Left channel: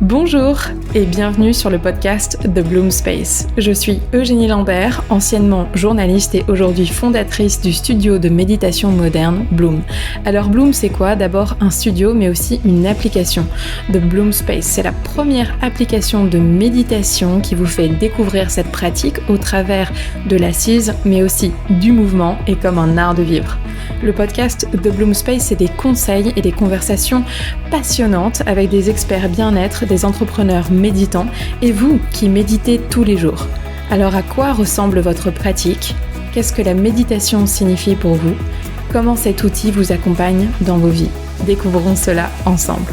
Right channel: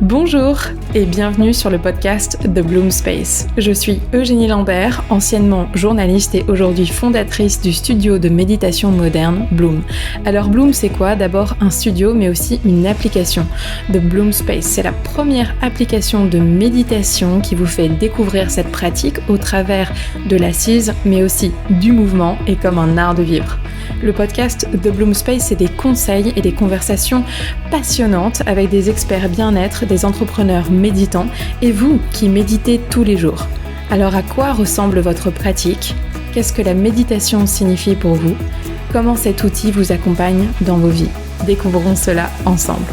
Bonjour et bienvenue sur le podcast The Bloom Space. Je suis Eugénie Lambert, anciennement journaliste et aujourd'hui fondatrice du studio de méditation moderne Bloom. Alors Bloom, c'est quoi? D'abord un studio mais aussi une application. The Bloom Space, c'est la première application de méditation qui vous fait découvrir cette pratique au travers de l'assise mais aussi du mouvement et comme un art de vivre. Le podcast The Bloom Space, c'est des conseils et des conversations passionnantes avec des experts bien-être, des entrepreneurs méditants et vous qui méditez tous les jours. Alors à quoi ressemble votre pratique? Qu'est-ce que la méditation signifie pour vous? Comment cet outil vous accompagne dans vos vies? Découvrons cela ensemble.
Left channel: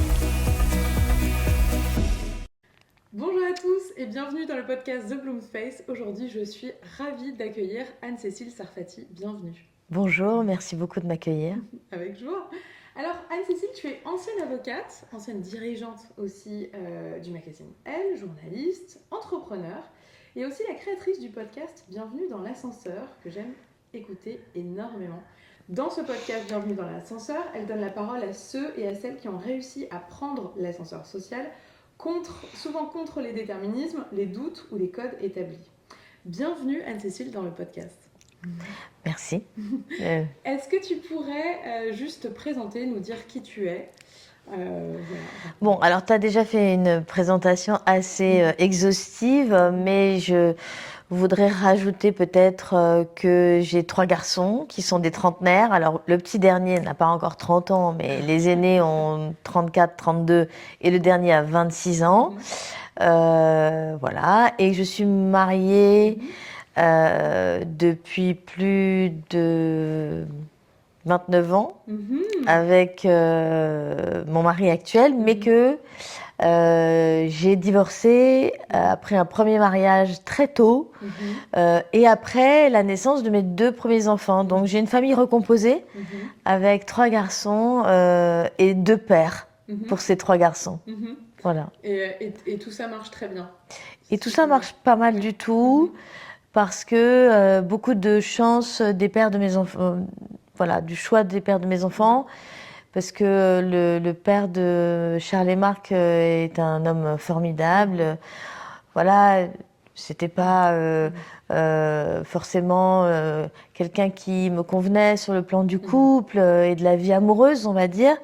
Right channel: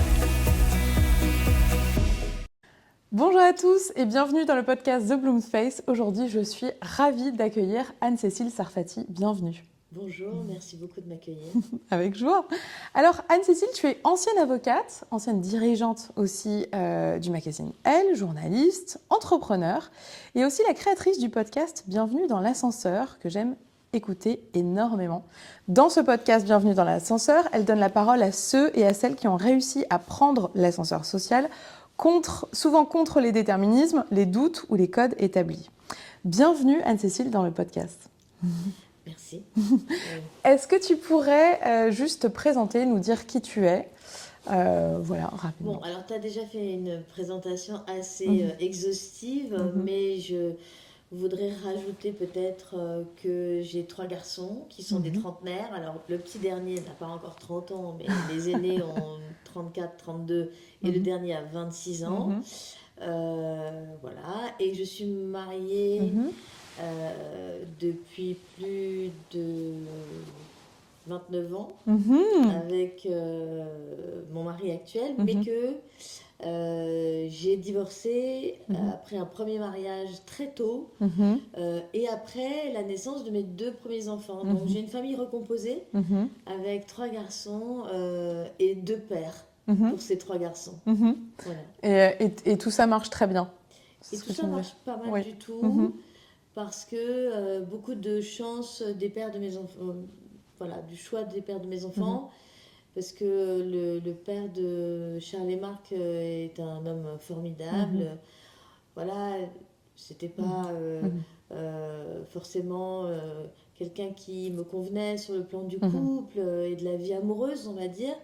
Bonjour à tous et bienvenue dans le podcast The Bloom Space. Aujourd'hui, je suis ravie d'accueillir Anne-Cécile Sarfati. Bienvenue. Bonjour, merci beaucoup de m'accueillir. Avec joie. Alors Anne-Cécile, tu es ancienne avocate, ancienne dirigeante aussi du magazine Elle, journaliste, entrepreneur et aussi la créatrice du podcast Bienvenue dans l'ascenseur que j'aime écouter énormément. Dans ce podcast Bienvenue dans l'ascenseur, elle donne la parole à ceux et à celles qui ont réussi à prendre l'ascenseur social, souvent contre les déterminismes, les doutes ou les codes établis. Bienvenue Anne-Cécile dans le podcast. Merci. Est-ce que tu pourrais juste te présenter, nous dire qui tu es? Voilà. Bon, alors tu as déjà fait une présentation assez exhaustive, mais je voudrais rajouter peut-être que j'ai 3 garçons qui sont des trentenaires. Alors le petit dernier n'a pas encore 30 ans, mais les aînés ont 34, 32 et le dernier a 26 ans. Voilà, et je suis mariée depuis plus de 29 ans avec mon mari actuel, mais que j'ai divorcé après un premier mariage très tôt et après la naissance de mes 2 premiers enfants. Donc j'ai une famille recomposée avec 3 garçons et 2 pères pour ces 3 garçons. Voilà. Et tout ça marche très bien. Et tout ça marche pas mal du tout. Parce que beaucoup de chance des pères de mes enfants, voilà, du choix des pères de mes enfants, parce que le père de Charles et Marc est un homme formidable. Voilà, c'était pas forcément quelqu'un qui me convenait sur le plan du couple et de la vie amoureuse, on va dire.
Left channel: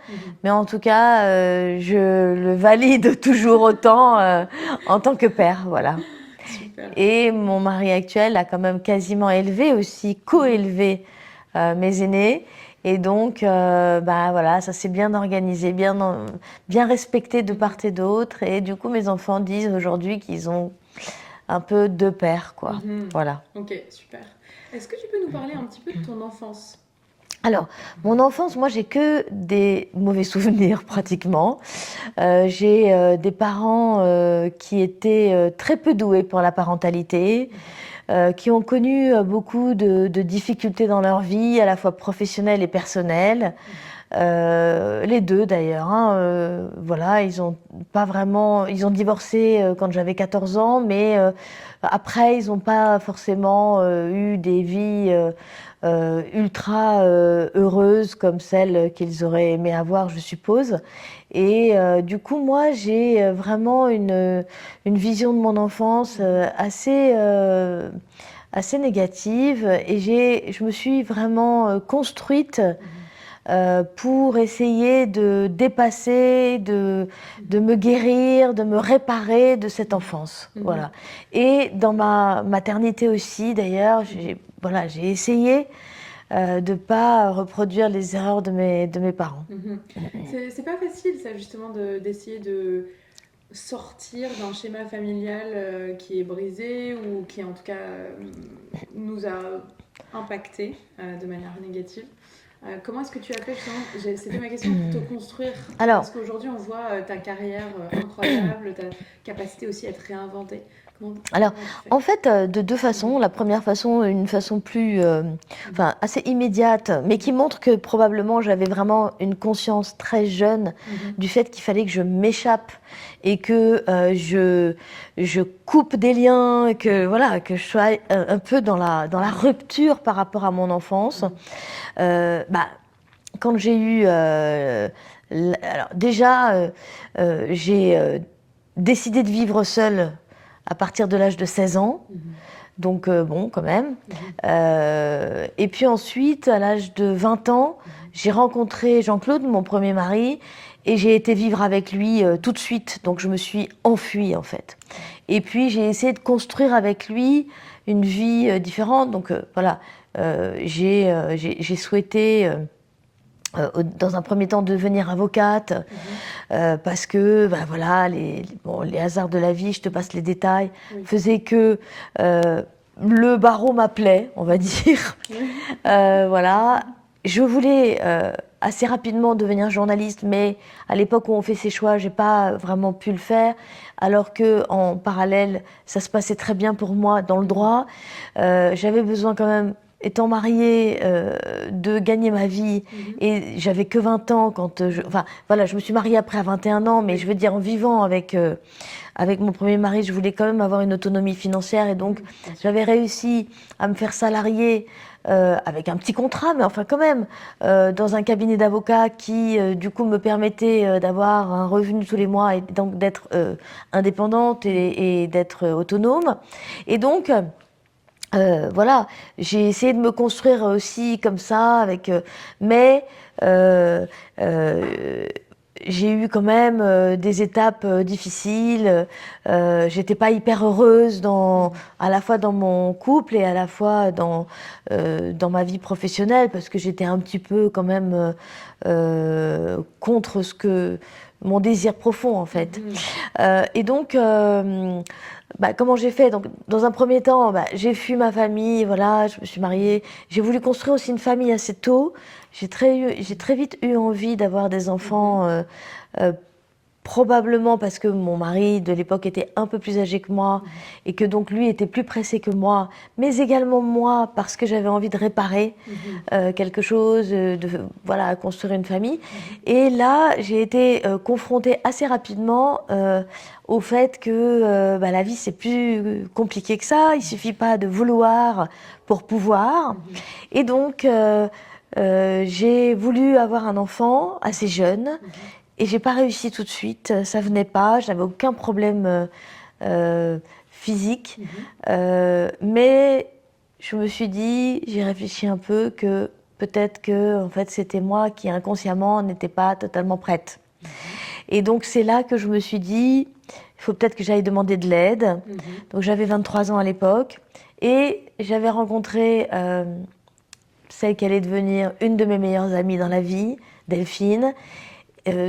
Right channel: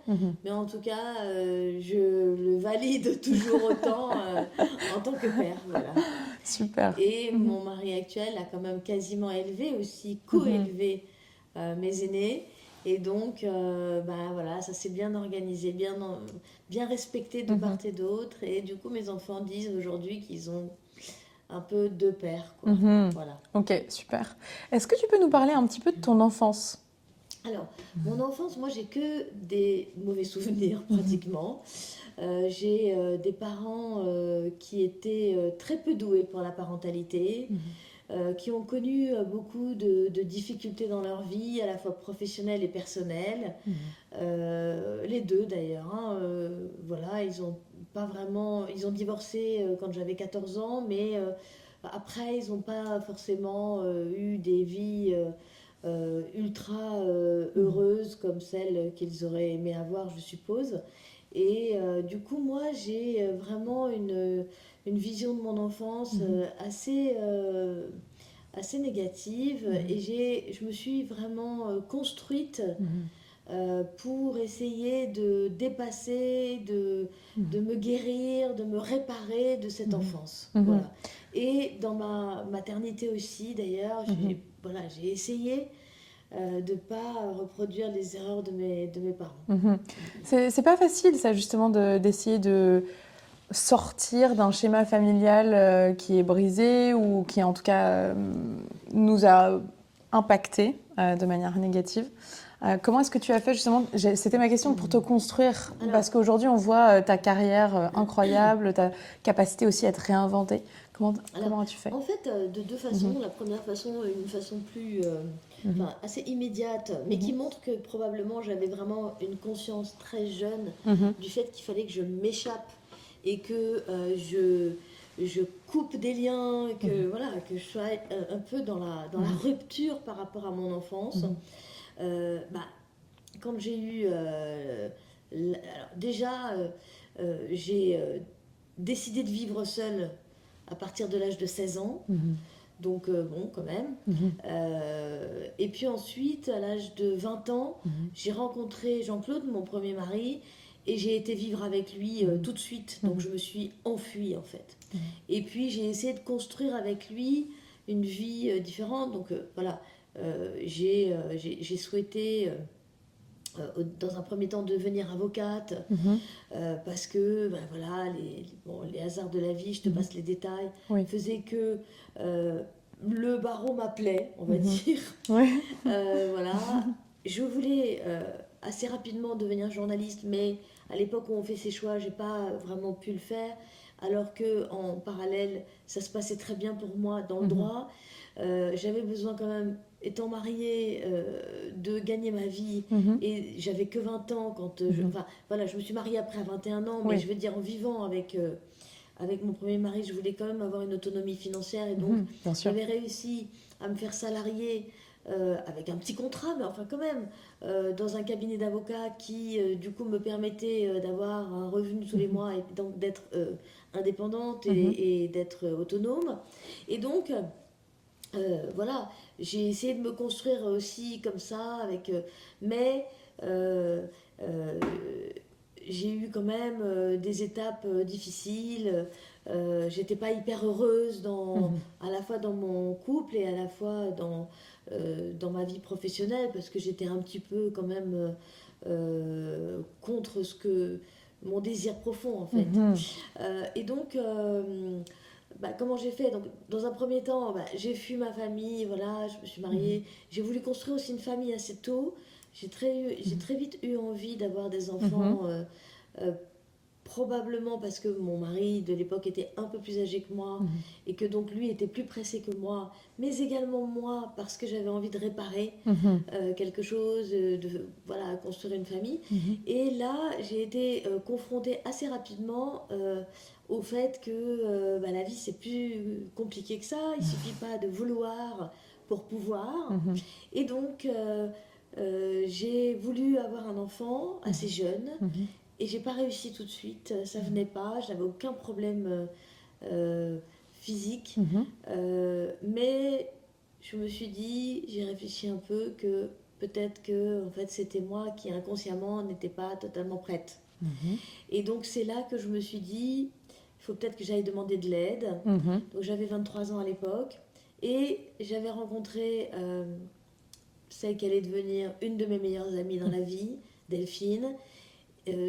Mais en tout cas, je le valide toujours autant en tant que père, voilà. Super. Et mon mari actuel a quand même quasiment élevé aussi, co-élevé mes aînés. Et donc, voilà, ça s'est bien organisé, bien respecté de part et d'autre. Et du coup, mes enfants disent aujourd'hui qu'ils ont un peu 2 pères, quoi. Voilà. Ok, super. Est-ce que tu peux nous parler un petit peu de ton enfance? Alors, mon enfance, moi, j'ai que des mauvais souvenirs pratiquement. J'ai des parents qui étaient très peu doués pour la parentalité, qui ont connu beaucoup de difficultés dans leur vie, à la fois professionnelle et personnelle. Les 2 d'ailleurs. Voilà, ils ont divorcé quand j'avais 14 ans, mais après, ils n'ont pas forcément eu des vies ultra heureuses comme celles qu'ils auraient aimé avoir, je suppose. Et du coup, moi, j'ai vraiment une vision de mon enfance assez négative. Et je me suis vraiment construite pour essayer de dépasser, de me guérir, de me réparer de cette enfance. Voilà. Et dans ma maternité aussi, d'ailleurs, j'ai essayé de ne pas reproduire les erreurs de mes parents. C'est pas facile, ça, justement, d'essayer de sortir d'un schéma familial qui est brisé ou qui, en tout cas, nous a impacté de manière négative. Comment est-ce que tu as fait justement? C'était ma question pour te construire. Parce qu'aujourd'hui, on voit ta carrière incroyable, ta capacité aussi à te réinventer. Comment as-tu fait? En fait, de 2 façons. La première façon, une façon plus, assez immédiate, mais qui montre que probablement j'avais vraiment une conscience très jeune du fait qu'il fallait que je m'échappe et que je coupe des liens, et que voilà, que je sois un peu dans la rupture par rapport à mon enfance. Quand j'ai eu, alors déjà, j'ai décidé de vivre seule à partir de l'âge de 16 ans. Donc bon, quand même. Et puis ensuite, à l'âge de 20 ans, j'ai rencontré Jean-Claude, mon premier mari, et j'ai été vivre avec lui tout de suite. Donc je me suis enfuie, en fait. Et puis j'ai essayé de construire avec lui une vie différente. Donc voilà, j'ai souhaité... dans un premier temps devenir avocate parce que ben voilà les hasards de la vie, je te passe les détails, faisaient que le barreau m'appelait, on va dire. Voilà, je voulais assez rapidement devenir journaliste, mais à l'époque où on fait ses choix, j'ai pas vraiment pu le faire. Alors que en parallèle, ça se passait très bien pour moi dans le droit. J'avais besoin quand même, étant mariée, de gagner ma vie. Et j'avais que 20 ans quand enfin, voilà, je me suis mariée après à 21 ans, mais je veux dire, en vivant avec mon premier mari, je voulais quand même avoir une autonomie financière. Et donc, j'avais réussi à me faire salarier avec un petit contrat, mais enfin quand même, dans un cabinet d'avocats qui, du coup, me permettait d'avoir un revenu tous les mois et donc d'être indépendante et d'être autonome. Et donc... voilà, j'ai essayé de me construire aussi comme ça, mais euh, euh, j'ai eu quand même des étapes difficiles. J'étais pas hyper heureuse à la fois dans mon couple et à la fois dans ma vie professionnelle, parce que j'étais un petit peu quand même contre mon désir profond, en fait. Et donc... comment j'ai fait? Donc, dans un premier temps, j'ai fui ma famille, voilà, je me suis mariée. J'ai voulu construire aussi une famille assez tôt. J'ai très vite eu envie d'avoir des enfants, probablement parce que mon mari de l'époque était un peu plus âgé que moi et que donc lui était plus pressé que moi, mais également moi parce que j'avais envie de réparer quelque chose, voilà, construire une famille. Et là, j'ai été confrontée assez rapidement au fait que la vie, c'est plus compliqué que ça. Il suffit pas de vouloir pour pouvoir. Et donc, j'ai voulu avoir un enfant assez jeune. Et j'ai pas réussi tout de suite, ça venait pas, je n'avais aucun problème physique, mais je me suis dit, j'ai réfléchi un peu, que peut-être que en fait c'était moi qui inconsciemment n'étais pas totalement prête. Et donc c'est là que je me suis dit, il faut peut-être que j'aille demander de l'aide. Donc j'avais 23 ans à l'époque et j'avais rencontré celle qui allait devenir une de mes meilleures amies dans la vie, Delphine.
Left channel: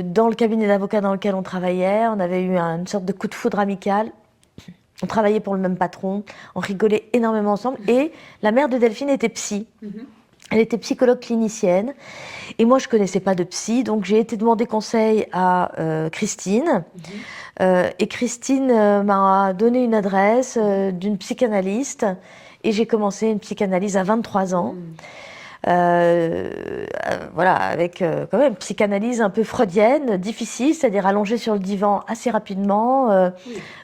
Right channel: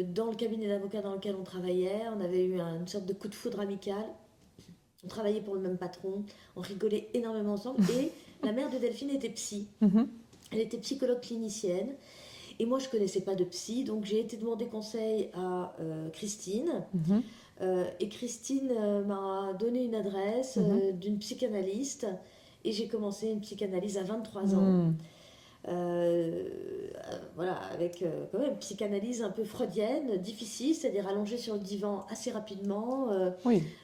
Dans le cabinet d'avocats dans lequel on travaillait, on avait eu une sorte de coup de foudre amical. On travaillait pour le même patron, on rigolait énormément ensemble. Et la mère de Delphine était psy. Elle était psychologue clinicienne. Et moi, je ne connaissais pas de psy, donc j'ai été demander conseil à Christine. Et Christine m'a donné une adresse d'une psychanalyste. Et j'ai commencé une psychanalyse à 23 ans. Voilà, avec quand même une psychanalyse un peu freudienne, difficile, c'est-à-dire allongée sur le divan assez rapidement,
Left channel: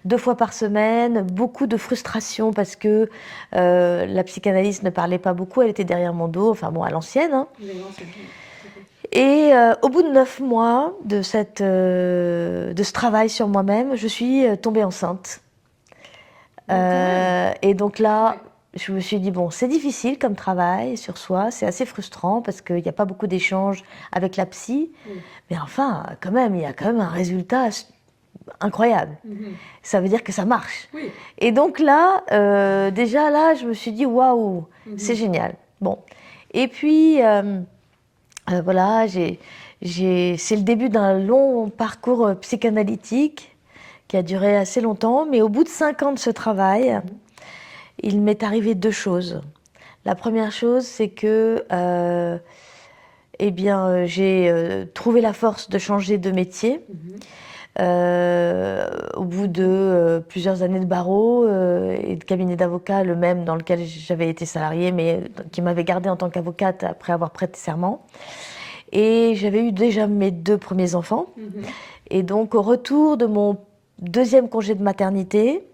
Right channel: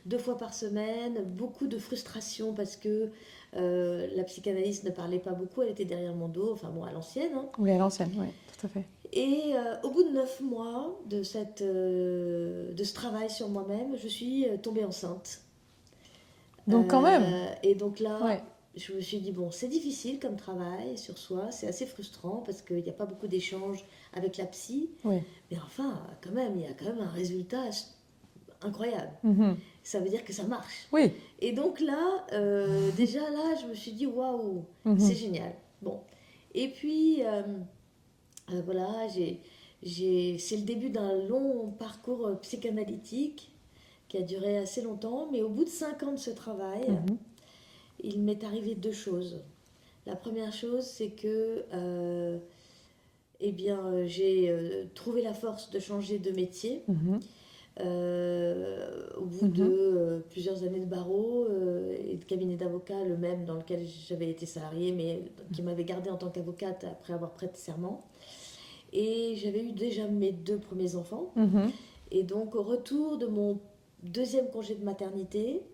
2 fois par semaine, beaucoup de frustration parce que la psychanalyste ne parlait pas beaucoup, elle était derrière mon dos, enfin bon, à l'ancienne. Hein. Oui, à l'ancienne, oui, tout à fait. Et au bout de 9 mois de ce travail sur moi-même, je suis tombée enceinte. Donc quand même. Et donc là... Ouais. Je me suis dit, bon, c'est difficile comme travail sur soi, c'est assez frustrant parce qu'il n'y a pas beaucoup d'échanges avec la psy, mais enfin, quand même, il y a quand même un résultat incroyable. Ça veut dire que ça marche. Oui. Et donc là, déjà là, je me suis dit, waouh, c'est génial. Bon. Et puis, voilà, c'est le début d'un long parcours psychanalytique qui a duré assez longtemps, mais au bout de 5 ans de ce travail, il m'est arrivé 2 choses. La première chose, c'est que j'ai trouvé la force de changer de métier. Au bout de plusieurs années de barreau et de cabinet d'avocat, le même dans lequel j'avais été salariée, mais qui m'avait gardée en tant qu'avocate après avoir prêté serment. Et j'avais eu déjà mes 2 premiers enfants. Et donc, au retour de mon 2e congé de maternité,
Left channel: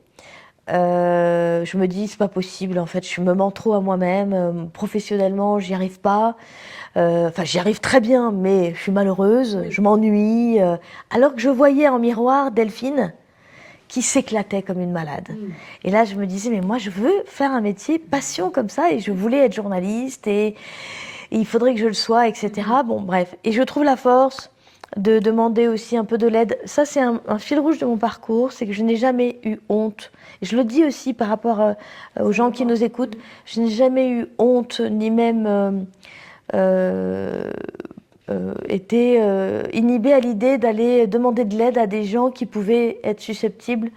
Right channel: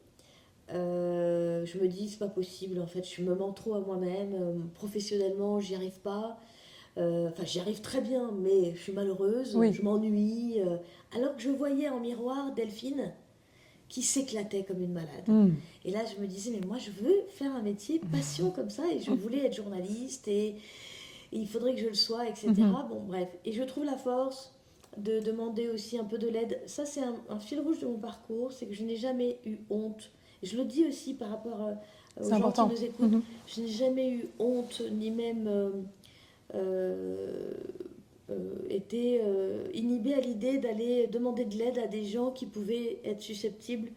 je me dis, c'est pas possible, en fait, je me mens trop à moi-même. Professionnellement, j'y arrive pas. Enfin, j'y arrive très bien, mais je suis malheureuse, je m'ennuie. Alors que je voyais en miroir Delphine, qui s'éclatait comme une malade. Et là, je me disais, mais moi, je veux faire un métier passion comme ça, et je voulais être journaliste, et il faudrait que je le sois, etc. Bon, bref. Et je trouve la force de demander aussi un peu de l'aide. Ça, c'est un fil rouge de mon parcours, c'est que je n'ai jamais eu honte. Et je le dis aussi par rapport aux gens qui nous écoutent. Je n'ai jamais eu honte, ni même été inhibée à l'idée d'aller demander de l'aide à des gens qui pouvaient être susceptibles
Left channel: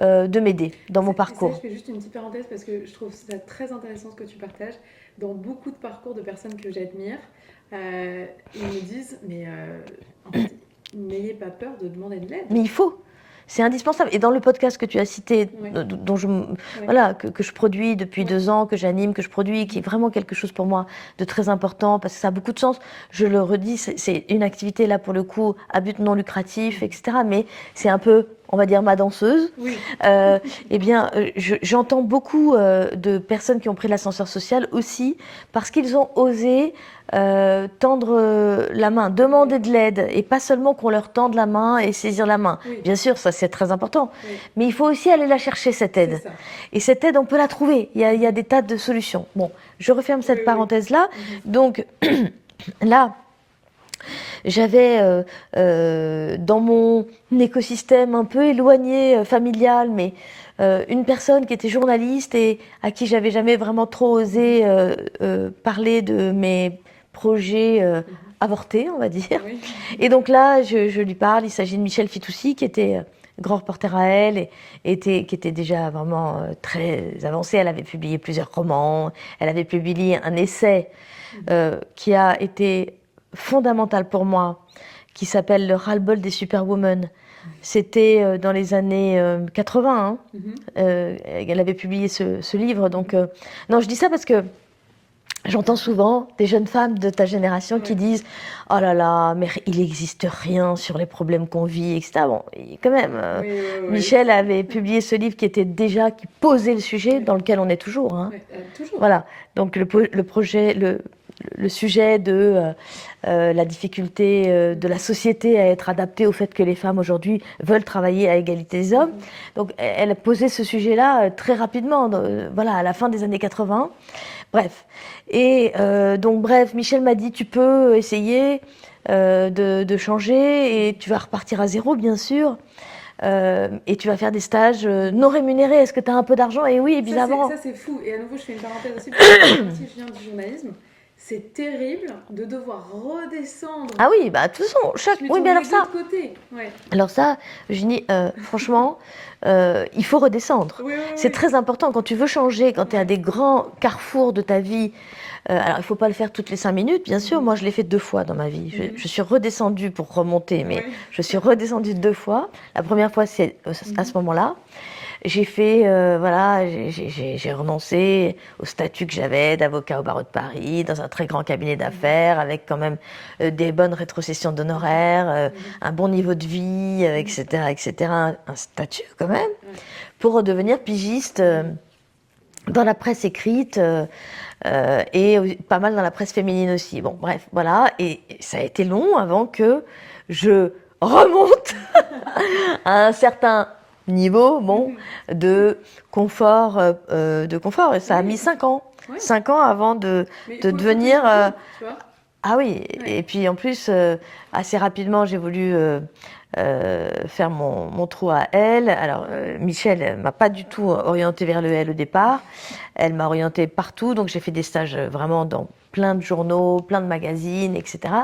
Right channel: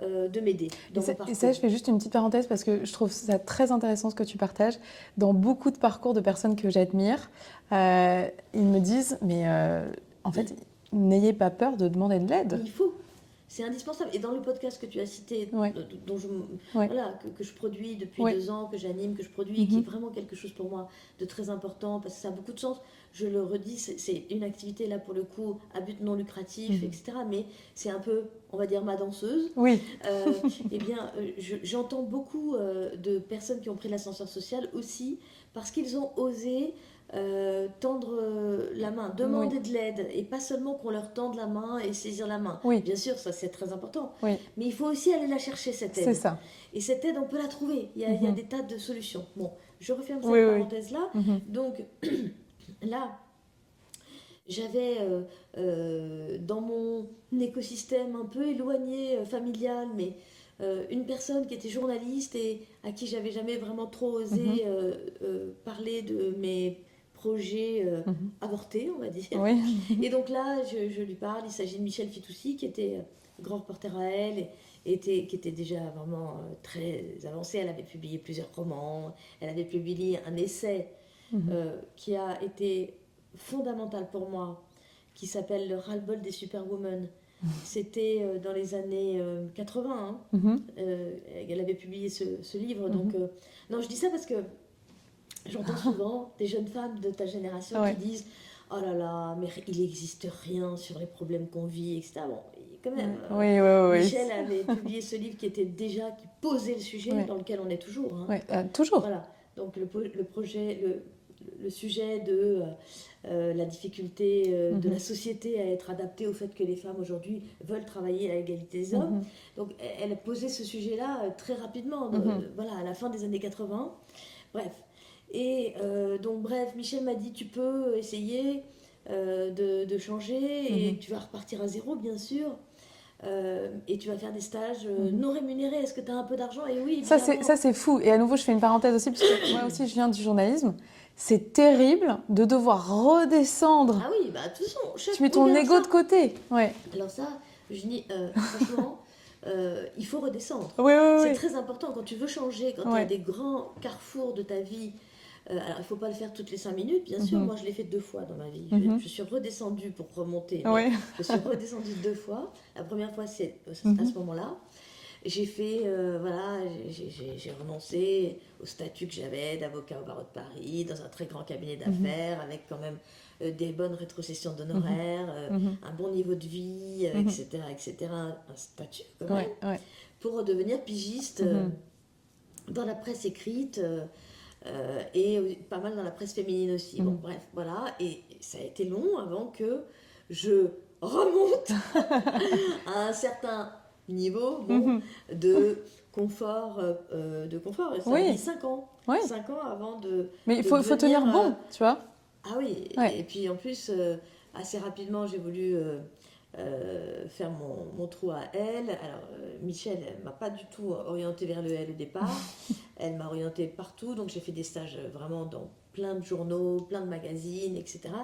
de m'aider dans mon parcours. Et ça, je fais juste une petite parenthèse parce que je trouve ça très intéressant ce que tu partages. Dans beaucoup de parcours de personnes que j'admire, ils me disent, mais en fait, n'ayez pas peur de demander de l'aide. Mais il faut. C'est indispensable. Et dans le podcast que tu as cité, dont voilà, que je produis depuis 2 ans, que j'anime, que je produis, qui est vraiment quelque chose pour moi de très important, parce que ça a beaucoup de sens. Je le redis, c'est une activité, là, pour le coup, à but non lucratif, etc. Mais c'est un peu, on va dire, ma danseuse. Oui. Eh bien, j'entends beaucoup de personnes qui ont pris l'ascenseur social aussi, parce qu'ils ont osé tendre la main, demander de l'aide, et pas seulement qu'on leur tende la main et saisir la main. Bien sûr, ça c'est très important, mais il faut aussi aller la chercher, cette aide. Ça. Et cette aide, on peut la trouver. Il y a des tas de solutions. Bon, je referme cette parenthèse-là. Donc, là, j'avais dans mon écosystème un peu éloigné, familial, mais une personne qui était journaliste et à qui j'avais jamais vraiment trop osé parler de mes projets avortés, on va dire. Et donc là, je lui parle. Il s'agit de Michel Fitoussi, qui était grand reporter à Elle, et qui était déjà vraiment très avancée. Elle avait publié plusieurs romans. Elle avait publié un essai qui a été fondamental pour moi, qui s'appelle « Le ras-le-bol des superwomen ». C'était dans les années 80. Elle avait publié ce livre. Donc, non, je dis ça parce que j'entends souvent des jeunes femmes de ta génération qui disent « Oh là là, mais il n'existe rien sur les problèmes qu'on vit, etc. » Bon, quand même, Michel avait publié ce livre qui posait le sujet dans lequel on est toujours. Toujours. Voilà, donc le sujet de la difficulté de la société à être adaptée au fait que les femmes aujourd'hui veulent travailler à égalité des hommes. Donc elle a posé ce sujet-là très rapidement, voilà, à la fin des années 80. Bref. Et donc, bref, Michel m'a dit, tu peux essayer de changer, et tu vas repartir à zéro, bien sûr. Et tu vas faire des stages non rémunérés. Est-ce que tu as un peu d'argent? Et oui, évidemment. Ça, c'est fou. Et à nouveau, je fais une parenthèse aussi, parce que moi aussi, je viens du journalisme. C'est terrible de devoir redescendre. Ah oui, bah de toute façon, tu mets ton ego de côté. Alors ça, Eugénie, franchement, il faut redescendre. C'est très important quand tu veux changer, quand tu es à des grands carrefours de ta vie. Alors, il ne faut pas le faire toutes les 5 minutes, bien sûr. Moi, je l'ai fait 2 fois dans ma vie. Je suis redescendue pour remonter, mais je suis redescendue 2 fois. La première fois, c'est à ce moment-là. J'ai fait, voilà, j'ai renoncé au statut que j'avais d'avocat au barreau de Paris, dans un très grand cabinet d'affaires, avec quand même des bonnes rétrocessions d'honoraires, un bon niveau de vie, etc., etc., un statut quand même, pour redevenir pigiste dans la presse écrite et pas mal dans la presse féminine aussi. Bon, bref, voilà, et ça a été long avant que je remonte à un certain niveau de confort. Et ça a mis 5 ans. 5 ans avant de devenir... tu vois. Ah oui, et puis en plus, assez rapidement, j'ai voulu faire mon trou à Elle. Alors, Michel ne m'a pas du tout orientée vers le Elle au départ. Elle m'a orientée partout, donc j'ai fait des stages vraiment dans plein de journaux, plein de magazines, etc.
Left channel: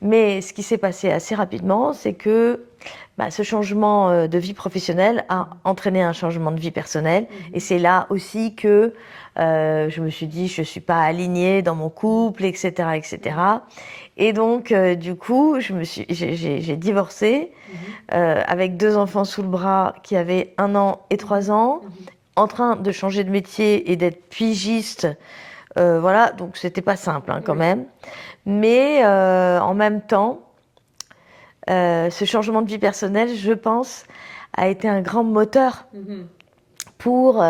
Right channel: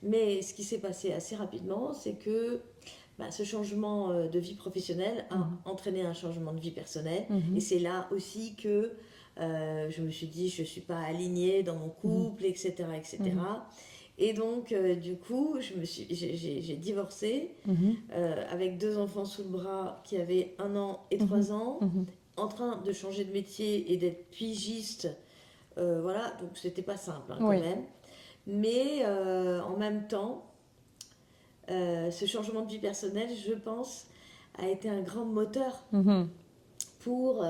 Mais ce qui s'est passé assez rapidement, c'est que ce changement de vie professionnelle a entraîné un changement de vie personnelle. Et c'est là aussi que je me suis dit, je ne suis pas alignée dans mon couple, etc., etc. Et donc, du coup, j'ai divorcé avec 2 enfants sous le bras qui avaient 1 an et 3 ans, en train de changer de métier et d'être pigiste. Voilà, donc c'était pas simple quand même. Mais en même temps, ce changement de vie personnelle, je pense, a été un grand moteur pour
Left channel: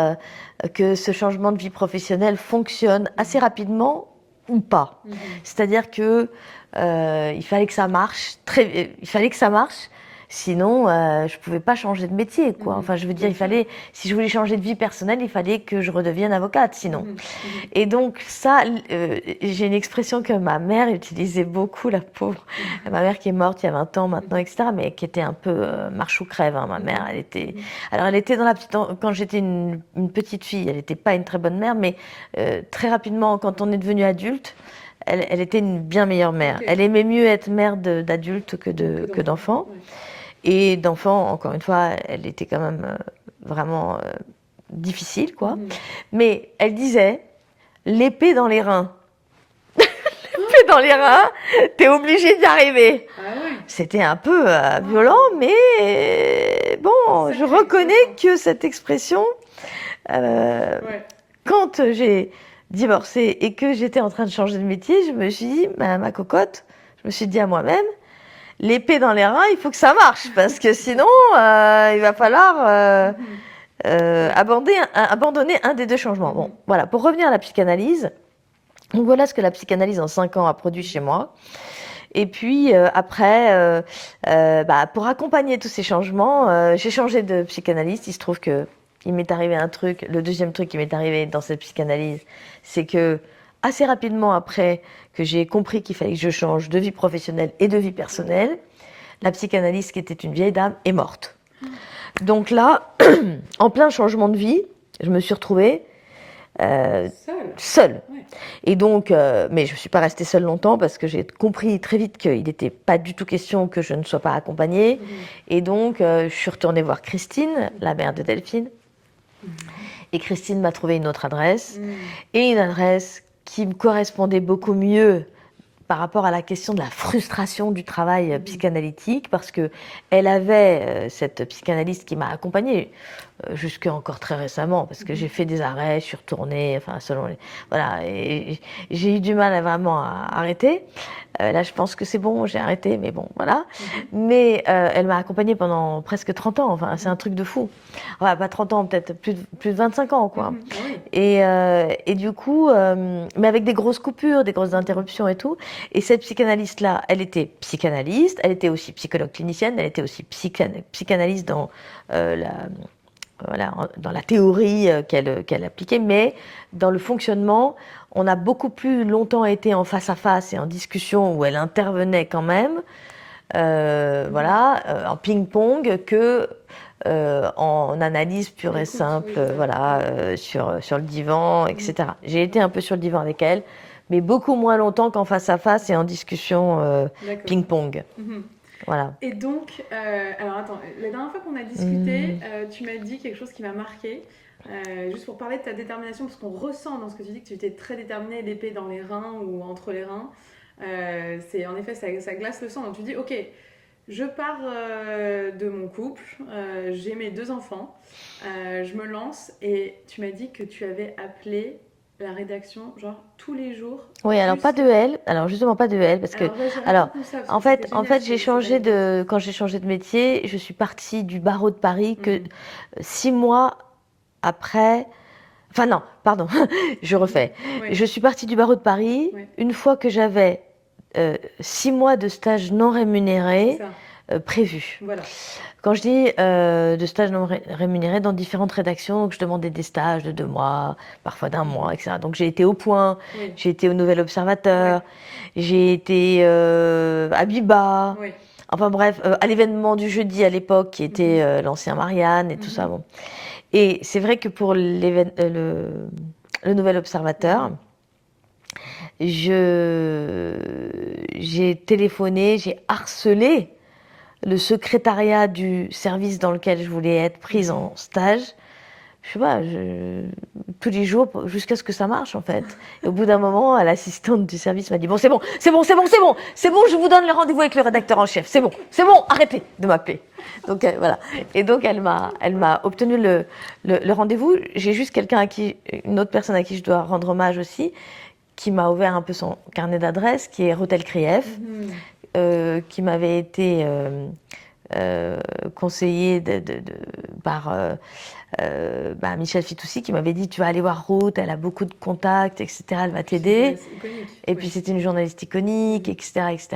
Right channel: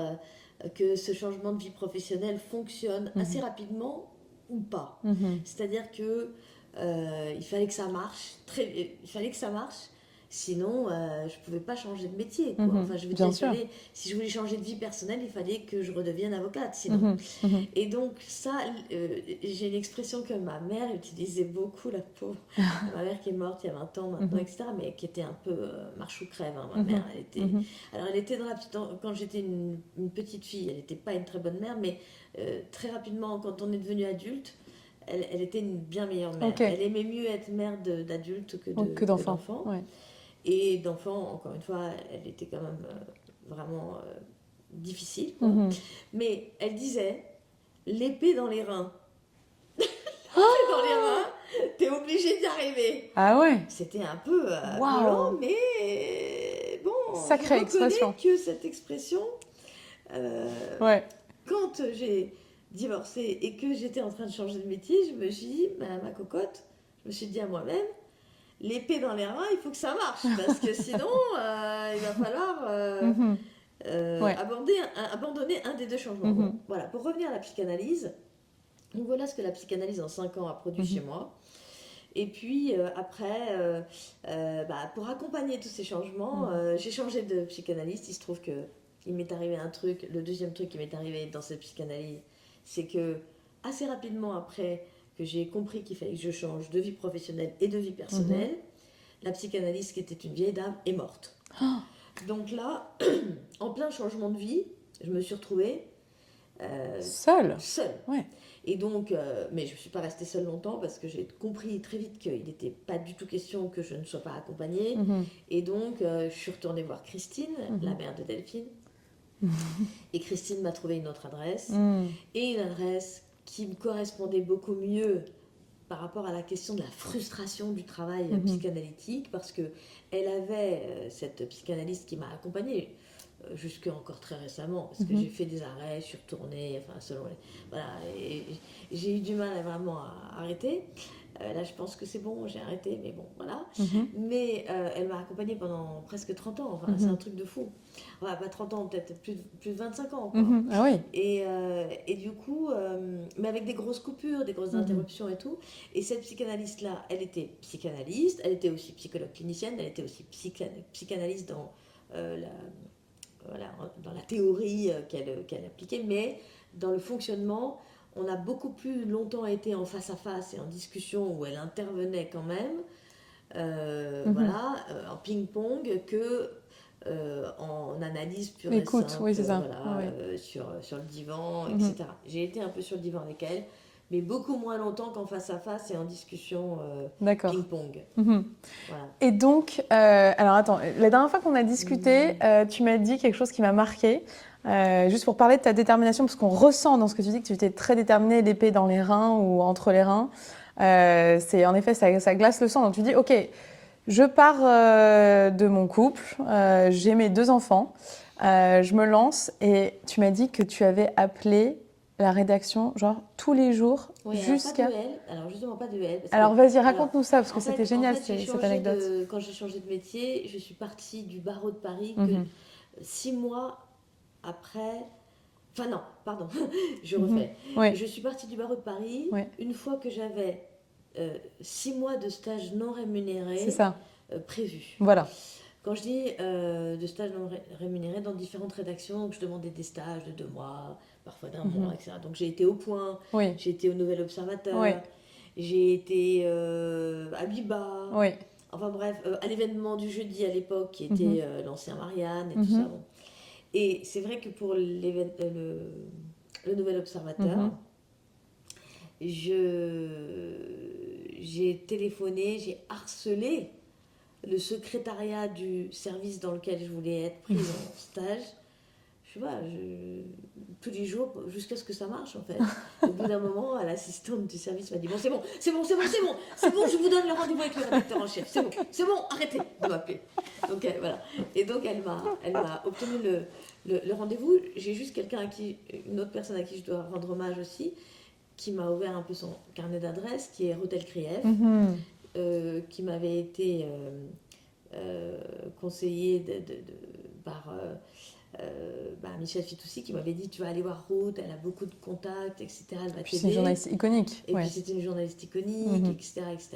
que ce changement de vie professionnelle fonctionne assez rapidement ou pas. C'est-à-dire que il fallait que ça marche. Il fallait que ça marche. Sinon, je pouvais pas changer de métier, quoi. Enfin, je veux dire, si je voulais changer de vie personnelle, il fallait que je redevienne avocate, sinon. Et donc, ça, j'ai une expression que ma mère utilisait beaucoup, la pauvre. Ma mère qui est morte il y a 20 ans maintenant, etc., mais qui était un peu marche ou crève, hein, ma mère. Alors, elle était quand j'étais une petite fille, elle n'était pas une très bonne mère, mais très rapidement, quand on est devenu adulte, elle était une bien meilleure mère. Elle aimait mieux être mère d'adulte que d'enfant. Ouais. Et d'enfant, encore une fois, elle était quand même vraiment difficile, quoi. Mais elle disait, l'épée dans les reins. L'épée dans les reins, t'es obligé d'y arriver. Ah ouais. C'était un peu violent, mais bon, je reconnais que cette expression, quand j'ai divorcé et que j'étais en train de changer de métier, je me suis dit, ma cocotte, je me suis dit à moi-même, l'épée dans les reins, il faut que ça marche, parce que sinon, il va falloir abandonner un des deux changements. Bon, voilà, pour revenir à la psychanalyse, donc voilà ce que la psychanalyse en 5 ans a produit chez moi. Et puis après, pour accompagner tous ces changements, j'ai changé de psychanalyste. Il se trouve que il m'est arrivé un truc, le deuxième truc qui m'est arrivé dans cette psychanalyse, c'est que assez rapidement après que j'ai compris qu'il fallait que je change de vie professionnelle et de vie personnelle, la psychanalyste qui était une vieille dame est morte. Donc là, en plein changement de vie, je me suis retrouvée seule. Ouais. Et donc, mais je ne suis pas restée seule longtemps parce que j'ai compris très vite qu'il n'était pas du tout question que je ne sois pas accompagnée. Et donc, je suis retournée voir Christine, la mère de Delphine. Et Christine m'a trouvé une autre adresse, et une adresse qui me correspondait beaucoup mieux par rapport à la question de la frustration du travail psychanalytique, parce qu'elle avait cette psychanalyste qui m'a accompagnée jusqu'à encore très récemment, parce que j'ai fait des arrêts, je suis retournée, enfin selon les... Voilà, et j'ai eu du mal vraiment à arrêter. Là, je pense que c'est bon, j'ai arrêté, mais bon, voilà. Mais elle m'a accompagnée pendant presque 30 ans, enfin, c'est un truc de fou. Enfin, pas 30 ans, peut-être plus de 25 ans, quoi. Ah oui. Et du coup, mais avec des grosses coupures, des grosses interruptions et tout. Et cette psychanalyste-là, elle était psychanalyste, elle était aussi psychologue clinicienne, elle était aussi psychanalyste dans dans la théorie qu'elle appliquait, mais dans le fonctionnement, on a beaucoup plus longtemps été en face à face et en discussion où elle intervenait quand même, en ping-pong, que en analyse pure et simple, sur le divan, etc. J'ai été un peu sur le divan avec elle, mais beaucoup moins longtemps qu'en face à face et en discussion ping-pong. Voilà. Et donc, alors attends, la dernière fois qu'on a discuté, tu m'as dit quelque chose qui m'a marquée, juste pour parler de ta détermination, parce qu'on ressent dans ce que tu dis que tu étais très déterminée, l'épée dans les reins ou entre les reins. C'est en effet, ça glace le sang. Donc tu dis, ok, je pars de mon couple, j'ai mes 2 enfants, je me lance, et tu m'as dit que tu avais appelé la rédaction, genre tous les jours. Oui, alors pas de elle. Alors justement pas de elle, parce alors, vas-y, raconte-nous ça. Parce en fait, quand j'ai changé de métier, je suis partie du barreau de Paris que 6 mois après. Enfin non, pardon, je refais. Je suis partie du barreau de Paris une fois que j'avais 6 mois de stage non rémunéré prévus. Voilà. Quand je dis de stages non rémunérés dans différentes rédactions, donc je demandais des stages de 2 mois, parfois d'1 mois, etc. Donc j'ai été au Point, j'ai été au Nouvel Observateur, j'ai été à Biba, enfin bref, à l'événement du jeudi à l'époque qui était l'ancien Marianne et tout ça. Bon. Et c'est vrai que pour le Nouvel Observateur, j'ai téléphoné, j'ai harcelé le secrétariat du service dans lequel je voulais être prise en stage. Je sais pas, tous les jours, jusqu'à ce que ça marche en fait. Et au bout d'un moment, l'assistante du service m'a dit « Bon, c'est bon, je vous donne le rendez-vous avec le rédacteur en chef, c'est bon, arrêtez de m'appeler. » Donc voilà. Et donc elle m'a obtenu le rendez-vous. J'ai juste une autre personne à qui je dois rendre hommage aussi, qui m'a ouvert un peu son carnet d'adresses, qui est Rotel Krief. qui m'avait été conseillé par Michel Fitoussi qui m'avait dit tu vas aller voir Ruth, elle a beaucoup de contacts, etc. Elle va t'aider. C'est iconique. Et puis c'était une journaliste iconique, etc., etc.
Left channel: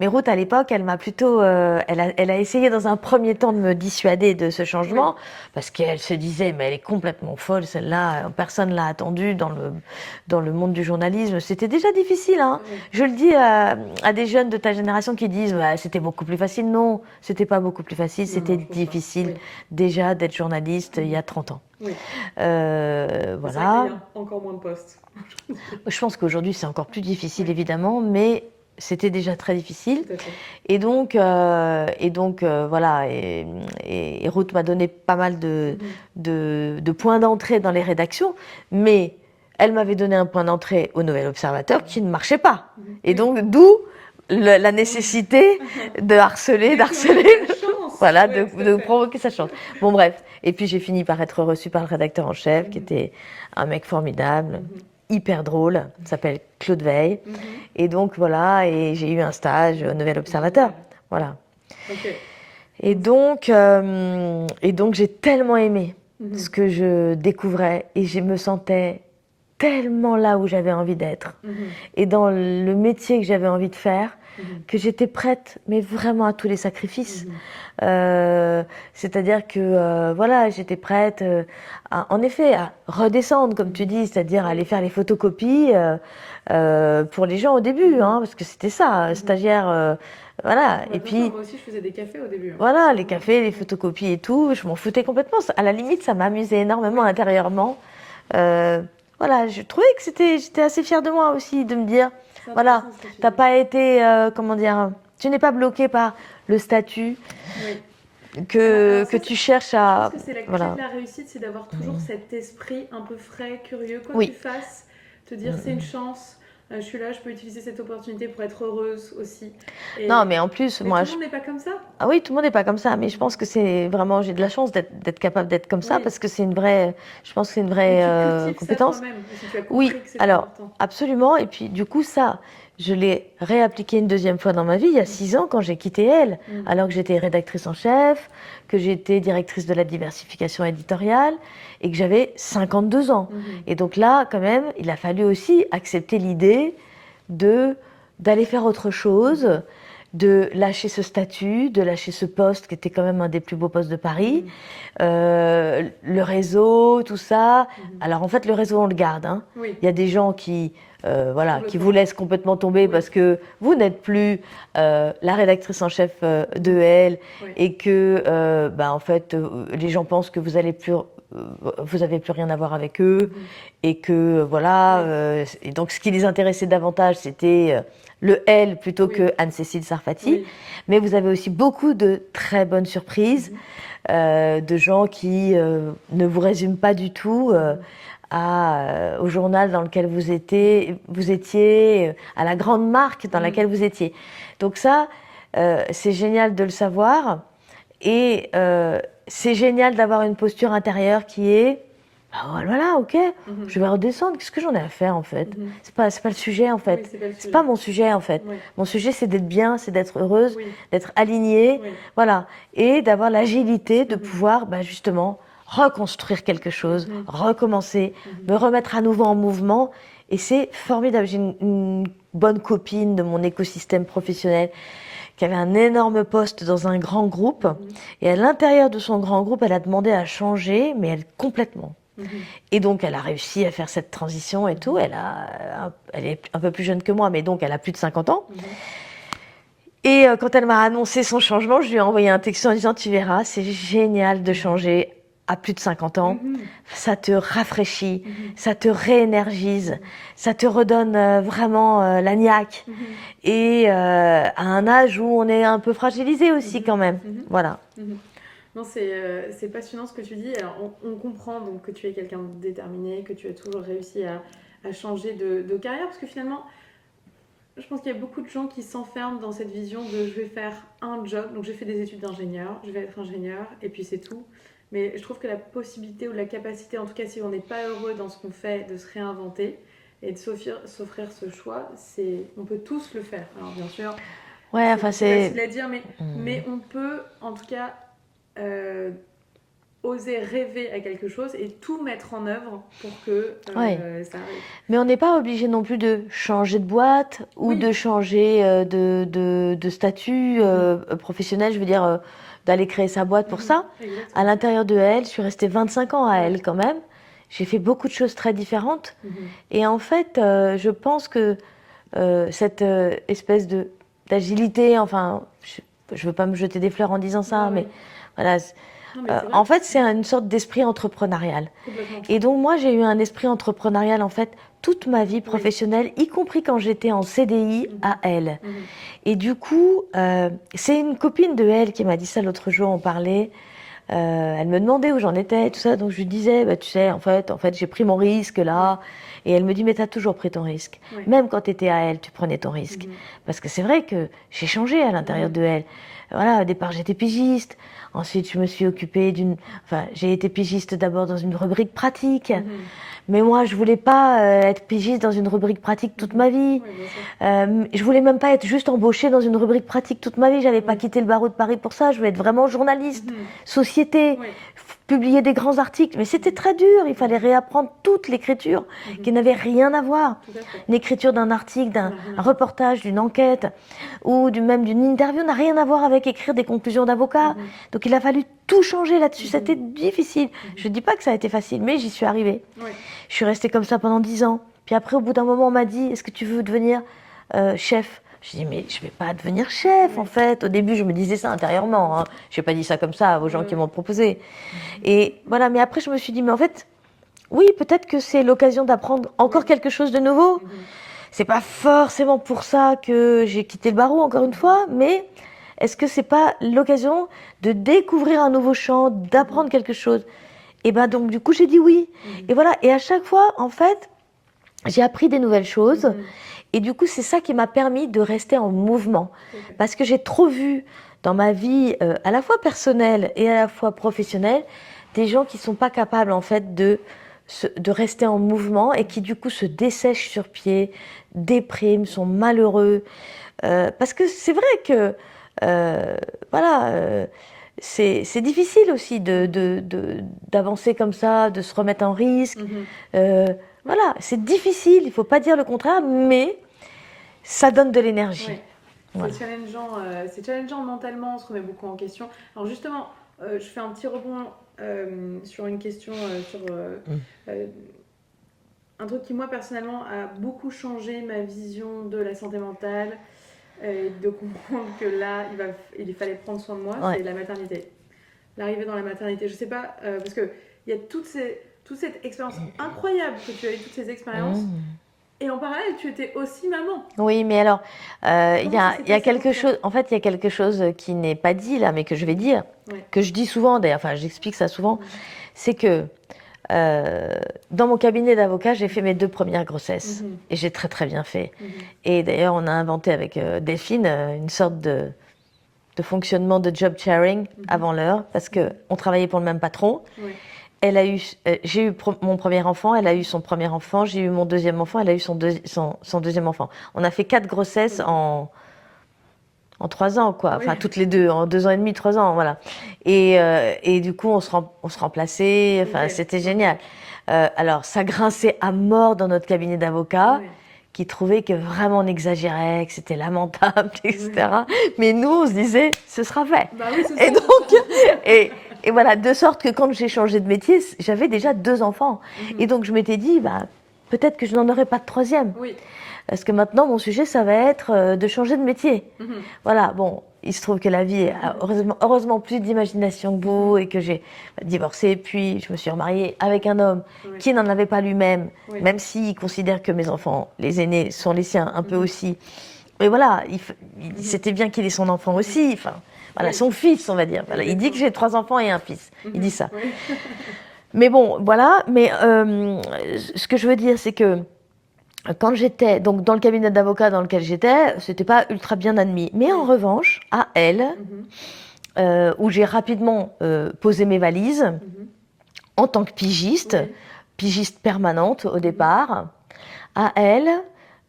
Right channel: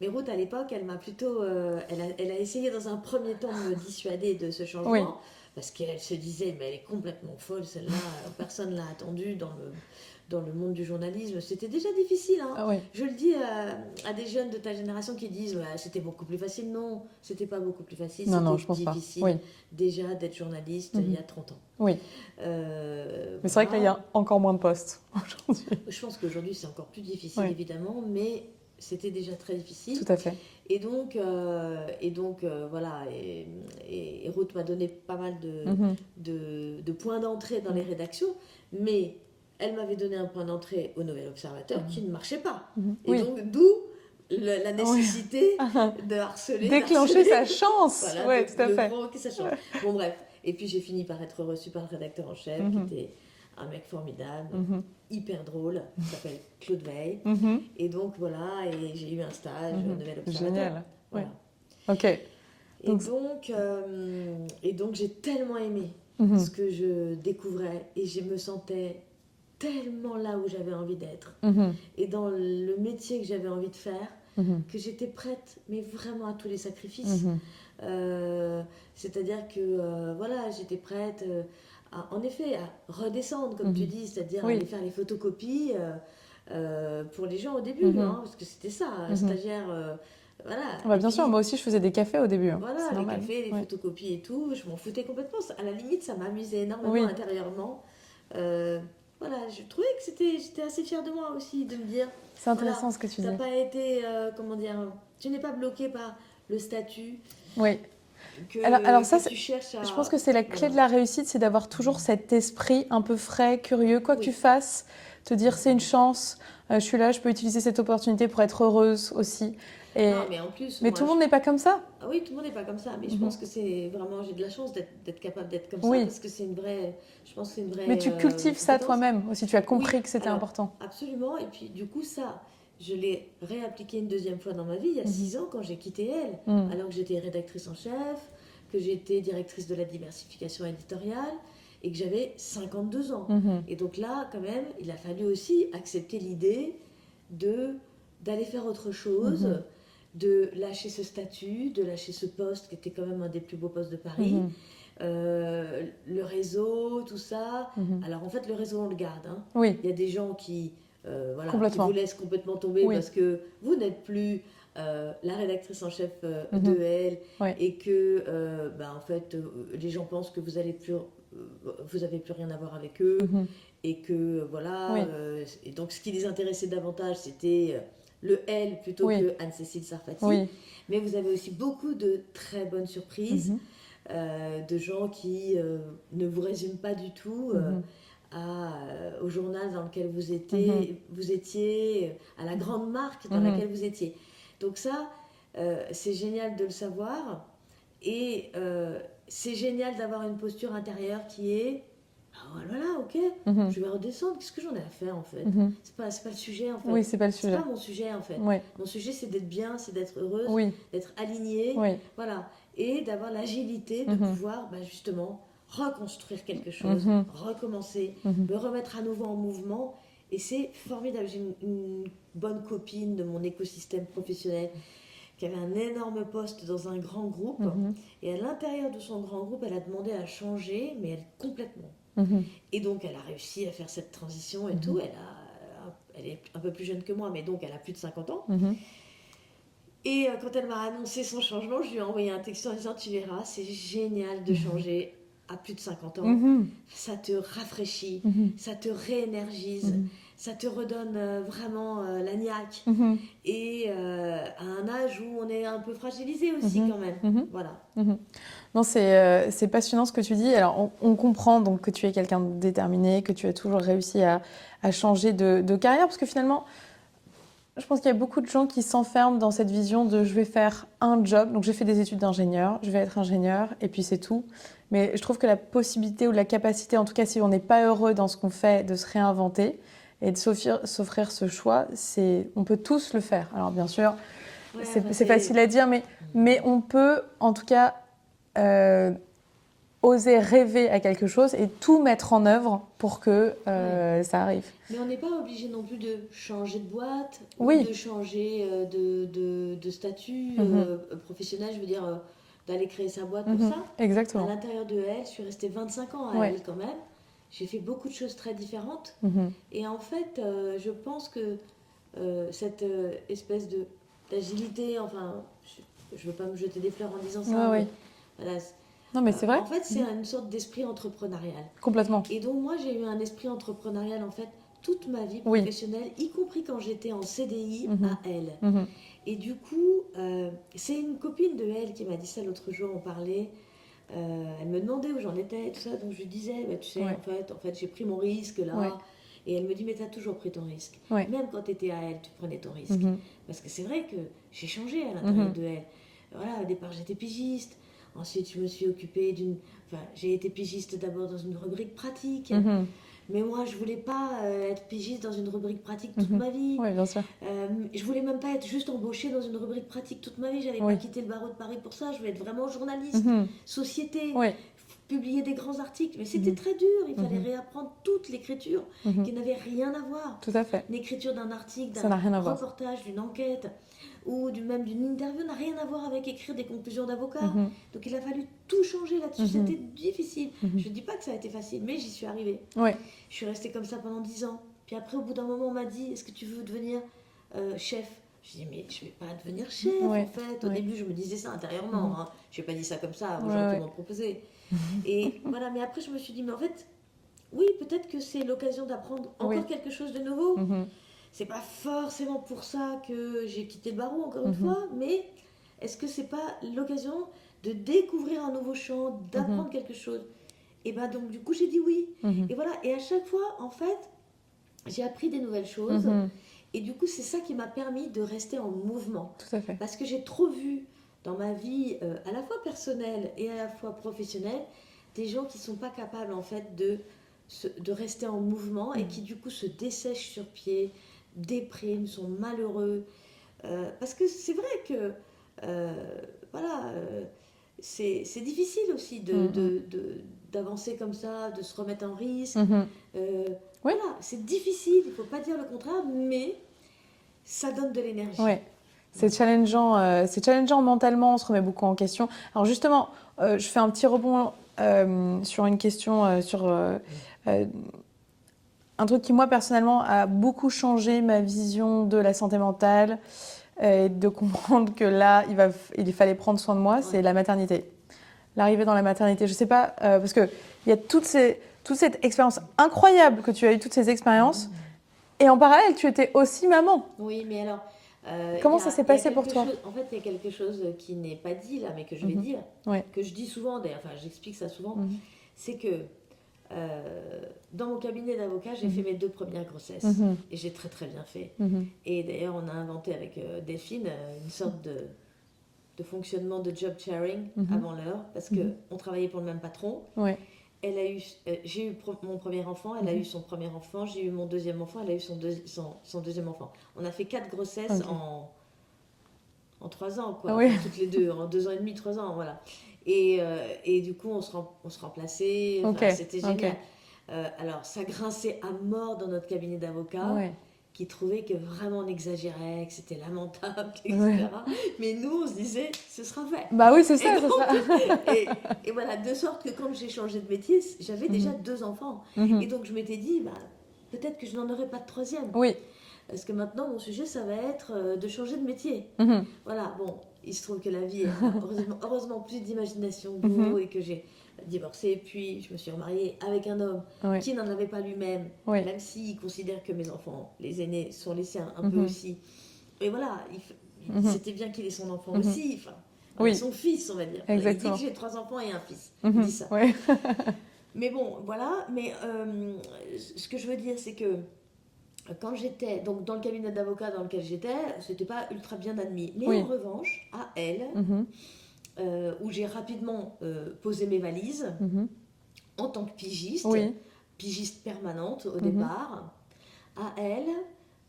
Mais Ruth à l'époque, elle m'a plutôt, elle a essayé dans un premier temps de me dissuader de ce changement parce qu'elle se disait mais elle est complètement folle celle-là, personne l'a attendue dans le monde du journalisme. C'était déjà difficile, hein. Je le dis à des jeunes de ta génération qui disent c'était beaucoup plus facile. Non, c'était pas beaucoup plus facile, c'était difficile déjà d'être journaliste. Il y a 30 ans. Oui. Voilà. C'est vrai qu'il y a encore moins de postes aujourd'hui. Je pense qu'aujourd'hui, c'est encore plus difficile, évidemment, mais c'était déjà très difficile. Tout à fait. Et donc, voilà. Et Ruth m'a donné pas mal de points d'entrée dans les rédactions, mais elle m'avait donné un point d'entrée au Nouvel Observateur qui ne marchait pas. Et donc, d'où la nécessité de harceler, d'harceler. Sa chance. Voilà, de provoquer sa chance. Bon, bref. Et puis, j'ai fini par être reçue par le rédacteur en chef, qui était un mec formidable, hyper drôle, s'appelle Claude Veil. Et donc, voilà, et j'ai eu un stage au Nouvel Observateur. Génial. Voilà. Ok. Et donc j'ai tellement aimé ce que je découvrais et je me sentais tellement là où j'avais envie d'être et dans le métier que j'avais envie de faire que j'étais prête, mais vraiment à tous les sacrifices. C'est-à-dire que voilà, j'étais prête en effet à redescendre, comme tu dis, c'est-à-dire à aller faire les photocopies pour les gens au début, hein, parce que c'était ça, stagiaire. Voilà. Et et bien puis, sûr, moi aussi, je faisais des cafés au début. voilà, les cafés, les photocopies et tout, je m'en foutais complètement. À la limite, ça m'amusait énormément intérieurement. Voilà, je trouvais que j'étais assez fière de moi aussi, de me dire, voilà, tu n'as pas été, comment dire, tu n'es pas bloqué par le statut que tu cherches à... Je pense que c'est la clé de la réussite, c'est d'avoir toujours cet esprit un peu frais, curieux, quoi que tu fasses, te dire c'est une chance. Je suis là, je peux utiliser cette opportunité pour être heureuse aussi. Non, mais en plus, mais tout le monde n'est pas comme ça. Ah oui, tout le monde n'est pas comme ça, mais je pense que c'est vraiment, j'ai de la chance d'être capable d'être comme ça, parce que c'est une vraie, je pense que c'est une vraie mais tu cultives ça toi-même, si tu as compris que c'était important. Absolument, et puis du coup ça, je l'ai réappliqué une deuxième fois dans ma vie, il y a 6 ans quand j'ai quitté Elle, alors que j'étais rédactrice en chef, que j'étais directrice de la diversification éditoriale, et que j'avais 52 ans. Et donc là, quand même, il a fallu aussi accepter l'idée d'aller faire autre chose, de lâcher ce statut, de lâcher ce poste qui était quand même un des plus beaux postes de Paris, le réseau, tout ça. Alors en fait, le réseau, on le garde. Hein. Il y a des gens qui vous laissent complètement tomber parce que vous n'êtes plus la rédactrice en chef de Elle et que en fait, les gens pensent que vous n'avez plus rien à voir avec eux et que voilà. Et donc, ce qui les intéressait davantage, c'était le Elle plutôt que Anne-Cécile Sarfati. Mais vous avez aussi beaucoup de très bonnes surprises, de gens qui ne vous résument pas du tout au journal dans lequel vous étiez, à la grande marque dans laquelle vous étiez. Donc ça, c'est génial de le savoir. Et c'est génial d'avoir une posture intérieure qui est voilà, ok, je vais redescendre. Qu'est-ce que j'en ai à faire en fait? C'est pas le sujet en fait. C'est pas mon sujet en fait. Mon sujet c'est d'être bien, c'est d'être heureuse, d'être alignée, voilà, et d'avoir l'agilité de pouvoir justement reconstruire quelque chose, recommencer, me remettre à nouveau en mouvement. Et c'est formidable. J'ai une bonne copine de mon écosystème professionnel qui avait un énorme poste dans un grand groupe. Et à l'intérieur de son grand groupe, elle a demandé à changer, mais elle complètement. Et donc, elle a réussi à faire cette transition et tout. Elle est un peu plus jeune que moi, mais donc elle a plus de 50 ans. Et quand elle m'a annoncé son changement, je lui ai envoyé un texto en disant « Tu verras, c'est génial de changer à plus de 50 ans. Ça te rafraîchit, ça te réénergise, ça te redonne vraiment la niaque. Et à un âge où on est un peu fragilisé aussi quand même. Voilà. Non, c'est passionnant ce que tu dis. Alors, on comprend donc que tu es quelqu'un de déterminé, que tu as toujours réussi à changer de carrière, parce que finalement, je pense qu'il y a beaucoup de gens qui s'enferment dans cette vision de je vais faire un job. Donc, j'ai fait des études d'ingénieur, je vais être ingénieur, et puis c'est tout. Mais je trouve que la possibilité ou la capacité, en tout cas si on n'est pas heureux dans ce qu'on fait, de se réinventer et de s'offrir ce choix, on peut tous le faire. Alors, bien sûr, c'est facile à dire, mais on peut en tout cas oser rêver à quelque chose et tout mettre en œuvre pour que ça arrive. Mais on n'est pas obligé non plus de changer de boîte ou de changer de statut professionnel, je veux dire d'aller créer sa boîte pour ça. Exactement. À l'intérieur de elle, je suis restée 25 ans à elle quand même. J'ai fait beaucoup de choses très différentes. Et en fait, je pense que cette espèce d'agilité, enfin, je ne veux pas me jeter des fleurs en disant ça, mais voilà. Non, mais c'est vrai. En fait, c'est une sorte d'esprit entrepreneurial. Complètement. Et donc, moi, j'ai eu un esprit entrepreneurial, en fait, toute ma vie professionnelle, y compris quand j'étais en CDI à elle. Et du coup, c'est une copine de elle qui m'a dit ça l'autre jour, on parlait. Elle me demandait où j'en étais, tout ça. Donc, je lui disais, bah, tu sais, en fait j'ai pris mon risque là. Et elle me dit, mais tu as toujours pris ton risque. Même quand tu étais à elle, tu prenais ton risque. Parce que c'est vrai que j'ai changé à l'intérieur de elle. Voilà, au départ, j'étais pigiste. Ensuite, je me suis occupée j'ai été pigiste d'abord dans une rubrique pratique. Mais moi, je voulais pas être pigiste dans une rubrique pratique toute ma vie. Oui, bien sûr. Je voulais même pas être juste embauchée dans une rubrique pratique toute ma vie. J'avais pas quitté le barreau de Paris pour ça. Je voulais être vraiment journaliste, société, publier des grands articles. Mais c'était très dur. Il fallait réapprendre toute l'écriture qui n'avait rien à voir. Tout à fait. L'écriture d'un article, d'un reportage, d'une enquête ou même d'une interview n'a rien à voir avec écrire des conclusions d'avocat. Donc il a fallu tout changer là-dessus. C'était difficile. Je ne dis pas que ça a été facile, mais j'y suis arrivée. Je suis restée comme ça pendant 10 ans. Puis après, au bout d'un moment, on m'a dit, est-ce que tu veux devenir chef? Je dis, mais je ne vais pas devenir chef, en fait. Au début, je me disais ça intérieurement. Hein. Je n'ai pas dit ça comme ça aux gens qui m'ont proposé. Et voilà, mais après, je me suis dit, mais en fait, oui, peut-être que c'est l'occasion d'apprendre encore quelque chose de nouveau. C'est pas forcément pour ça que j'ai quitté le barreau, encore une fois, mais est-ce que c'est pas l'occasion de découvrir un nouveau champ, d'apprendre quelque chose? Et ben donc, du coup, j'ai dit oui. Et voilà, et à chaque fois, en fait, j'ai appris des nouvelles choses. Et du coup, c'est ça qui m'a permis de rester en mouvement. Parce que j'ai trop vu dans ma vie, à la fois personnelle et à la fois professionnelle, des gens qui ne sont pas capables, en fait, de rester en mouvement et qui, du coup, se dessèchent sur pied, dépriment, sont malheureux. Parce que c'est vrai que, c'est difficile aussi d'avancer comme ça, de se remettre en risque. Voilà, c'est difficile, il ne faut pas dire le contraire, mais ça donne de l'énergie. C'est challengeant mentalement, on se remet beaucoup en question. Alors justement, je fais un petit rebond sur une question, un truc qui, moi, personnellement, a beaucoup changé ma vision de la santé mentale, de comprendre que là, il fallait prendre soin de moi, c'est la maternité. L'arrivée dans la maternité, je ne sais pas, parce qu'il y a toute cette expérience incroyable que tu as eu, toutes ces expériences, et en parallèle, tu étais aussi maman. Oui, mais alors, il y a quelque chose. En fait, il y a quelque chose qui n'est pas dit là, mais que je vais dire, que je dis souvent, d'ailleurs, enfin, j'explique ça souvent, c'est que dans mon cabinet d'avocat, j'ai fait mes 2 premières grossesses, et j'ai très très bien fait. Et d'ailleurs, on a inventé avec Delphine une sorte de fonctionnement de job sharing avant l'heure, parce qu'on travaillait pour le même patron. J'ai eu mon premier enfant, elle a eu son premier enfant, j'ai eu mon deuxième enfant, elle a eu son deuxième enfant. On a fait 4 grossesses en 3 ans, quoi. Enfin, toutes les deux, en 2 ans et demi, 3 ans, voilà. Et du coup, on se remplaçait, enfin, c'était génial. Alors, ça grinçait à mort dans notre cabinet d'avocats, qui trouvaient que vraiment on exagérait, que c'était lamentable, etc. Mais nous, on se disait, ce sera fait. Bah oui, c'est ça. Et donc, et voilà, de sorte que quand j'ai changé de métier, j'avais déjà 2 enfants. Et donc, je m'étais dit, bah, peut-être que je n'en aurai pas de 3e. Parce que maintenant, mon sujet, ça va être de changer de métier. Voilà, bon, il se trouve que la vie a heureusement plus d'imagination que vous et que j'ai divorcé, puis je me suis remariée avec un homme qui n'en avait pas lui-même, même s'il considère que mes enfants, les aînés, sont les siens un peu aussi. Mais voilà, c'était bien qu'il ait son enfant aussi, enfin, voilà, son fils, on va dire. Voilà, il dit que j'ai 3 enfants et un fils, il dit ça. Mais bon, voilà, mais ce que je veux dire, c'est que quand j'étais donc dans le cabinet d'avocat dans lequel j'étais, c'était pas ultra bien admis. Mais en revanche, à elle, où j'ai rapidement posé mes valises en tant que pigiste, pigiste permanente au départ, à elle,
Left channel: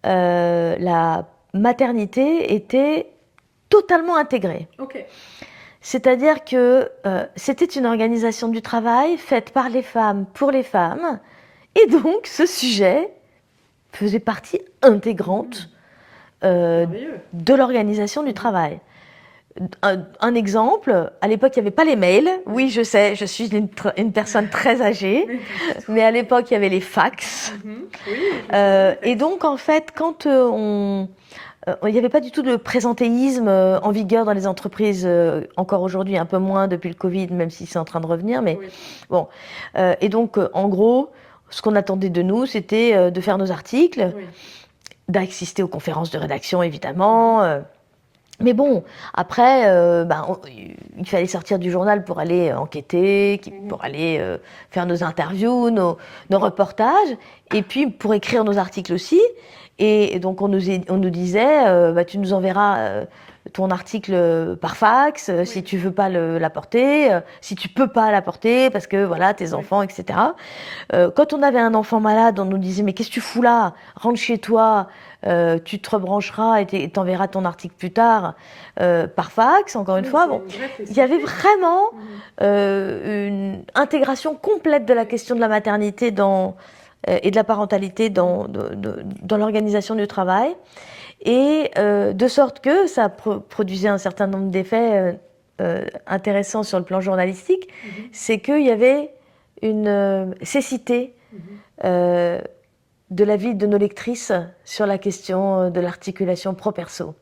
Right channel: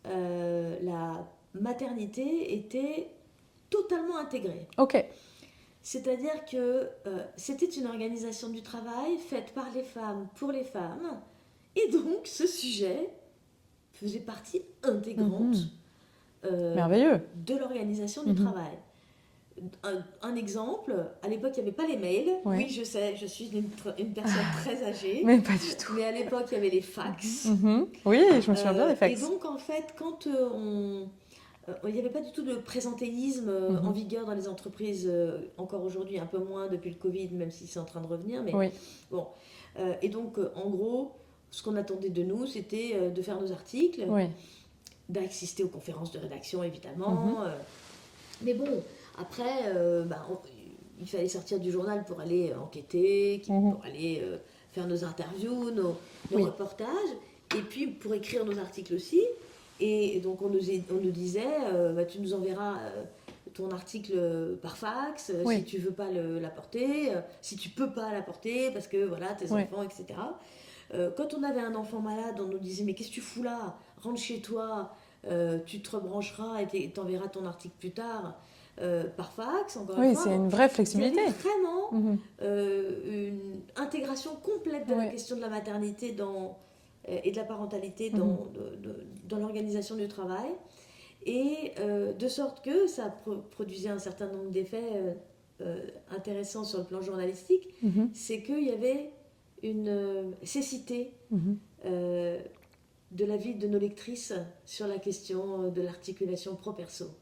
la maternité était totalement intégrée. C'est-à-dire que c'était une organisation du travail faite par les femmes pour les femmes. Et donc, ce sujet faisait partie intégrante Merveilleux. de l'organisation du travail. Un exemple, à l'époque, il n'y avait pas les mails. Ouais. Oui, je sais, je suis une personne très âgée. Mais pas du tout. Mais à l'époque, il y avait les fax. Oui, je me souviens des fax. Et donc, en fait, quand il n'y avait pas du tout de présentéisme en vigueur dans les entreprises, encore aujourd'hui, un peu moins depuis le Covid, même si c'est en train de revenir. Mais Oui. bon. Et donc, en gros, ce qu'on attendait de nous, c'était de faire nos articles, Oui. d'assister aux conférences de rédaction, évidemment. Mais bon, après, il fallait sortir du journal pour aller enquêter, pour aller faire nos interviews, nos reportages, et puis pour écrire nos articles aussi. Et donc, on nous disait, tu nous enverras ton article par fax, si tu veux pas l'apporter, si tu peux pas l'apporter, parce que voilà, tes enfants, etc. Quand on avait un enfant malade, on nous disait, mais qu'est-ce que tu fous là? Rentre chez toi. Tu te rebrancheras et t'enverras ton article plus tard par fax, encore une fois. C'est une vraie il y avait flexibilité. vraiment une intégration complète de la question de la maternité et de la parentalité dans l'organisation du travail. Et de sorte que ça produisait un certain nombre d'effets intéressants sur le plan journalistique. C'est qu'il y avait une cécité de la vie de nos lectrices sur la question de l'articulation pro-perso.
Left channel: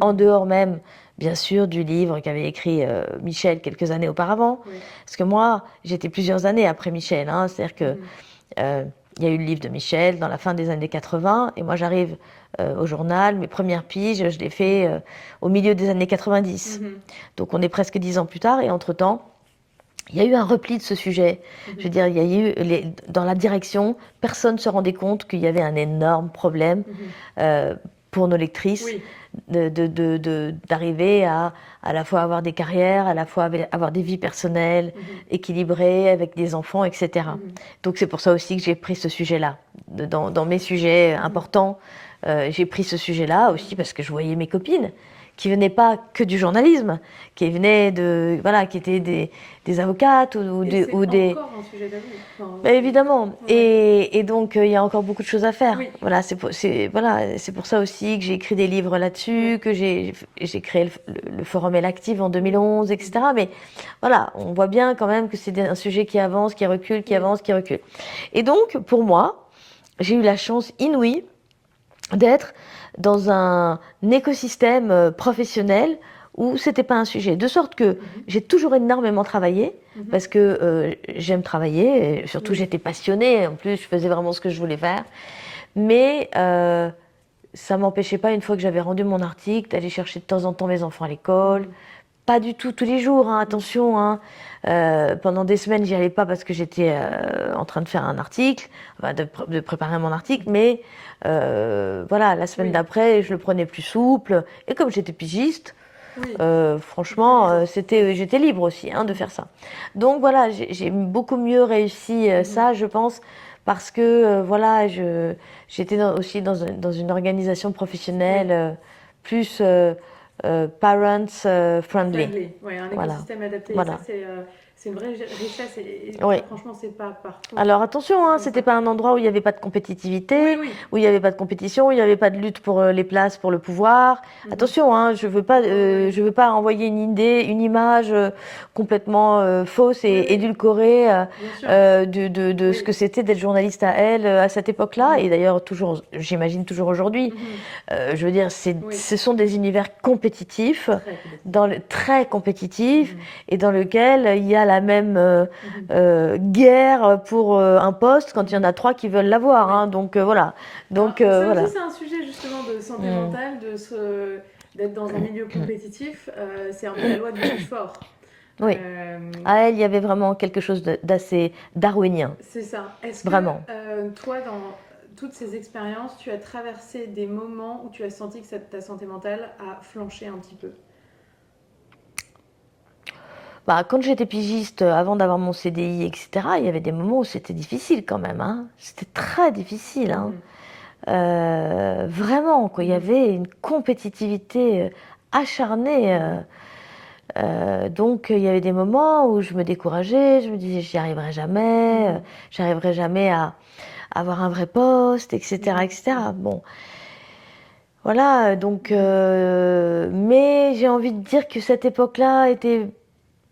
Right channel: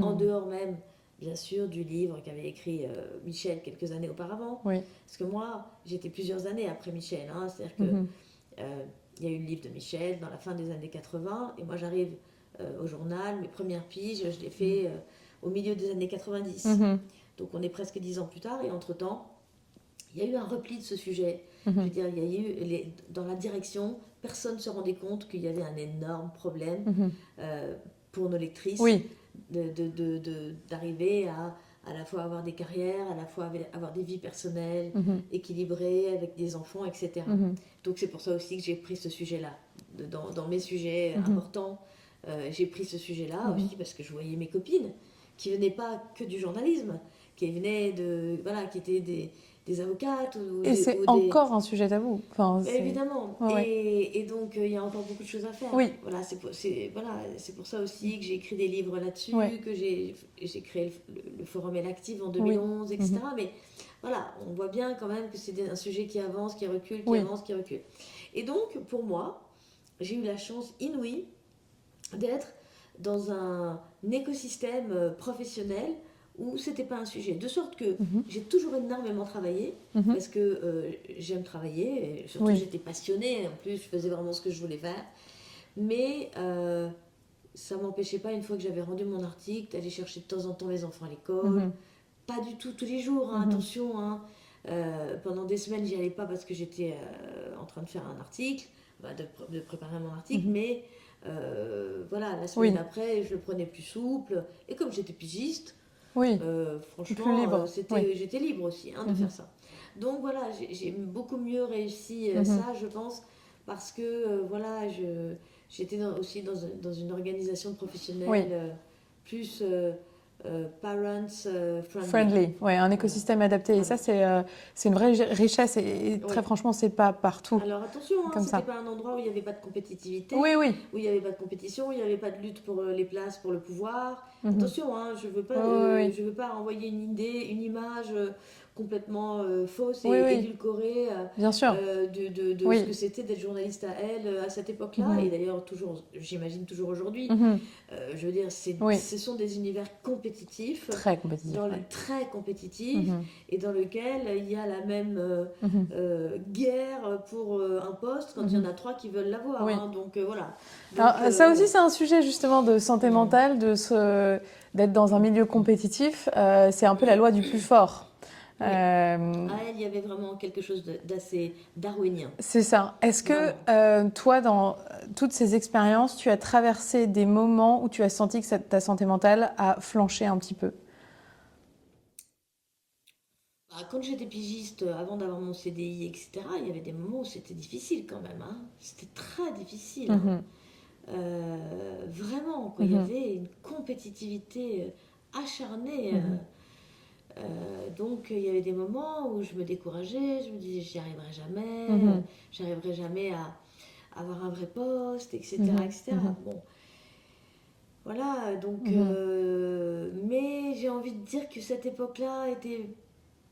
En dehors même, bien sûr, du livre qu'avait écrit Michel quelques années auparavant. Oui. Parce que moi, j'étais plusieurs années après Michel. C'est-à-dire que il y a eu le livre de Michel dans la fin des années 80, et moi j'arrive au journal, mes premières piges, je les fais au milieu des années 90. Donc on est presque 10 ans plus tard, et entre-temps, il y a eu un repli de ce sujet. Je veux dire, il y a eu dans la direction, personne ne se rendait compte qu'il y avait un énorme problème pour nos lectrices d'arriver à la fois avoir des carrières, à la fois avoir des vies personnelles équilibrées avec des enfants, etc. Donc c'est pour ça aussi que j'ai pris ce sujet-là. Dans mes sujets importants, j'ai pris ce sujet-là aussi parce que je voyais mes copines qui venaient pas que du journalisme, qui venaient qui étaient des avocates ou c'est des... encore un sujet tabou. Enfin, évidemment. Ouais. Et donc, il y a encore beaucoup de choses à faire. Oui. Voilà, c'est pour ça aussi que j'ai écrit des livres là-dessus, que j'ai créé le Forum Elactive en 2011, etc. Mais voilà, on voit bien quand même que c'est un sujet qui avance, qui recule, qui avance, qui recule. Et donc, pour moi, j'ai eu la chance inouïe d'être dans un écosystème professionnel où c'était pas un sujet. De sorte que j'ai toujours énormément travaillé, parce que j'aime travailler, et surtout j'étais passionnée, en plus je faisais vraiment ce que je voulais faire. Mais ça m'empêchait pas, une fois que j'avais rendu mon article, d'aller chercher de temps en temps mes enfants à l'école. Pas du tout tous les jours, attention. Pendant des semaines, j'y allais pas parce que j'étais en train de faire un article, de préparer mon article, mais voilà, la semaine d'après, je le prenais plus souple. Et comme j'étais pigiste, franchement, j'étais libre aussi de faire ça. Donc voilà, j'ai beaucoup mieux réussi ça, je pense, parce que voilà, j'étais aussi dans une organisation professionnelle plus parents friendly. Ouais, un écosystème adapté. Voilà. Et ça, c'est une vraie richesse. Et très franchement, c'est pas partout. Alors attention, c'était pas un endroit où il n'y avait pas de compétitivité, où il n'y avait pas de compétition, où il n'y avait pas de lutte pour les places, pour le pouvoir. Attention, je veux pas envoyer une image complètement fausse et édulcorée de ce que c'était d'être journaliste à Elle à cette époque-là, et d'ailleurs toujours, j'imagine toujours aujourd'hui. Je veux dire, ce sont des univers compétitifs, très compétitifs, et dans lequel il y a la même guerre pour un poste quand il y en a 3 qui veulent l'avoir. Donc voilà. Donc, ça aussi, c'est un sujet justement de santé mentale, d'être dans un milieu compétitif. C'est un peu la loi du plus fort. Oui. À Elle, il y avait vraiment quelque chose d'assez darwinien. C'est ça. Est-ce que toi, dans toutes ces expériences, tu as traversé des moments où tu as senti que ta santé mentale a flanché un petit peu? Quand j'étais pigiste, avant d'avoir mon CDI, etc., il y avait des moments où c'était difficile quand même. C'était très difficile. Vraiment, quoi. Il y avait une compétitivité acharnée. Donc, il y avait des moments où je me décourageais, je me disais, j'y arriverai jamais, j'arriverai jamais à avoir un vrai poste, etc., etc. Bon, voilà, donc, mais j'ai envie de dire que cette époque-là était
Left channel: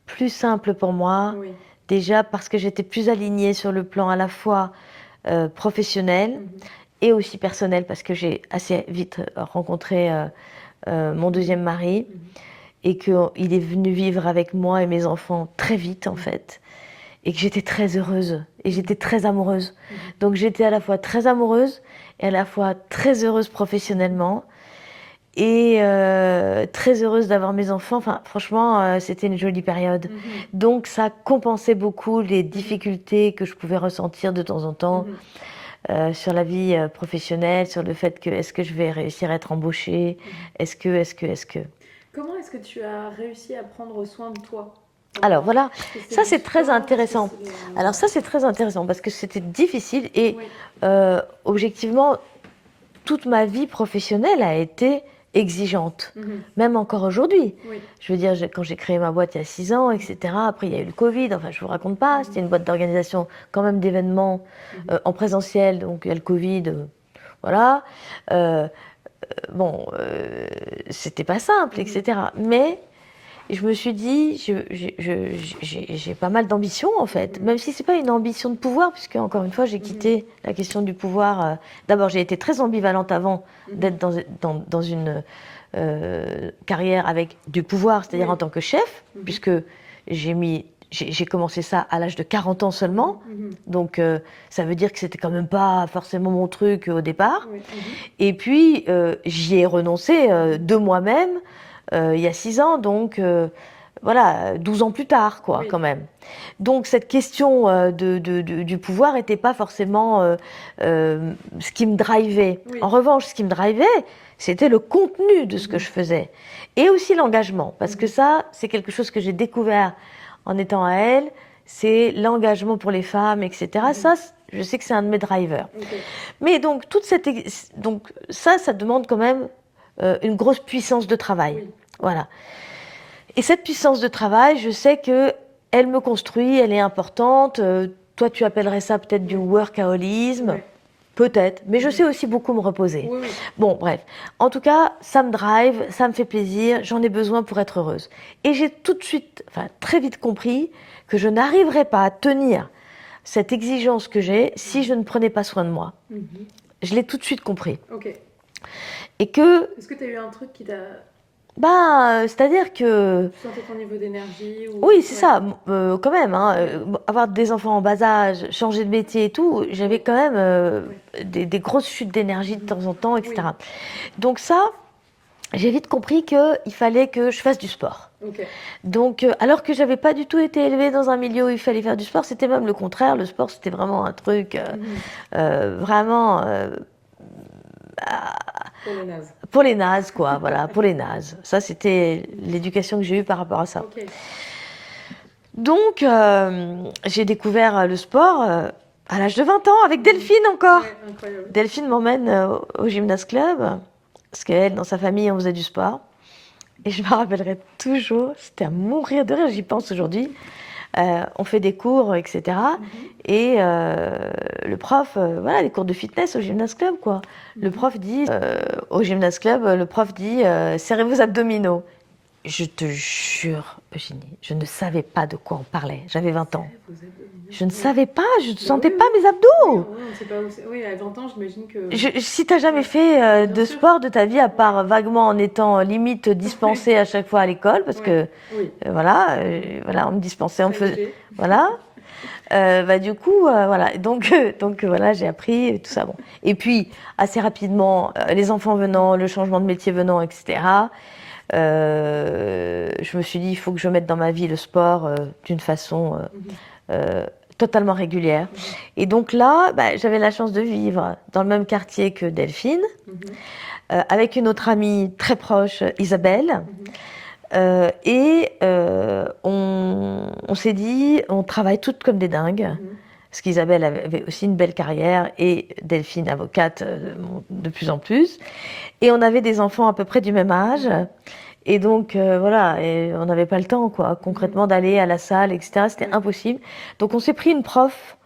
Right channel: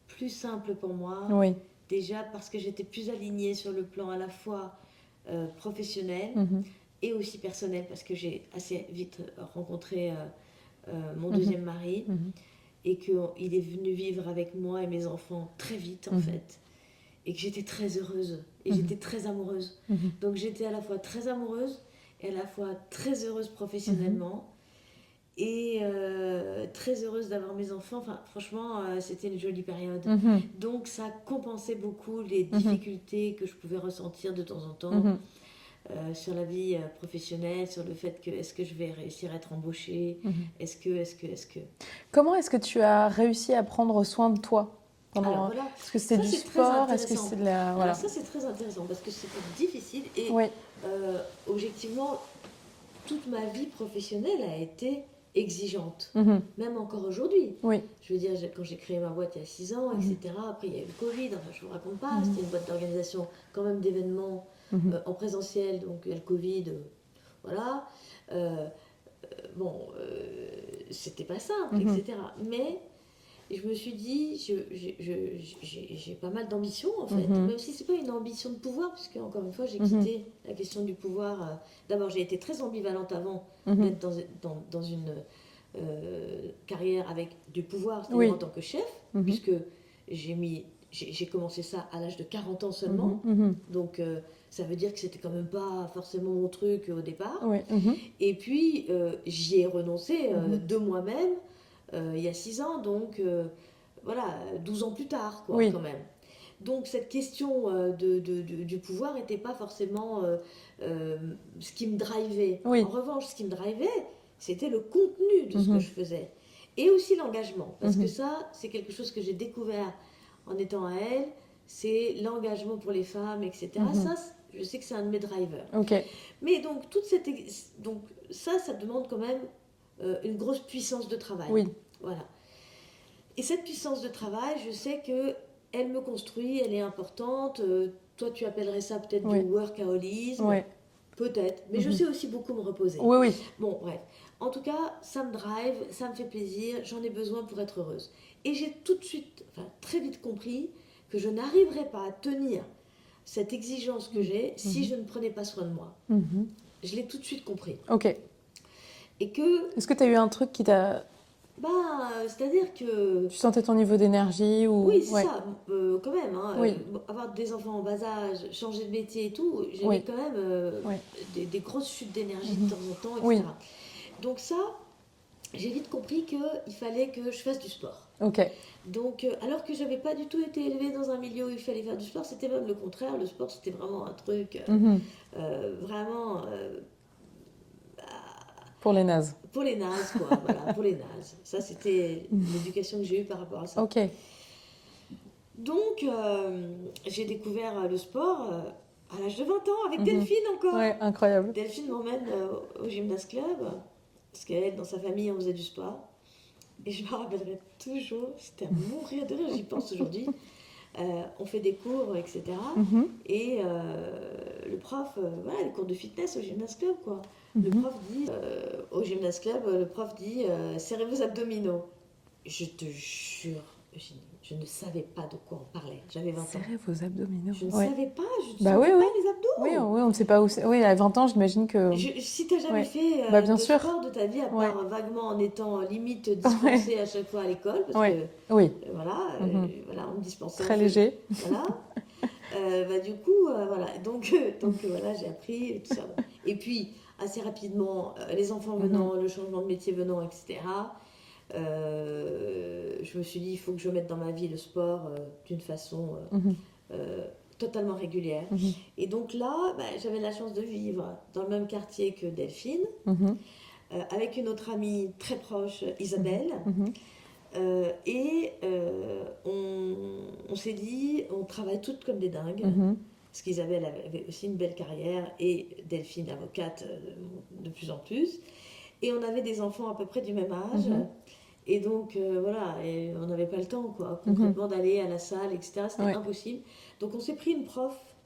plus simple pour moi. Oui. Déjà parce que j'étais plus alignée sur le plan à la fois professionnel et aussi personnel, parce que j'ai assez vite rencontré mon deuxième mari et qu'il est venu vivre avec moi et mes enfants très vite en fait, et que j'étais très heureuse et j'étais très amoureuse. Donc j'étais à la fois très amoureuse et à la fois très heureuse professionnellement. Et très heureuse d'avoir mes enfants. Enfin, franchement, c'était une jolie période. Donc, ça compensait beaucoup les difficultés que je pouvais ressentir de temps en temps sur la vie professionnelle, sur le fait que est-ce que je vais réussir à être embauchée, est-ce que. Comment est-ce que tu as réussi à prendre soin de toi? Alors voilà, ça c'est très sport, intéressant. est-ce que c'est de la- Alors ça c'est très intéressant parce que c'était difficile et Oui. objectivement, toute ma vie professionnelle a été exigeante, même encore aujourd'hui. Oui. Je veux dire, quand j'ai créé ma boîte il y a 6 ans, etc., après il y a eu le Covid, enfin je vous raconte pas, c'était une boîte d'organisation quand même d'événements en présentiel, donc il y a le Covid, voilà. Bon, c'était pas simple, etc. Mais je me suis dit, j'ai pas mal d'ambition en fait, même si c'est pas une ambition de pouvoir, puisque encore une fois j'ai quitté la question du pouvoir. D'abord j'ai été très ambivalente avant d'être dans une carrière avec du pouvoir, c'est-à-dire en tant que chef, puisque j'ai commencé ça à l'âge de 40 ans seulement, donc ça veut dire que c'était quand même pas forcément mon truc au départ. Oui. Et puis j'y ai renoncé de moi-même il y a 6 ans, donc voilà, 12 ans plus tard, quoi, Oui. quand même. Donc cette question du pouvoir n'était pas forcément ce qui me drivait. Oui. En revanche, ce qui me drivait, c'était le contenu de ce que je faisais. Et aussi l'engagement, parce que ça, c'est quelque chose que j'ai découvert en étant à elle, c'est l'engagement pour les femmes, etc. Ça, je sais que c'est un de mes drivers. Ok. Mais donc, donc ça demande quand même une grosse puissance de travail. Oui. Voilà. Et cette puissance de travail, je sais que elle me construit, elle est importante. Toi, tu appellerais ça peut-être du workaholisme. Ouais. Peut-être. Mais je sais aussi beaucoup me reposer. Oui, oui. Bon, bref. En tout cas, ça me drive, ça me fait plaisir, j'en ai besoin pour être heureuse. Et j'ai tout de suite, enfin très vite compris que je n'arriverais pas à tenir cette exigence que j'ai si je ne prenais pas soin de moi. Je l'ai tout de suite compris. Ok. Et que, Est-ce que tu as eu un truc qui t'a... c'est-à-dire que... Tu sentais ton niveau d'énergie ou... Oui, c'est Ouais. ça, quand même. Hein, avoir des enfants en bas âge, changer de métier et tout, j'avais quand même des grosses chutes d'énergie de temps en temps, etc. Oui. Donc ça, j'ai vite compris qu'il fallait que je fasse du sport. Ok. Donc, alors que j'avais pas du tout été élevée dans un milieu où il fallait faire du sport, c'était même le contraire. Le sport, c'était vraiment un truc vraiment Pour les nazes. pour les nazes, quoi. Voilà, pour les nazes. Ça, c'était l'éducation que j'ai eue par rapport à ça. Ok. Donc, j'ai découvert le sport à l'âge de 20 ans avec Delphine encore. Ouais, incroyable. Delphine m'emmène au gymnase club, parce qu'elle, dans sa famille, on faisait du sport. Et je me rappellerai toujours, c'était à mourir de rire, j'y pense aujourd'hui. On fait des cours, etc. Et le prof, voilà, les cours de fitness au gymnase club, quoi. Le prof dit, au gymnase club, le prof dit, serrez vos abdominaux. Je te jure, Eugénie, je ne savais pas de quoi on parlait. J'avais 20 ans. Serrez vos abdominaux. Je ne Ouais. savais pas, je ne Bah sentais oui, pas oui. mes abdos. Oui, on ne sait pas où c'est. Oui, à 20 ans, j'imagine que... Si tu n'as jamais Ouais. fait Bah, bien de sûr. sport de ta vie, à part vaguement en étant limite dispensée à chaque fois à l'école, parce que Oui. voilà, voilà, on me dispensait, on Très faisait, léger. voilà. Du coup, voilà, donc voilà, j'ai appris tout ça. Bon. Et puis assez rapidement, les enfants venant, le changement de métier venant, etc. Je me suis dit, il faut que je mette dans ma vie le sport d'une façon totalement régulière. Et donc là, j'avais la chance de vivre dans le même quartier que Delphine, avec une autre amie très proche, Isabelle. On s'est dit, on travaille toutes comme des dingues, parce qu'Isabelle avait aussi une belle carrière et Delphine, avocate de plus en plus. Et on avait des enfants à peu près du même âge. Et donc, voilà, et on n'avait pas le temps, quoi, concrètement, d'aller à la salle, etc. C'était impossible. Donc, on s'est pris une prof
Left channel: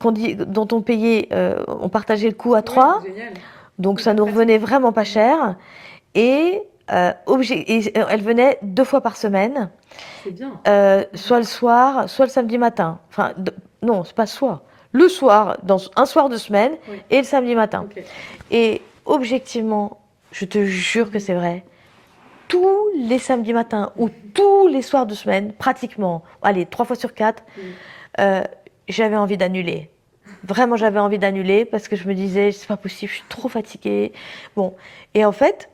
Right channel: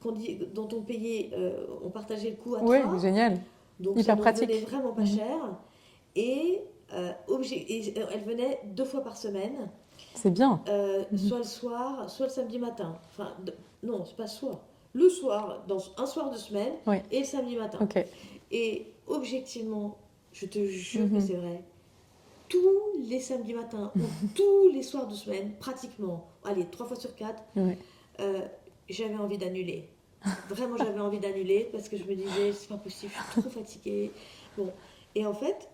dont on payait, on partageait le coût à 3. Génial. Donc, ça Hyper nous pratique. revenait vraiment pas cher. Et, elle venait 2 fois par semaine. C'est bien. Soit le soir, soit le samedi matin. Enfin, non, c'est pas soit. Le soir, un soir de semaine, et le samedi matin. Ok. Et objectivement, je te jure que c'est vrai. Tous les samedis matins ou tous les soirs de semaine, pratiquement, allez, 3 fois sur 4, j'avais envie d'annuler. Vraiment, j'avais envie d'annuler parce que je me disais, c'est pas possible, je suis trop fatiguée. Bon, et en fait,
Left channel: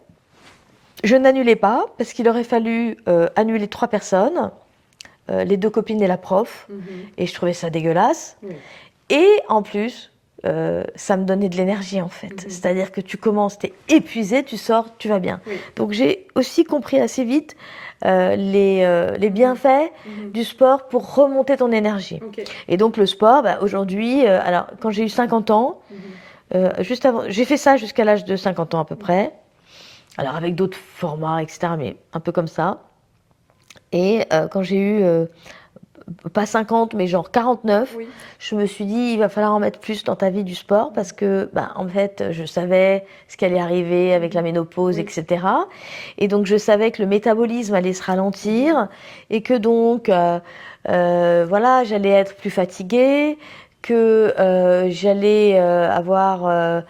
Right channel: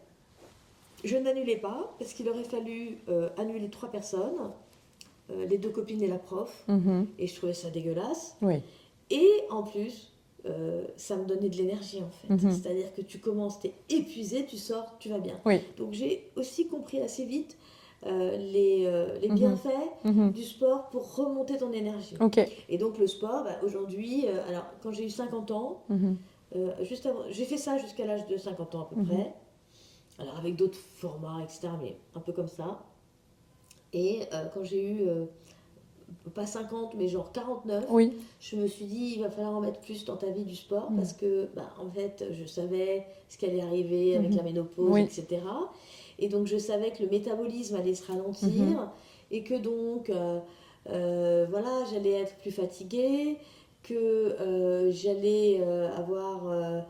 je n'annulais pas parce qu'il aurait fallu annuler 3 personnes, les 2 copines et la prof, et je trouvais ça dégueulasse. Oui. Et en plus, ça me donnait de l'énergie en fait. C'est-à-dire que tu commences, tu es épuisé, tu sors, tu vas bien. Oui. Donc j'ai aussi compris assez vite les bienfaits du sport pour remonter ton énergie. Ok. Et donc le sport, aujourd'hui, alors quand j'ai eu 50 ans, juste avant, j'ai fait ça jusqu'à l'âge de 50 ans à peu près. Alors avec d'autres formats, etc., mais un peu comme ça. Et quand j'ai eu pas 50, mais genre 49, je me suis dit, il va falloir en mettre plus dans ta vie du sport parce que, en fait, je savais ce qui allait arriver avec la ménopause, etc. Et donc, je savais que le métabolisme allait se ralentir et que donc, voilà, j'allais être plus fatiguée, que j'allais avoir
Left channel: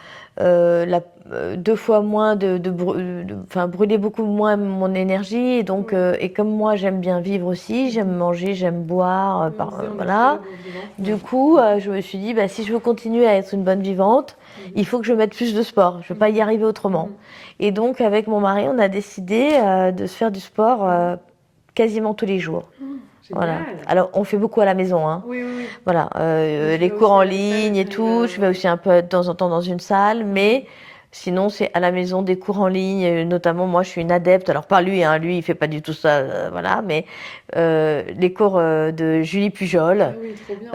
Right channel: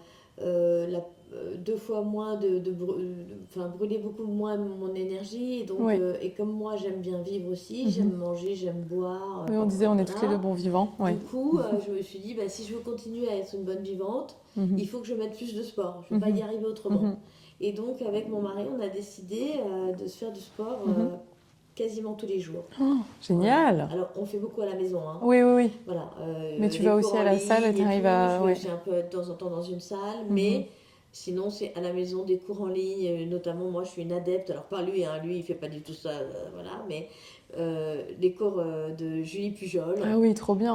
2 fois moins brûler beaucoup moins mon énergie. Et donc, et comme moi, j'aime bien vivre aussi, j'aime manger, j'aime boire. On disait, on est voilà. plutôt des bons vivants. Du coup, je me suis dit, si je veux continuer à être une bonne vivante, il faut que je mette plus de sport. Je ne veux pas y arriver autrement. Et donc, avec mon mari, on a décidé de se faire du sport quasiment tous les jours. Oh, génial. Voilà. Alors, on fait beaucoup à la maison. Hein. Oui. Voilà, les cours en ligne et tout. Je vais aussi un peu de temps en temps dans une salle, mais sinon, c'est à la maison des cours en ligne. Notamment, moi, je suis une adepte. Alors, pas lui, hein, lui, il fait pas du tout ça, voilà. Mais les cours de Julie Pujol. Ah oui, trop bien.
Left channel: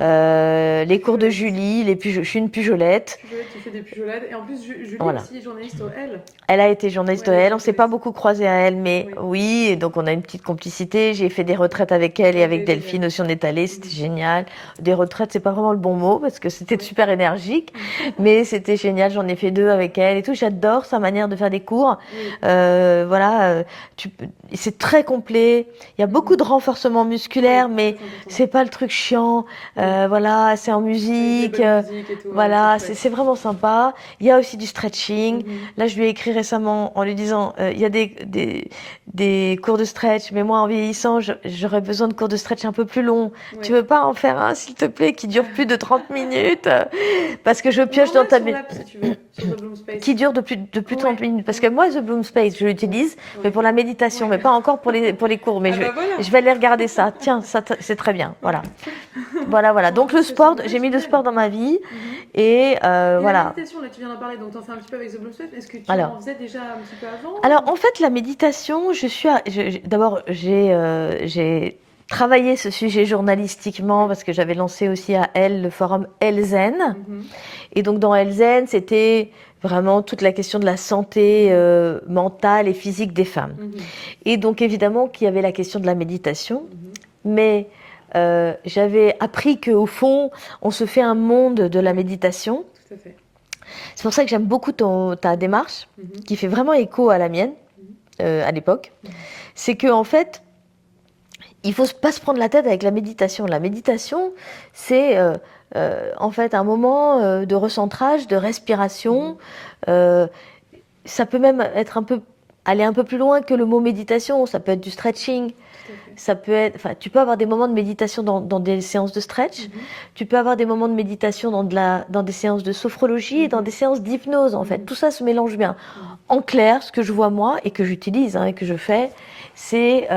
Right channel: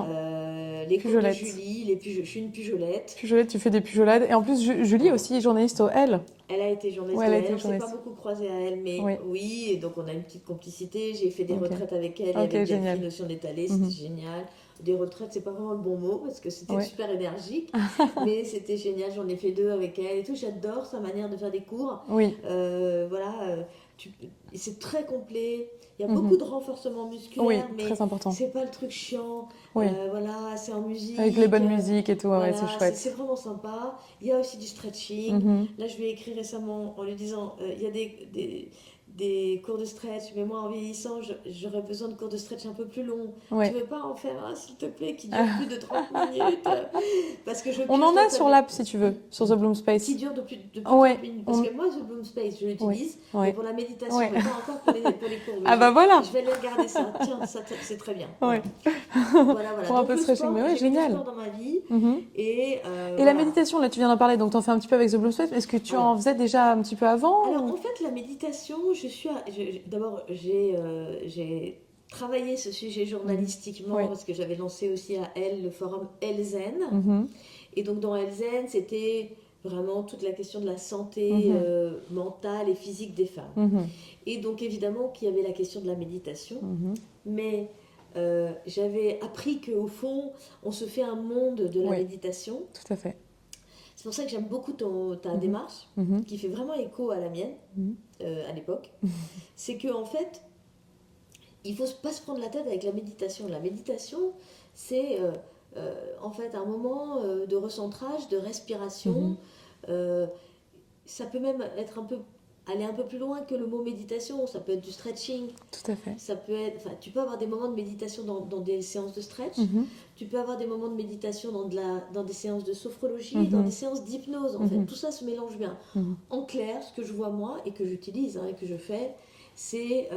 Les cours de Julie. Je suis une pujolette. Pujolette, tu fais des pujolades. Et en plus, Julie aussi est journaliste au L. Elle a été journaliste au L. On ne s'est pas beaucoup croisés à elle, mais oui. Et donc, on a une petite complicité. J'ai fait des retraites avec elle et avec Delphine aussi. On est allés. C'était génial. Des retraites, c'est pas vraiment le bon mot parce que c'était super énergique, mais c'était génial. J'en ai fait 2 avec elle et tout. J'adore sa manière de faire des cours. Voilà, c'est très complet. Il y a beaucoup de renforcement musculaire, mais c'est pas le truc chiant. Voilà, c'est en musique. Avec les bonnes musiques et tout. Voilà, c'est vraiment sympa. Il y a aussi du stretching. Là, je lui ai écrit récemment en lui disant, il y a des cours de stretch, mais moi, en vieillissant, j'aurais besoin de cours de stretch un peu plus longs. Tu veux pas en faire un, s'il te plaît, qui dure plus de 30 minutes? Parce que je pioche dans ta sur l'app, si tu veux, sur The Bloom Space. Qui dure de plus de 30 minutes. Parce que moi, The Bloom Space, je l'utilise, mais pour la méditation, mais pas encore pour les cours. Mais je vais aller regarder ça. Tiens, ça, c'est très bien. Voilà. Voilà. Donc le sport, j'ai mis le sport dans ma vie. Et voilà. La méditation, là, tu viens d'en parler, donc tu en fais un petit peu avec The Bloom Space. Est-ce que tu en faisais déjà un petit peu avant? Alors, en fait, la méditation, d'abord, j'ai travaillé ce sujet journalistiquement parce que j'avais lancé aussi à Elle le forum Elzen. Et donc, dans Elzen, c'était vraiment toute la question de la santé mentale et physique des femmes. Et donc, évidemment, qu'il y avait la question de la méditation. Mais j'avais appris qu'au fond, on se fait un monde de la méditation. Tout à fait. C'est pour ça que j'aime beaucoup ta démarche, qui fait vraiment écho à la mienne à l'époque. C'est qu'en fait, il ne faut pas se prendre la tête avec la méditation. La méditation, c'est en fait un moment de recentrage, de respiration. Ça peut même être aller un peu plus loin que le mot méditation. Ça peut être du stretching. Tout à fait. Ça peut être, tu peux avoir des moments de méditation dans des séances de stretch. Tu peux avoir des moments de méditation dans des séances de sophrologie et dans des séances d'hypnose. En fait, tout ça se mélange bien. En clair, ce que je vois moi et que j'utilise et que je fais, c'est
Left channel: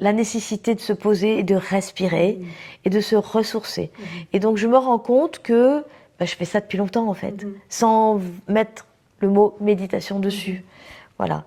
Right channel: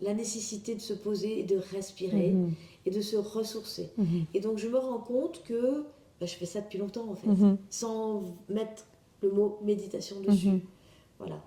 la nécessité de se poser et de respirer et de se ressourcer. Et donc, je me rends compte que je fais ça depuis longtemps, en fait, sans mettre le mot méditation dessus. Voilà.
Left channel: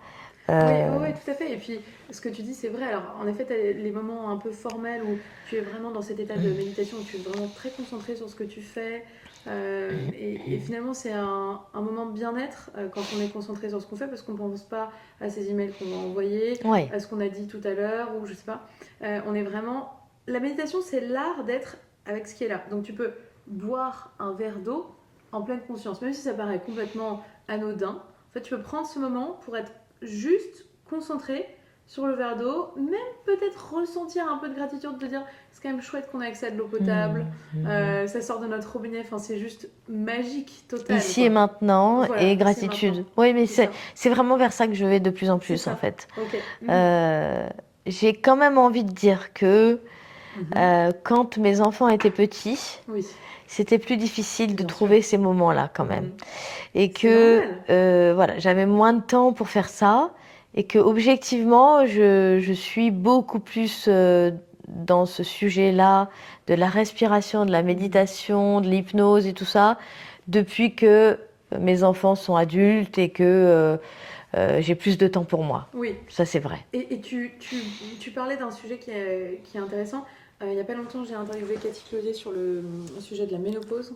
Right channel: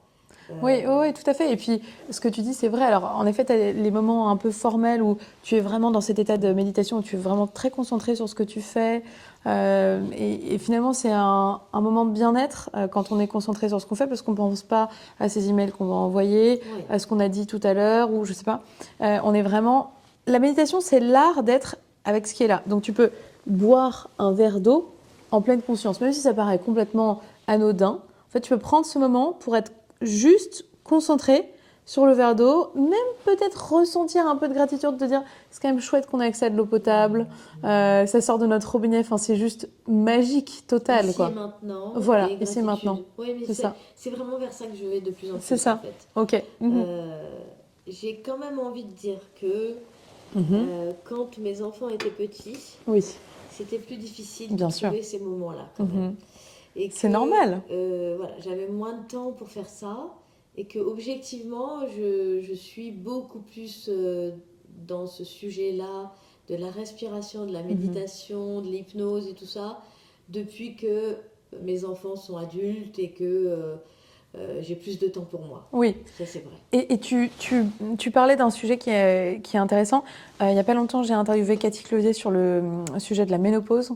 Oui, tout à fait. Et puis, ce que tu dis, c'est vrai. Alors, en effet, tu as les moments un peu formels où tu es vraiment dans cet état de méditation, où tu es vraiment très concentré sur ce que tu fais. Et finalement, c'est un moment de bien-être quand on est concentré sur ce qu'on fait parce qu'on ne pense pas à ces emails qu'on va envoyer, Oui. à ce qu'on a dit tout à l'heure ou je sais pas. On est vraiment... La méditation, c'est l'art d'être avec ce qui est là. Donc tu peux boire un verre d'eau en pleine conscience, même si ça paraît complètement anodin. En fait, tu peux prendre ce moment pour être juste concentré sur le verre d'eau, même peut-être ressentir un peu de gratitude, de dire c'est quand même chouette qu'on ait accès à de l'eau potable, ça sort de notre robinet, enfin, c'est juste magique, total. Ici quoi. et maintenant, Voilà, et ici et gratitude. maintenant. Oui, mais C'est ça. c'est vraiment vers ça que je vais de plus en C'est plus, ça. en fait. Ok. J'ai quand même envie de dire que Mhm. quand mes enfants étaient petits, Oui. c'était plus difficile de Bien trouver sûr. ces moments-là quand même. Mhm. Et C'est que normal. voilà, j'avais moins de temps pour faire ça. Et que objectivement, je suis beaucoup plus dans ce sujet-là, de la respiration, de la méditation, de l'hypnose et tout ça, depuis que mes enfants sont adultes et que j'ai plus de temps pour moi. Oui. Ça, c'est vrai. Et tu parlais d'un sujet qui est intéressant. Il n'y a pas longtemps, j'ai interviewé Cathy Clovier sur le sujet de la ménopause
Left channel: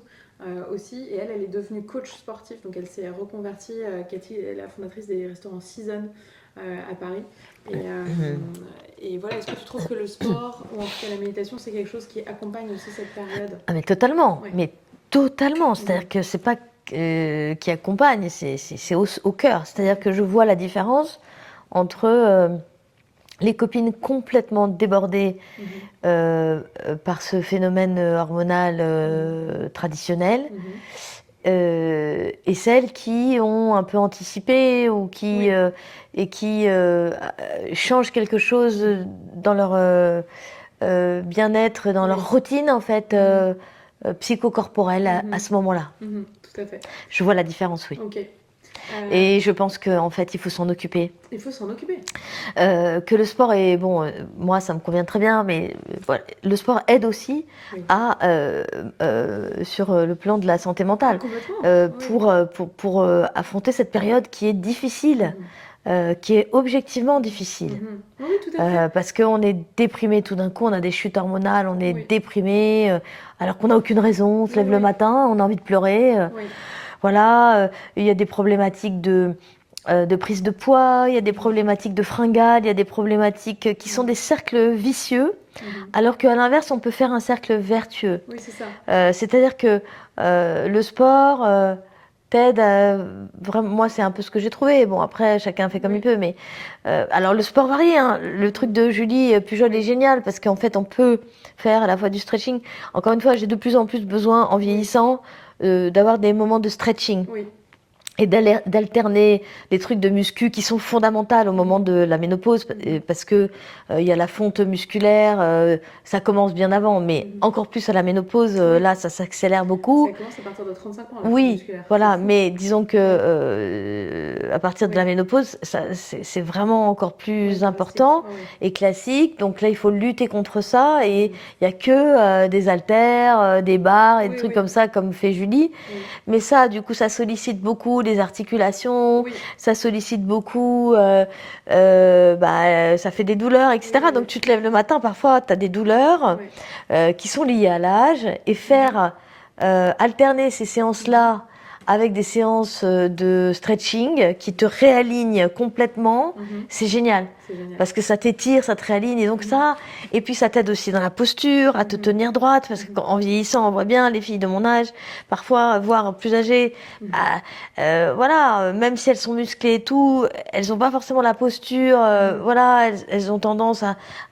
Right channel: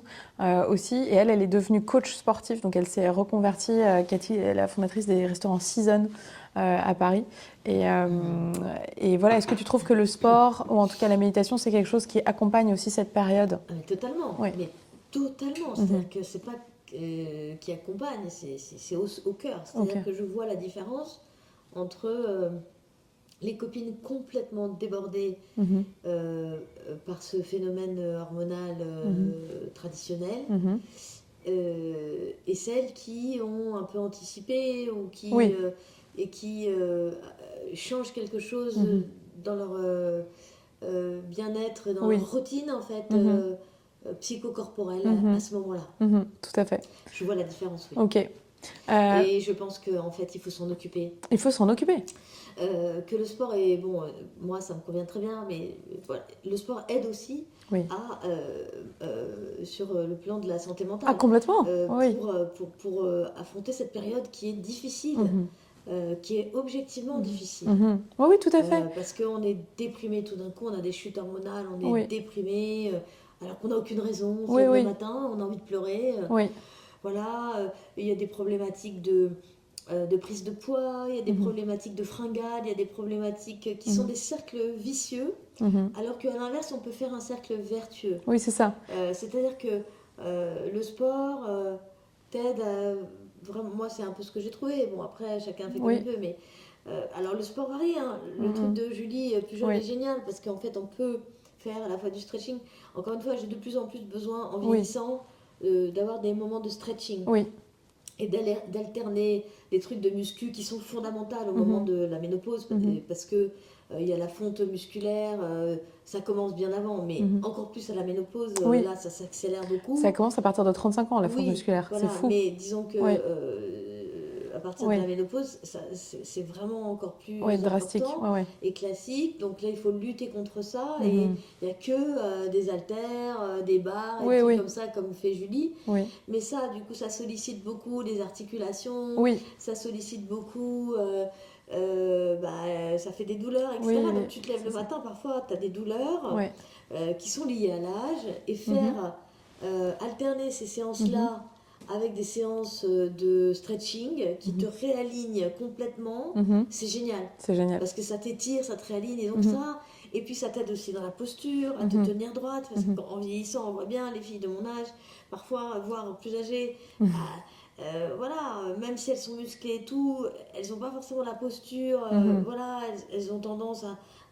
aussi. Et elle est devenue coach sportif. Donc, elle s'est reconvertie. Cathy est la fondatrice des restaurants Season à Paris. Et voilà, est-ce que tu trouves que le sport, ou en tout cas la méditation, c'est quelque chose qui accompagne aussi cette période? Ah, mais totalement. Ouais. Mais totalement. C'est-à-dire que c'est pas qui accompagne, c'est au cœur. C'est-à-dire Ok. que je vois la différence entre les copines complètement débordées Mhm. par ce phénomène hormonal traditionnel Mhm. et celles qui ont un peu anticipé ou qui, Oui. et qui changent quelque chose Mhm. dans leur bien-être, dans Oui. leur routine en fait psychocorporelle à ce moment-là. Mhm. Tout à fait. Je vois la différence, oui. Ok. Et je pense qu'en fait, il faut s'en occuper. Il faut s'en occuper. Que le sport est bon, moi ça me convient très bien, mais voilà, le sport aide aussi Oui. à sur le plan de la santé Ah, mentale complètement. Oui. pour affronter cette période qui est difficile, qui est objectivement difficile. Mhm. Oui, oui, tout à fait. Parce qu'on est déprimé tout d'un coup, on a des chutes hormonales, on est Oui. déprimé, alors qu'on n'a aucune raison, on se Oui, lève le oui. matin, on a envie de pleurer. Oui. Voilà, il y a des problématiques de prise de poids, il y a des problématiques de fringales, il y a des problématiques qui sont des cercles vicieux, Mhm. alors qu'à l'inverse, on peut faire un cercle vertueux. Oui, c'est ça. C'est-à-dire que le sport t'aide à... Vraiment, moi, c'est un peu ce que j'ai trouvé. Bon, après, chacun fait comme il Oui. peut, mais... alors, le sport varie, hein. Le truc de Julie Pujol Oui. est génial, parce qu'en fait, on peut faire à la fois du stretching. Encore une fois, j'ai de plus en plus besoin, en vieillissant, d'avoir des moments de stretching. Oui. Et d'alterner les trucs de muscu qui sont fondamentales au moment de la ménopause, parce que il y a la fonte musculaire, ça commence bien avant, mais encore plus à la ménopause, Oui. là, ça s'accélère Ça beaucoup. commence à partir de 35 ans, la fonte Oui, musculaire. voilà, C'est fou. mais disons que à partir de Oui. la ménopause, c'est vraiment encore plus Oui, drastique. important Ouais, ouais. et classique. Donc là, il faut lutter contre ça et il n'y a que des haltères, des barres et des Oui, trucs oui. comme ça, comme fait Julie. Oui. Mais ça, du coup, ça sollicite beaucoup les articulations, Oui. ça sollicite beaucoup, ça fait des douleurs, etc. Oui, oui, Donc tu te lèves le matin, parfois tu as des douleurs Ouais. qui sont liées à l'âge et faire alterner ces séances-là avec des séances de stretching qui te réalignent complètement, c'est génial. C'est génial. Parce que ça t'étire, ça te réaligne, et donc ça. Et puis ça t'aide aussi dans la posture, à te tenir droite, parce qu'en vieillissant, on voit bien les filles de mon âge, parfois, voire plus âgées, voilà, même si elles sont musclées et tout, elles n'ont pas forcément la posture, voilà, elles ont tendance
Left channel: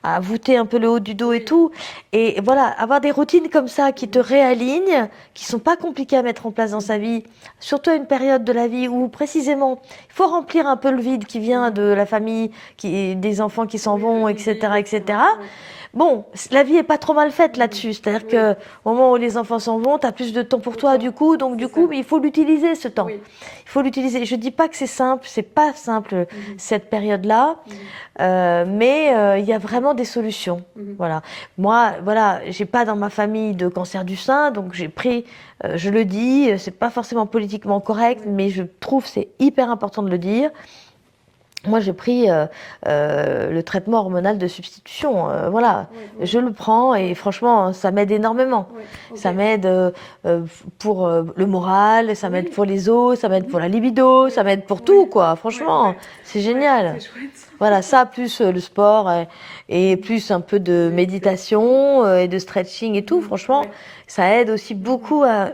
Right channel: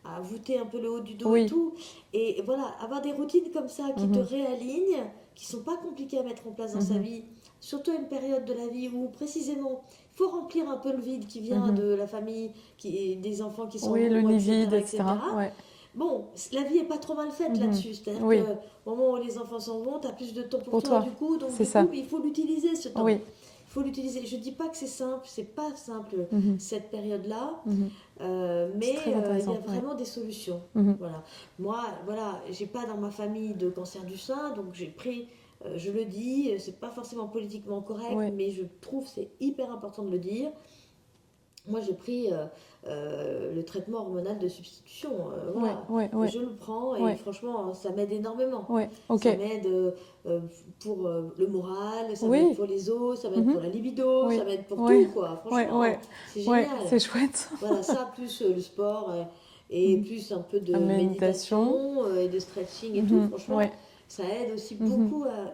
à voûter un peu le haut du dos et tout. Et voilà, avoir des routines comme ça qui te réalignent, qui sont pas compliquées à mettre en place dans sa vie, surtout à une période de la vie où précisément il faut remplir un peu le vide qui vient de la famille, des enfants qui s'en vont, le etc., vide, etc. Ouais. Bon, la vie est pas trop mal faite là-dessus. C'est-à-dire que au moment où les enfants s'en vont, tu as plus de temps pour toi, du coup. Donc, du coup, il faut l'utiliser, ce temps. Oui. Il faut l'utiliser. Je dis pas que c'est simple, c'est pas simple, cette période-là. Mais il y a vraiment des solutions. Voilà. Moi, voilà, j'ai pas dans ma famille de cancer du sein, donc j'ai pris, je le dis, c'est pas forcément politiquement correct, mais je trouve c'est hyper important de le dire. Moi, j'ai pris le traitement hormonal de substitution. Voilà, je le prends et franchement, ça m'aide énormément. Ça m'aide pour le moral, ça m'aide pour les os, ça m'aide pour la libido, ça m'aide pour tout, quoi. Franchement, c'est génial. C'est chouette. Voilà, ça, plus le sport et plus un peu de méditation et de stretching et tout. Franchement, ça aide aussi beaucoup à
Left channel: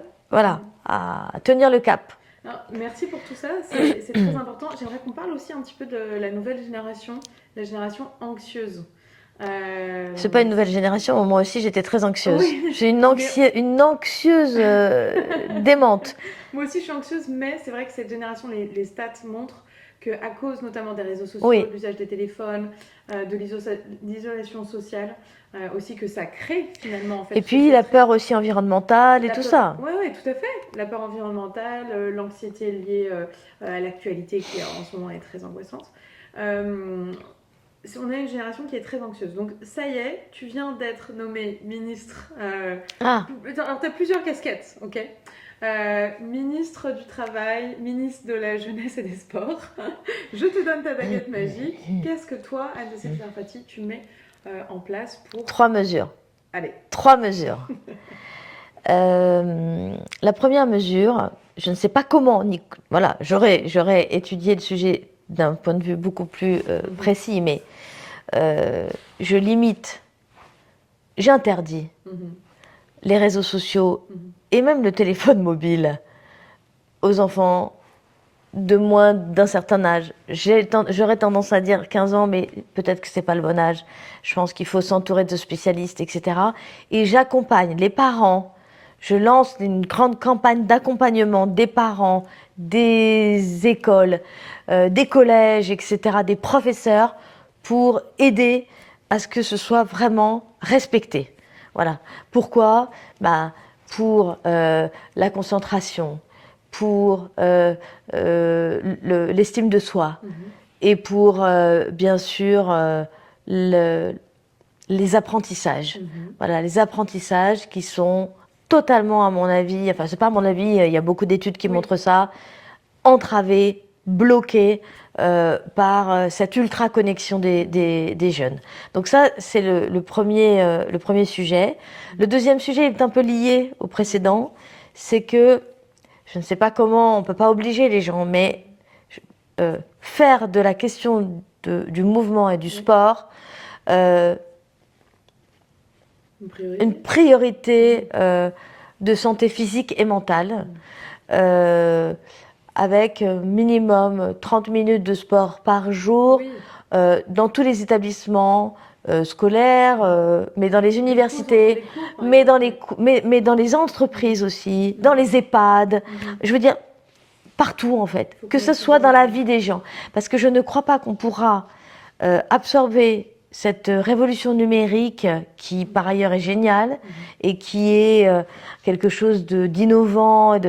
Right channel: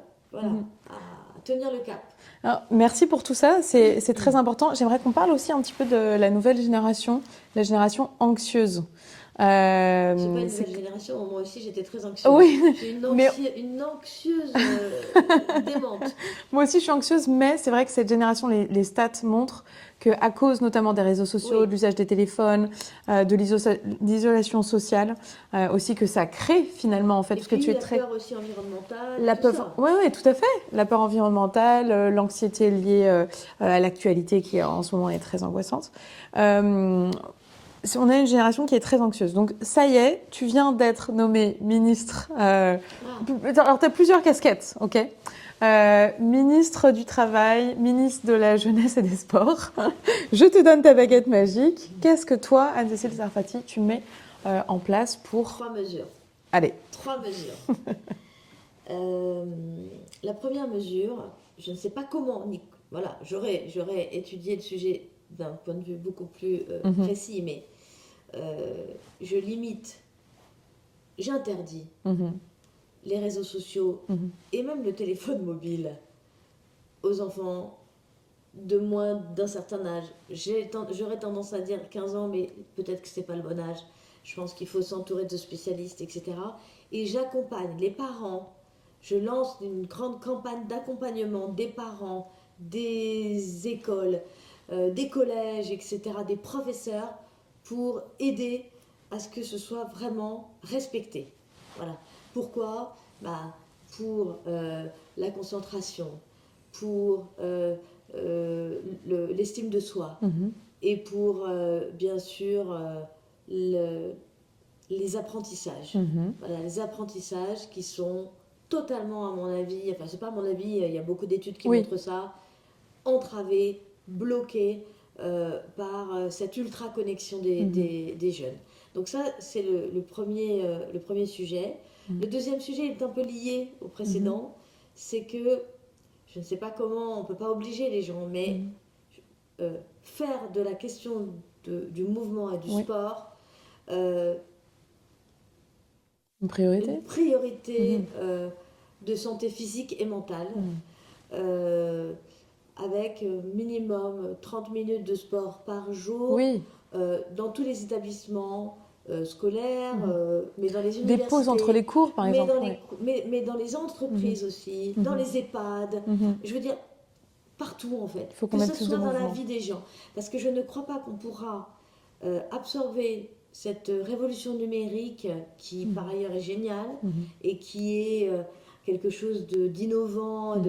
tenir le cap. Alors, merci pour tout ça, c'est très important. J'aimerais qu'on parle aussi un petit peu de la nouvelle génération, la génération anxieuse. C'est pas une nouvelle génération, moi aussi j'étais très anxieuse. Oui, j'ai une anxieuse démente. Moi aussi je suis anxieuse, mais c'est vrai que cette génération, les stats montrent qu'à cause notamment des réseaux sociaux, de l'usage des téléphones, de l'isolation sociale, aussi que ça crée finalement en fait. Et puis la peur aussi environnementale et tout ça. Oui, tout à fait. La peur environnementale, l'anxiété liée à l'actualité qui en ce moment est très angoissante. On a une génération qui est très anxieuse. Donc ça y est, tu viens d'être nommée ministre. Alors tu as plusieurs casquettes, ok ? Ministre du Travail, ministre de la Jeunesse et des Sports. Je te donne ta baguette magique. Qu'est-ce que toi, Anne-Cécile Sarfati, tu mets en place pour... 3 mesures. Allez. 3 mesures. La première mesure, je ne sais pas comment, voilà, j'aurais étudié le sujet d'un point de vue beaucoup plus précis, mais j'interdis les réseaux sociaux et même le téléphone mobile aux enfants de moins d'un certain âge. J'aurais tendance à dire 15 ans, mais peut-être que ce n'est pas le bon âge. Je pense qu'il faut s'entourer de spécialistes, etc. Et j'accompagne les parents. Je lance une grande campagne d'accompagnement des parents, des écoles, des collèges, etc., des professeurs, pour aider à ce que ce soit vraiment respecté. Voilà. Pourquoi ? Pour la concentration, pour l'estime de soi et pour, bien sûr, les apprentissages. Voilà, les apprentissages qui sont totalement, à mon avis, enfin, c'est pas à mon avis, il y a beaucoup d'études qui montrent ça, entravés, bloqués par cette ultra-connexion des jeunes. Donc ça, c'est le premier sujet. Le deuxième sujet est un peu lié au précédent, c'est que, je ne sais pas comment, on ne peut pas obliger les gens, mais faire de la question du mouvement et du sport une priorité de santé physique et mentale, avec minimum 30 minutes de sport par jour, dans tous les établissements scolaires, mais dans les universités, les cours, par mais exemple. mais dans les entreprises aussi, dans les EHPAD, je veux dire partout en fait, que ce soit dans la vie des gens. Parce que je ne crois pas qu'on pourra absorber cette révolution numérique qui par ailleurs est géniale et qui est quelque chose d'innovant,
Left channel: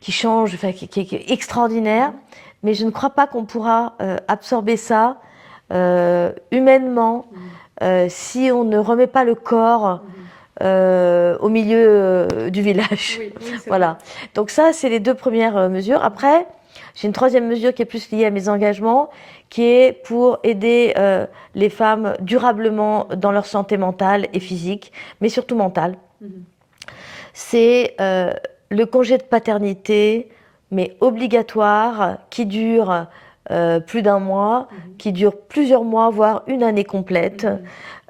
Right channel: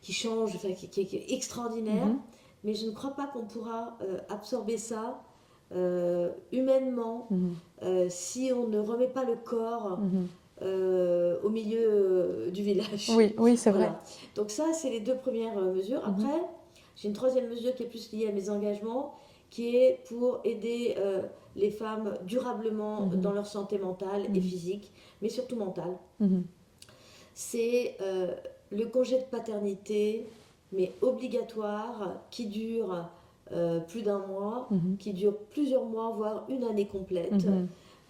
qui change, enfin, qui est extraordinaire, mais je ne crois pas qu'on pourra absorber ça humainement si on ne remet pas le corps au milieu du village. Oui, c'est voilà. vrai. Donc ça, c'est les 2 premières mesures. Après, j'ai une 3e mesure qui est plus liée à mes engagements, qui est pour aider les femmes durablement dans leur santé mentale et physique, mais surtout mentale. C'est le congé de paternité, mais obligatoire, qui dure plus d'1 mois, qui dure plusieurs mois, voire une année complète,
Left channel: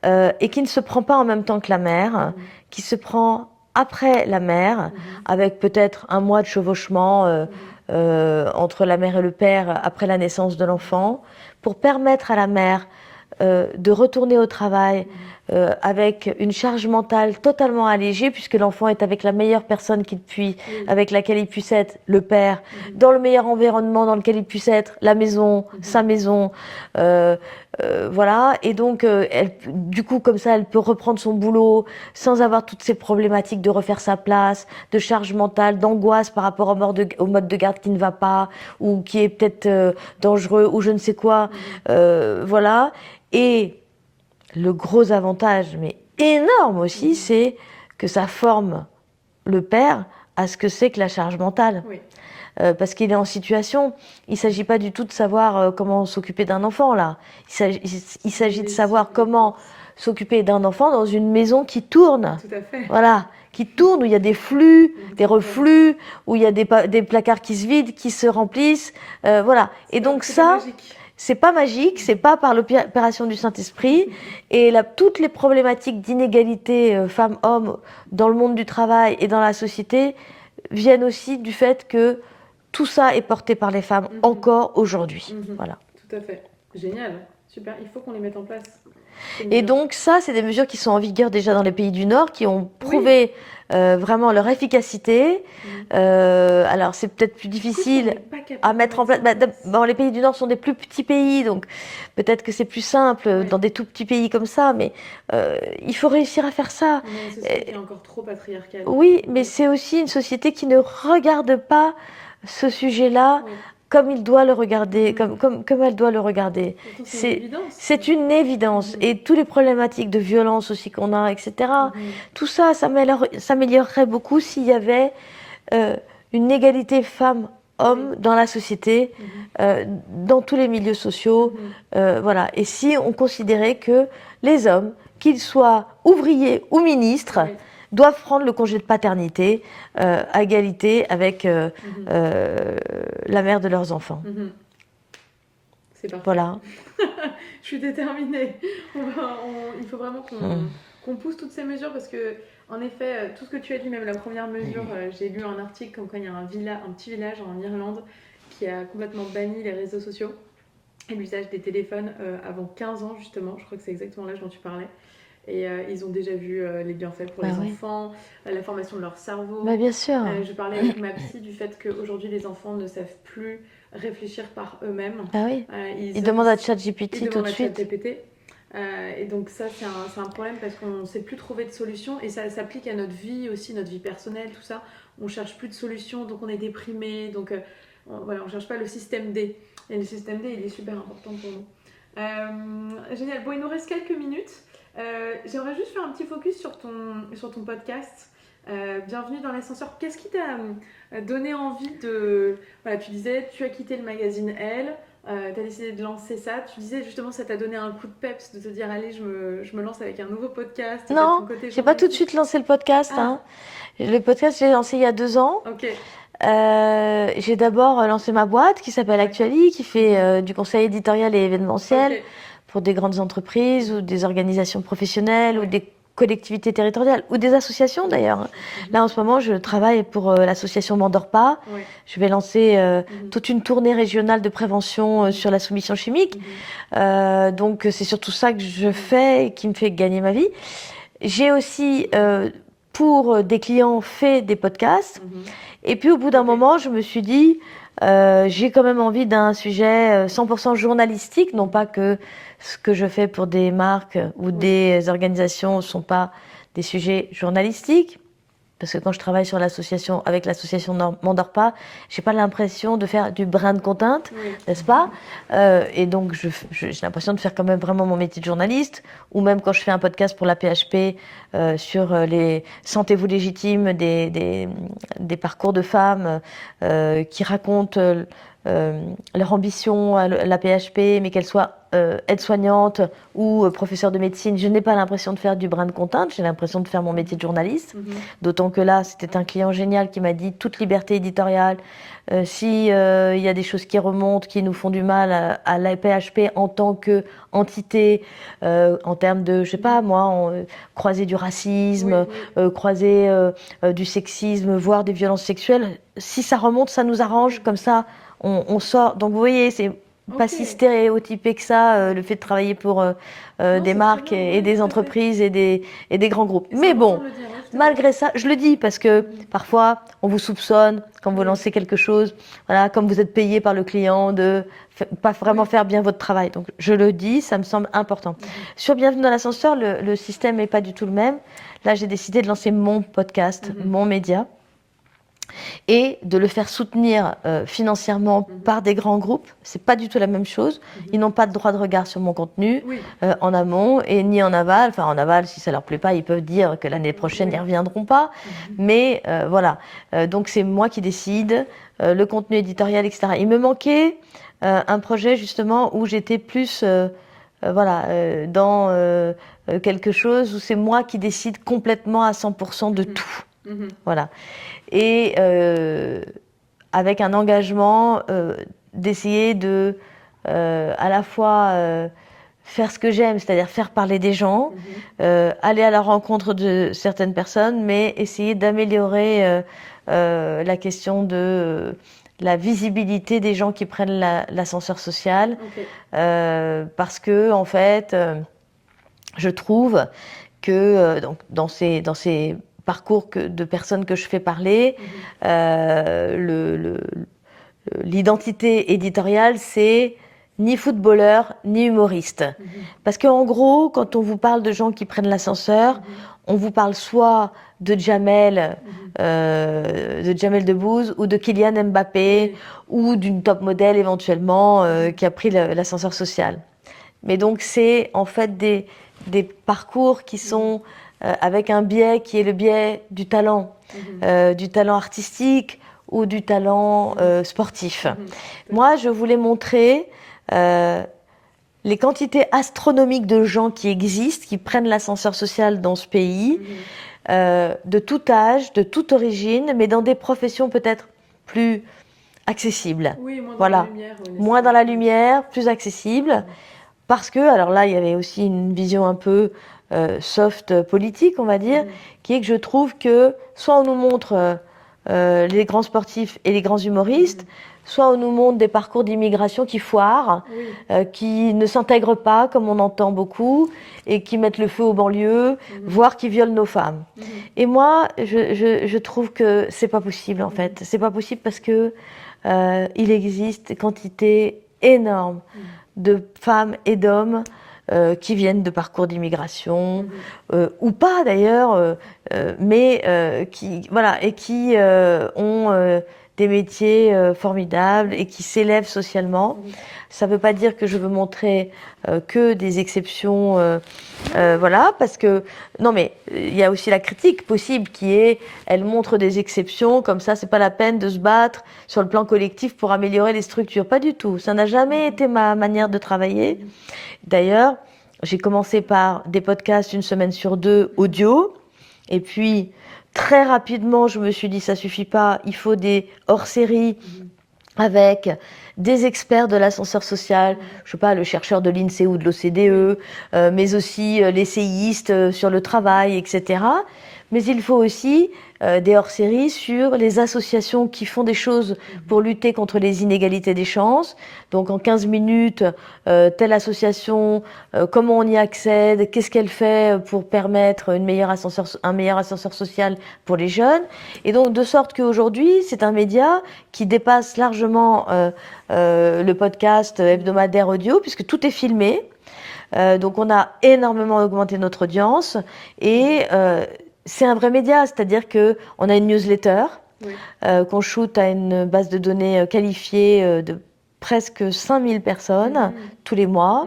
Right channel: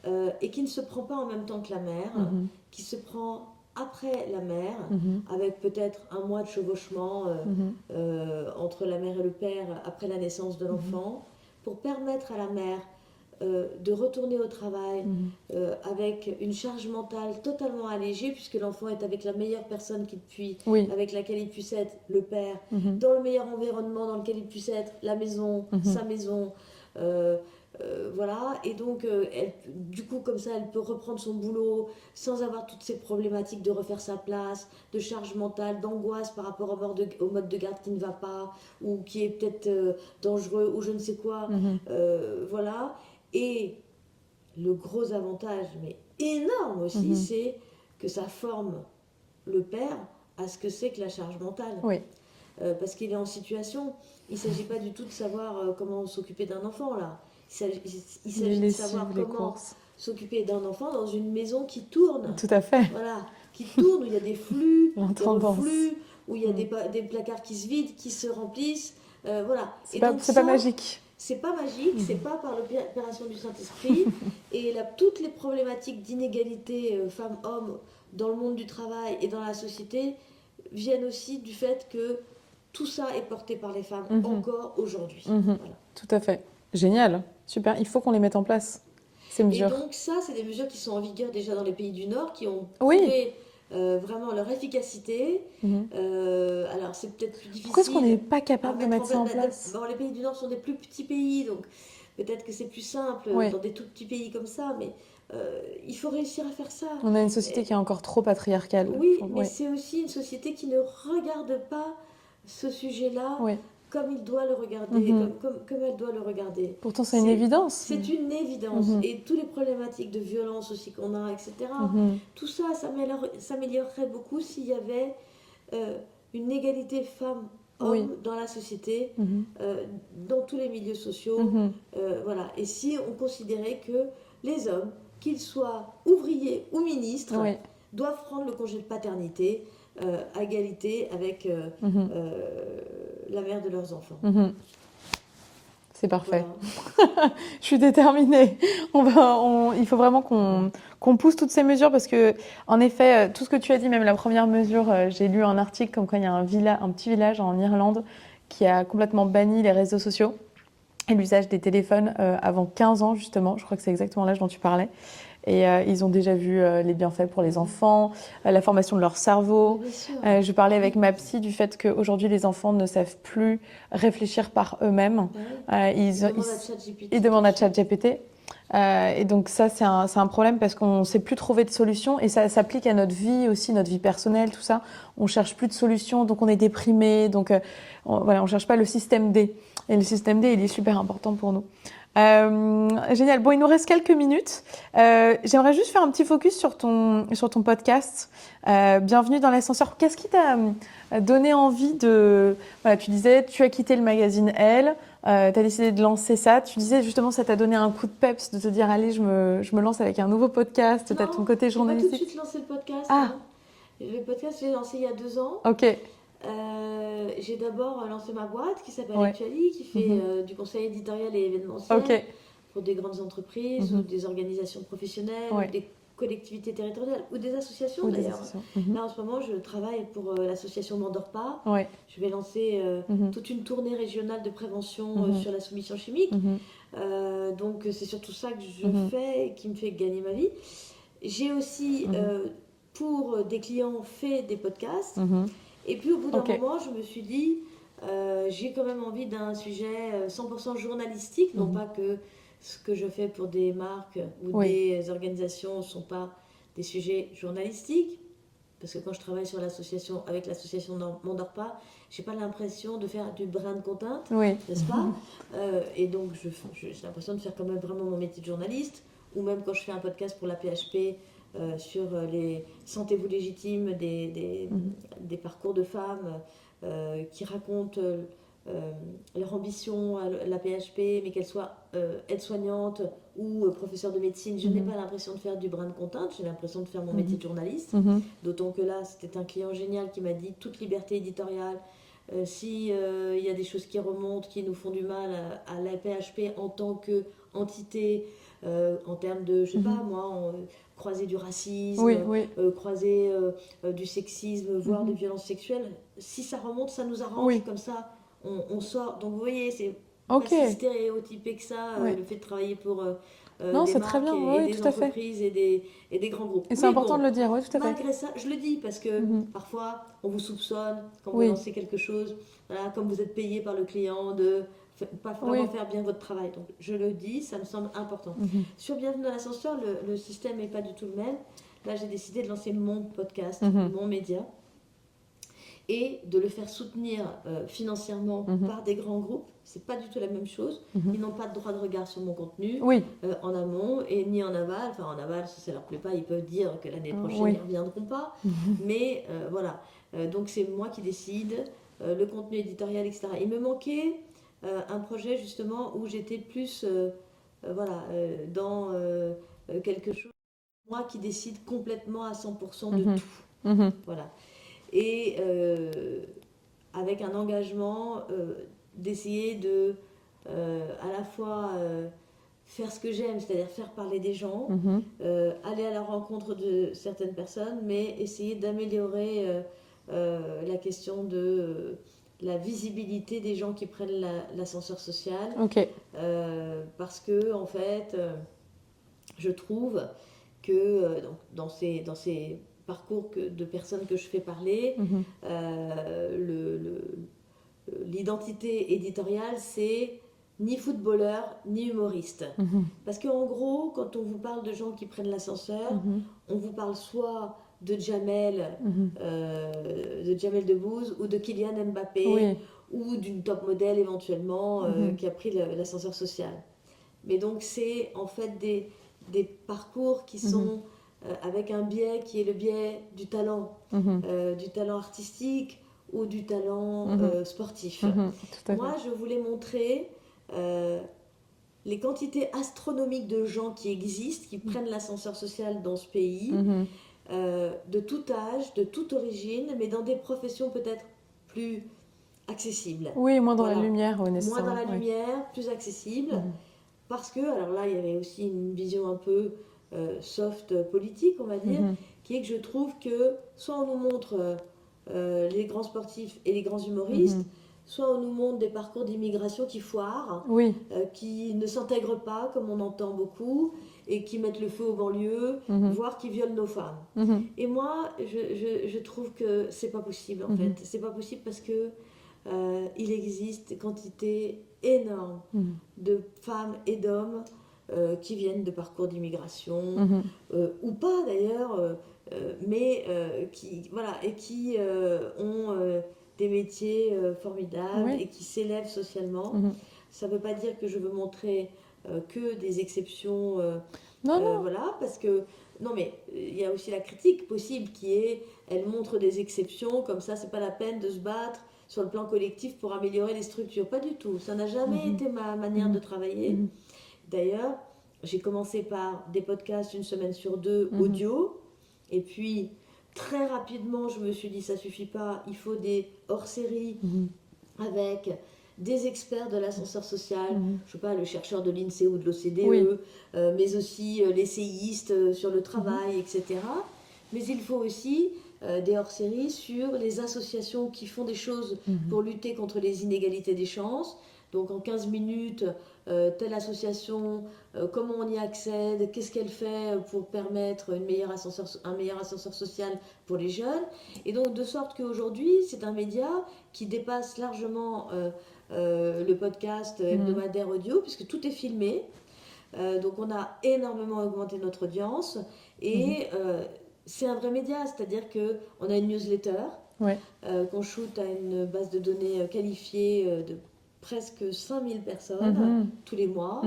et qui ne se prend pas en même temps que la mère, qui se prend après la mère, avec peut-être 1 mois de chevauchement entre la mère et le père après la naissance de l'enfant, pour permettre à la mère de retourner au travail avec une charge mentale totalement allégée, puisque l'enfant est avec la meilleure personne avec laquelle il puisse être, le père, dans le meilleur environnement dans lequel il puisse être, la maison, sa maison, voilà. Et donc, du coup, comme ça, elle peut reprendre son boulot sans avoir toutes ces problématiques de refaire sa place, de charge mentale, d'angoisse par rapport au mode de garde qui ne va pas, ou qui est peut-être dangereux, ou je ne sais quoi. Voilà. Et le gros avantage, mais énorme aussi, c'est que ça forme le père à ce que c'est que la charge mentale. Oui. Parce qu'il est en situation. Il ne s'agit pas du tout de savoir comment s'occuper d'un enfant, là. Il s'agit de savoir comment s'occuper d'un enfant dans une maison qui tourne. Tout à fait. Voilà, qui tourne, où il y a des flux, des tendance. reflux, où il y a des placards qui se vident, qui se remplissent. Voilà. Et donc c'est pas magique. C'est pas magique, c'est pas par l'opération du Saint-Esprit. Et toutes les problématiques d'inégalité femmes-hommes dans le monde du travail et dans la société viennent aussi du fait que tout ça est porté par les femmes encore aujourd'hui. Voilà. Tout à fait. Génial. Super. Il faut qu'on les mette en place. Et donc ça, c'est des mesures qui sont en vigueur déjà dans les pays du Nord, qui ont prouvé vraiment leur efficacité. Alors c'est peut-être plus difficile à mettre en place. Bon, les pays du Nord sont des plus petits pays, donc peut-être que c'est plus simple dans des tout petits pays comme ça, mais il faut réussir à faire ça. On a une société qui est encore trop patriarcale. Oui, mais c'est aussi une société qui ne regarde pas ce sujet-là comme il doit le regarder, comme elle doit le regarder. Pourtant, c'est une évidence. C'est une évidence. Et toutes les problématiques de violence aussi qu'on a, etc., tout ça s'améliorerait beaucoup s'il y avait une égalité femmes-hommes dans la société, dans tous les milieux sociaux. Voilà. Et si on considérait que les hommes, qu'ils soient ouvriers ou ministres, doivent prendre le congé de paternité à égalité avec la mère de leurs enfants. C'est parfait. Voilà. Je suis déterminée. Il faut vraiment qu'on pousse toutes ces mesures parce que, en effet, tout ce que tu as dit, même la première mesure, j'ai lu un article comme quoi il y a un petit village en Irlande qui a complètement banni les réseaux sociaux et l'usage des téléphones avant 15 ans, justement. Je crois que c'est exactement l'âge dont tu parlais. Et ils ont déjà vu les bienfaits pour les enfants, la formation de leur cerveau. Bien sûr. Je parlais avec ma psy du fait qu'aujourd'hui, les enfants ne savent plus réfléchir par eux-mêmes. Ils demandent à ChatGPT. Ils demandent à ChatGPT. Et donc ça, c'est un problème parce qu'on ne sait plus trouver de solution. Et ça s'applique à notre vie aussi, notre vie personnelle, tout ça. On ne cherche plus de solution, donc on est déprimé. Donc on ne cherche pas le système D. Et le système D, il est super important pour nous. Génial. Bon, il nous reste quelques minutes. J'aimerais juste faire un petit focus sur ton podcast. Bienvenue dans l'ascenseur. Qu'est-ce qui t'a donné envie de... Voilà, tu disais, tu as quitté le magazine Elle, tu as décidé de lancer ça. Tu disais justement, ça t'a donné un coup de peps de te dire, allez, je me lance avec un nouveau podcast. Non, j'ai pas tout de suite lancé le podcast. Le podcast, je l'ai lancé il y a 2 ans. Ok. J'ai d'abord lancé ma boîte qui s'appelle Actuali, qui fait du conseil éditorial et événementiel pour des grandes entreprises ou des organisations professionnelles ou des collectivités territoriales ou des associations d'ailleurs. Là en ce moment je travaille pour l'association M'endors pas. Je vais lancer toute une tournée régionale de prévention sur la soumission chimique. Donc c'est surtout ça que je fais et qui me fait gagner ma vie. J'ai aussi pour des clients fait des podcasts. Et puis au bout d'un moment, je me suis dit, j'ai quand même envie d'un sujet 100% journalistique, non pas que ce que je fais pour des marques ou des organisations ne sont pas des sujets journalistiques. Parce que quand je travaille avec l'association M'endors pas, j'ai pas l'impression de faire du brand content, n'est-ce pas Et donc j'ai l'impression de faire quand même vraiment mon métier de journaliste. Ou même quand je fais un podcast pour la PHP sur les sentez-vous légitime des parcours de femmes qui racontent leur ambition à la PHP, mais qu'elles soient aide-soignante ou professeur de médecine, je n'ai pas l'impression de faire du brand content, j'ai l'impression de faire mon métier de journaliste. D'autant que là, c'était un client génial qui m'a dit toute liberté éditoriale. Si y a des choses qui remontent, qui nous font du mal à la PHP en tant qu'entité, en termes de, je sais pas moi, croiser du racisme, croiser du sexisme, voire des violences sexuelles, si ça remonte, ça nous arrange, comme ça, on sort. Donc vous voyez, c'est pas si stéréotypé que ça, le fait de travailler pour des marques et des entreprises et des grands groupes. Mais bon, malgré ça, je le dis parce que parfois, on vous soupçonne quand vous lancez quelque chose, voilà, comme vous êtes payé par le client, de pas vraiment faire bien votre travail. Donc je le dis, ça me semble important. Sur Bienvenue dans l'ascenseur, le système n'est pas du tout le même. Là, j'ai décidé de lancer mon podcast, mon média. et de le faire soutenir financièrement par des grands groupes. C'est pas du tout la même chose. Ils n'ont pas de droit de regard sur mon contenu en amont et ni en aval. Enfin, en aval, si ça leur plaît pas, ils peuvent dire que l'année prochaine, ils reviendront pas. Mais voilà. Donc, c'est moi qui décide, le contenu éditorial, etc. Il me manquait un projet, justement, où j'étais plus dans quelque chose où c'est moi qui décide complètement à 100% de tout. Voilà. Et avec un engagement d'essayer de à la fois faire ce que j'aime, c'est-à-dire faire parler des gens, aller à la rencontre de certaines personnes, mais essayer d'améliorer la question de la visibilité des gens qui prennent l'ascenseur social. Parce que, en fait, je trouve que donc, dans ces parcours de personnes que je fais parler, l'identité éditoriale, c'est ni footballeur, ni humoriste. Parce qu'en gros, quand on vous parle de gens qui prennent l'ascenseur, on vous parle soit de Jamel Debbouze ou de Kylian Mbappé ou d'une top modèle éventuellement qui a pris l'ascenseur social. Mais donc c'est en fait des parcours qui sont avec un biais qui est le biais du talent artistique ou du talent sportif. Moi, je voulais montrer les quantités astronomiques de gens qui existent, qui prennent l'ascenseur social dans ce pays, de tout âge, de toute origine, mais dans des professions peut-être plus accessibles. Oui, moins dans la lumière. Moins dans la lumière, plus accessible. Parce que, alors là, il y avait aussi une vision un peu soft politique, on va dire, qui est que je trouve que soit on nous montre les grands sportifs et les grands humoristes, soit on nous montre des parcours d'immigration qui foirent, qui ne s'intègrent pas, comme on entend beaucoup, et qui mettent le feu aux banlieues, voire qui violent nos femmes. Et moi, je trouve que c'est pas possible, en fait. C'est pas possible parce que il existe quantité énorme de femmes et d'hommes qui viennent de parcours d'immigration, ou pas d'ailleurs, mais qui ont des métiers formidables et qui s'élèvent socialement. Ça ne veut pas dire que je veux montrer que des exceptions, parce que non, mais il y a aussi la critique possible qui est, elle montre des exceptions, comme ça, c'est pas la peine de se battre sur le plan collectif pour améliorer les structures. Pas du tout. Ça n'a jamais été ma manière de travailler. D'ailleurs, j'ai commencé par des podcasts 1 semaine sur 2 audio, et puis très rapidement, je me suis dit, ça suffit pas, il faut des hors-séries avec des experts de l'ascenseur social, je sais pas, le chercheur de l'INSEE ou de l'OCDE, mais aussi l'essayiste sur le travail, etc. Mais il faut aussi des hors-séries sur les associations qui font des choses pour lutter contre les inégalités des chances. Donc en 15 minutes, telle association, comment on y accède, qu'est-ce qu'elle fait pour permettre un meilleur ascenseur social pour les jeunes. Et donc de sorte qu'aujourd'hui, c'est un média qui dépasse largement le podcast hebdomadaire audio, puisque tout est filmé. Donc on a énormément augmenté notre audience et c'est un vrai média, c'est-à-dire qu'on a une newsletter qu'on shoot à une base de données qualifiée de presque 5000 personnes tous les mois.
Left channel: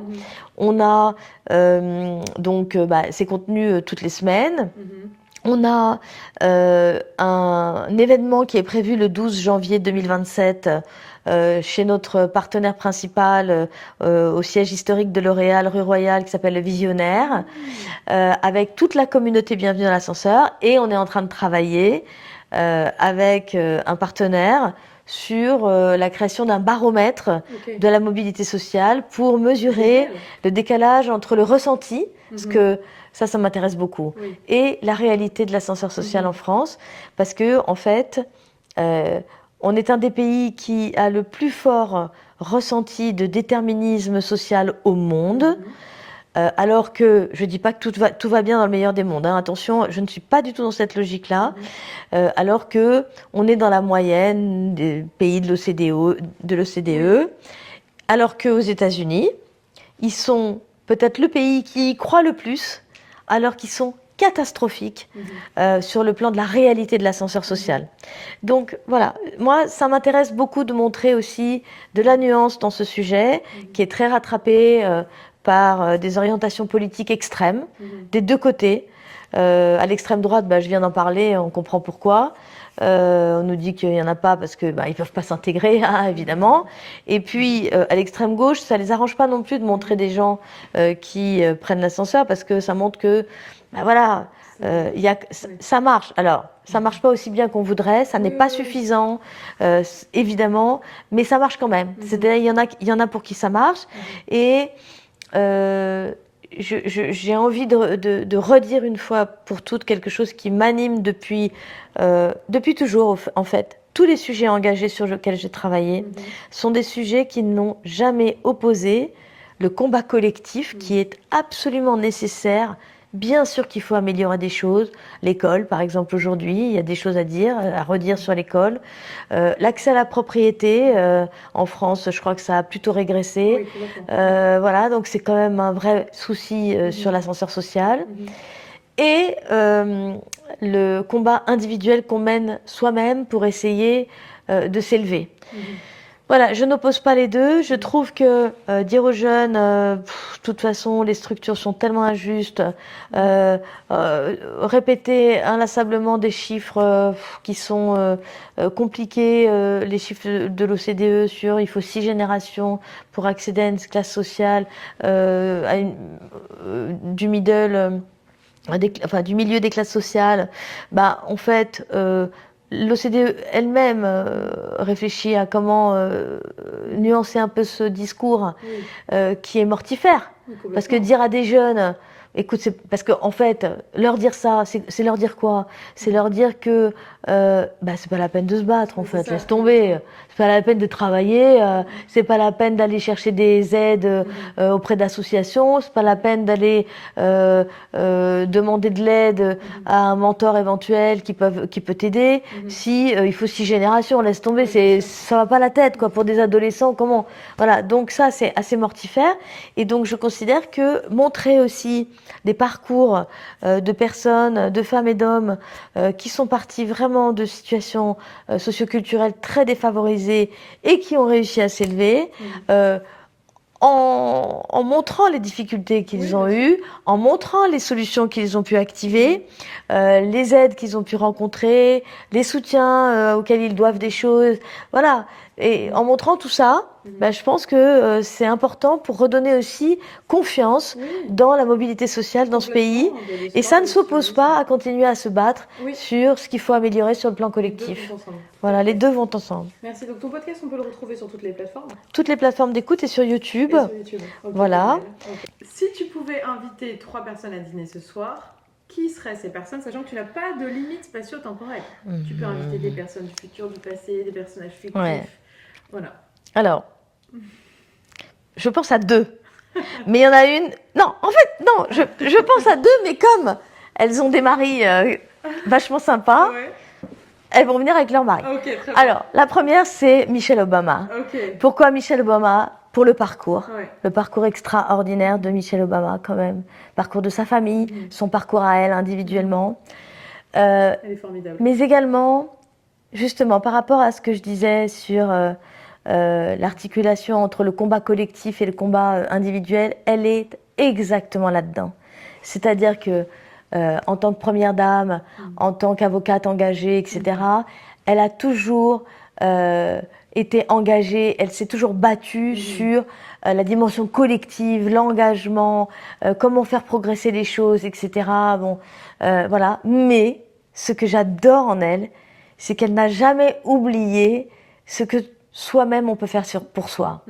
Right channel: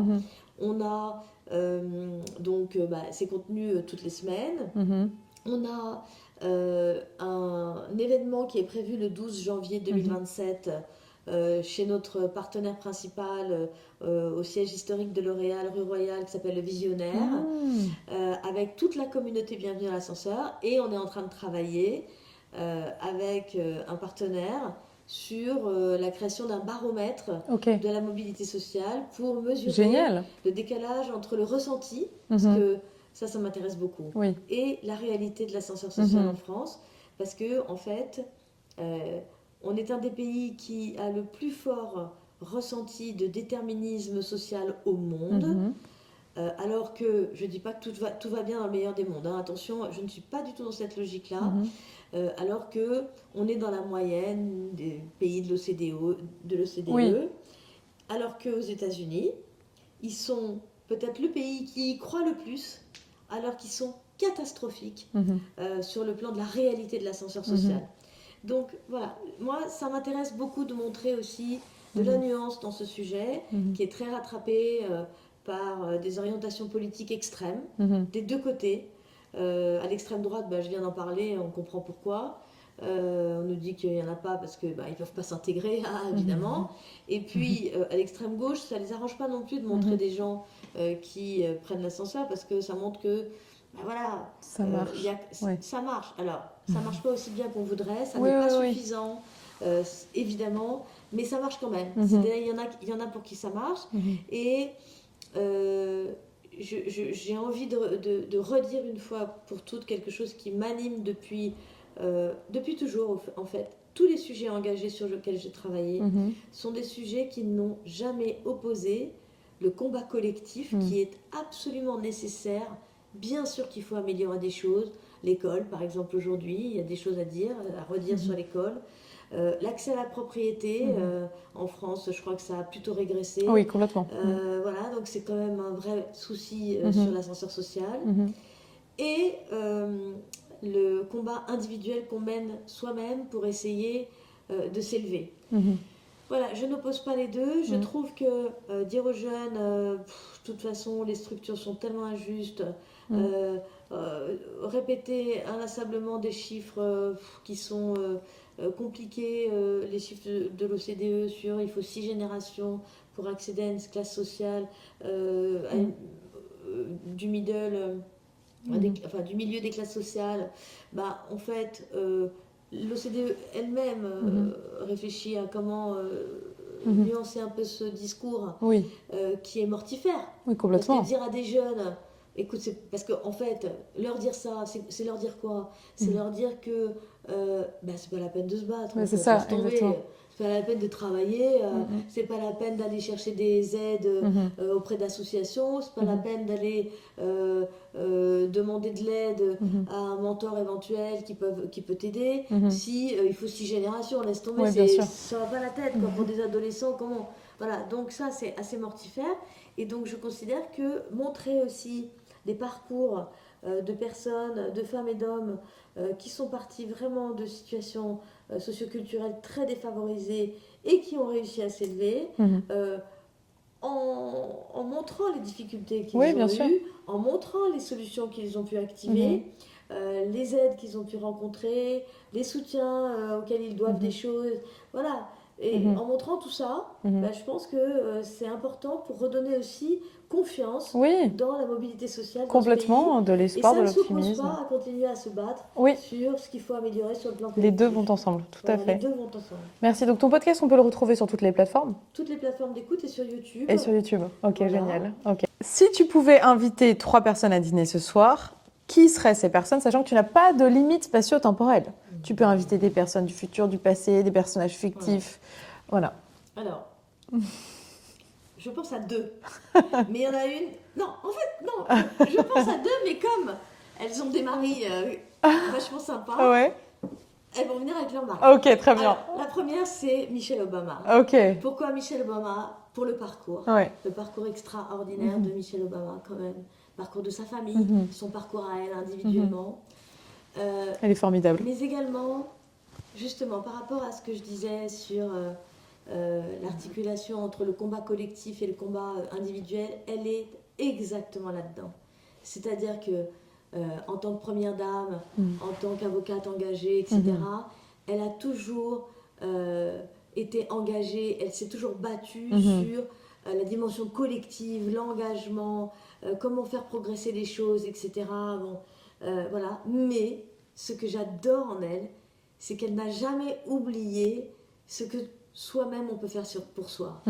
On a ces contenus toutes les semaines. On a un événement qui est prévu le 12 janvier 2027 chez notre partenaire principal au siège historique de L'Oréal, rue Royale, qui s'appelle Le Visionnaire, avec toute la communauté Bienvenue dans l'ascenseur. Et on est en train de travailler avec un partenaire sur la création d'un baromètre de la mobilité sociale pour mesurer le décalage entre le ressenti, parce que ça m'intéresse beaucoup, et la réalité de l'ascenseur social en France, parce que en fait, on est un des pays qui a le plus fort ressenti de déterminisme social au monde, alors que je ne dis pas que tout va bien dans le meilleur des mondes. Hein. Attention, je ne suis pas du tout dans cette logique-là, alors qu'on est dans la moyenne des pays de l'OCDE, alors qu'aux États-Unis, ils sont peut-être le pays qui y croit le plus, alors qu'ils sont catastrophique sur le plan de la réalité de l'ascenseur social. Donc voilà, moi ça m'intéresse beaucoup de montrer aussi de la nuance dans ce sujet qui est très rattrapé par des orientations politiques extrêmes des deux côtés. À l'extrême droite, je viens d'en parler, on comprend pourquoi. On nous dit qu'il n'y en a pas parce qu'ils ne peuvent pas s'intégrer, évidemment. Et puis, à l'extrême gauche, ça ne les arrange pas non plus de montrer des gens qui prennent l'ascenseur parce que ça montre que, voilà, ça marche. Alors, ça ne marche pas aussi bien qu'on voudrait, ça n'est pas suffisant, évidemment, mais ça marche quand même. Il y en a pour qui ça marche. Et j'ai envie de redire une fois pour toutes quelque chose qui m'anime depuis toujours, en fait. Tous les sujets engagés sur lesquels j'ai travaillé sont des sujets qui n'ont jamais opposé le combat collectif qui est absolument nécessaire. Bien sûr qu'il faut améliorer des choses. L'école, par exemple, aujourd'hui, il y a des choses à dire, à redire sur l'école. L'accès à la propriété, en France, je crois que ça a plutôt régressé. Oui, complètement. Voilà, donc c'est quand même un vrai souci sur l'ascenseur social. Et le combat individuel qu'on mène soi-même pour essayer de s'élever. Voilà, je n'oppose pas les deux. Je trouve que dire aux jeunes, de toute façon, les structures sont tellement injustes, répéter inlassablement des chiffres qui sont compliqués, les chiffres de l'OCDE sur il faut 6 générations pour accéder à une classe sociale, du middle, du milieu des classes sociales, en fait, l'OCDE elle-même réfléchit à comment nuancer un peu ce discours qui est mortifère. Parce que dire à des jeunes, écoute, parce qu'en fait, leur dire ça, c'est leur dire quoi? C'est leur dire que c'est pas la peine de se battre, en fait, laisse tomber. C'est pas la peine de travailler, c'est pas la peine d'aller chercher des aides auprès d'associations, c'est pas la peine d'aller demander de l'aide à un mentor éventuel qui peut t'aider. Si il faut 6 générations, laisse tomber, ça va pas la tête, quoi, pour des adolescents, comment? Voilà, donc ça c'est assez mortifère. Et donc je considère que montrer aussi des parcours de personnes, de femmes et d'hommes qui sont partis vraiment de situations socioculturelles très défavorisées et qui ont réussi à s'élever en montrant les difficultés qu'ils ont eues, en montrant les solutions qu'ils ont pu activer, les aides qu'ils ont pu rencontrer, les soutiens auxquels ils doivent des choses, voilà. Et en montrant tout ça, je pense que c'est important pour redonner aussi confiance dans la mobilité sociale dans ce pays. Et ça ne s'oppose pas à continuer à se battre sur ce qu'il faut améliorer sur le plan collectif. Les deux vont ensemble. Voilà, les deux vont ensemble. Merci. Donc ton podcast, on peut le retrouver sur toutes les plateformes? Toutes les plateformes d'écoute et sur YouTube. Et sur YouTube. Okay, voilà. Okay. Si tu pouvais inviter 3 personnes à dîner ce soir, qui seraient ces personnes, sachant que tu n'as pas de limite spatio-temporelle? Tu peux inviter des personnes du futur, du passé, des personnages fictifs. Voilà. Alors, je pense à 2. Mais il y en a une... Non, en fait, non, je pense à 2, mais comme elles ont des maris vachement sympas, elles vont venir avec leur mari. Ok, très bien. Alors, la première, c'est Michelle Obama. Ok. Pourquoi Michelle Obama? Pour le parcours. Le parcours extraordinaire de Michelle Obama, quand même. Parcours de sa famille, son parcours à elle, individuellement. Elle est formidable. Mais également, justement, par rapport à ce que je disais sur... l'articulation entre le combat collectif et le combat individuel, elle est exactement là-dedans. C'est-à-dire que en tant que première dame, en tant qu'avocate engagée, etc., elle a toujours été engagée, elle s'est toujours battue sur la dimension collective, l'engagement, comment faire progresser les choses, etc. Bon, voilà. Mais ce que j'adore en elle, c'est qu'elle n'a jamais oublié ce que soi-même on peut faire pour soi.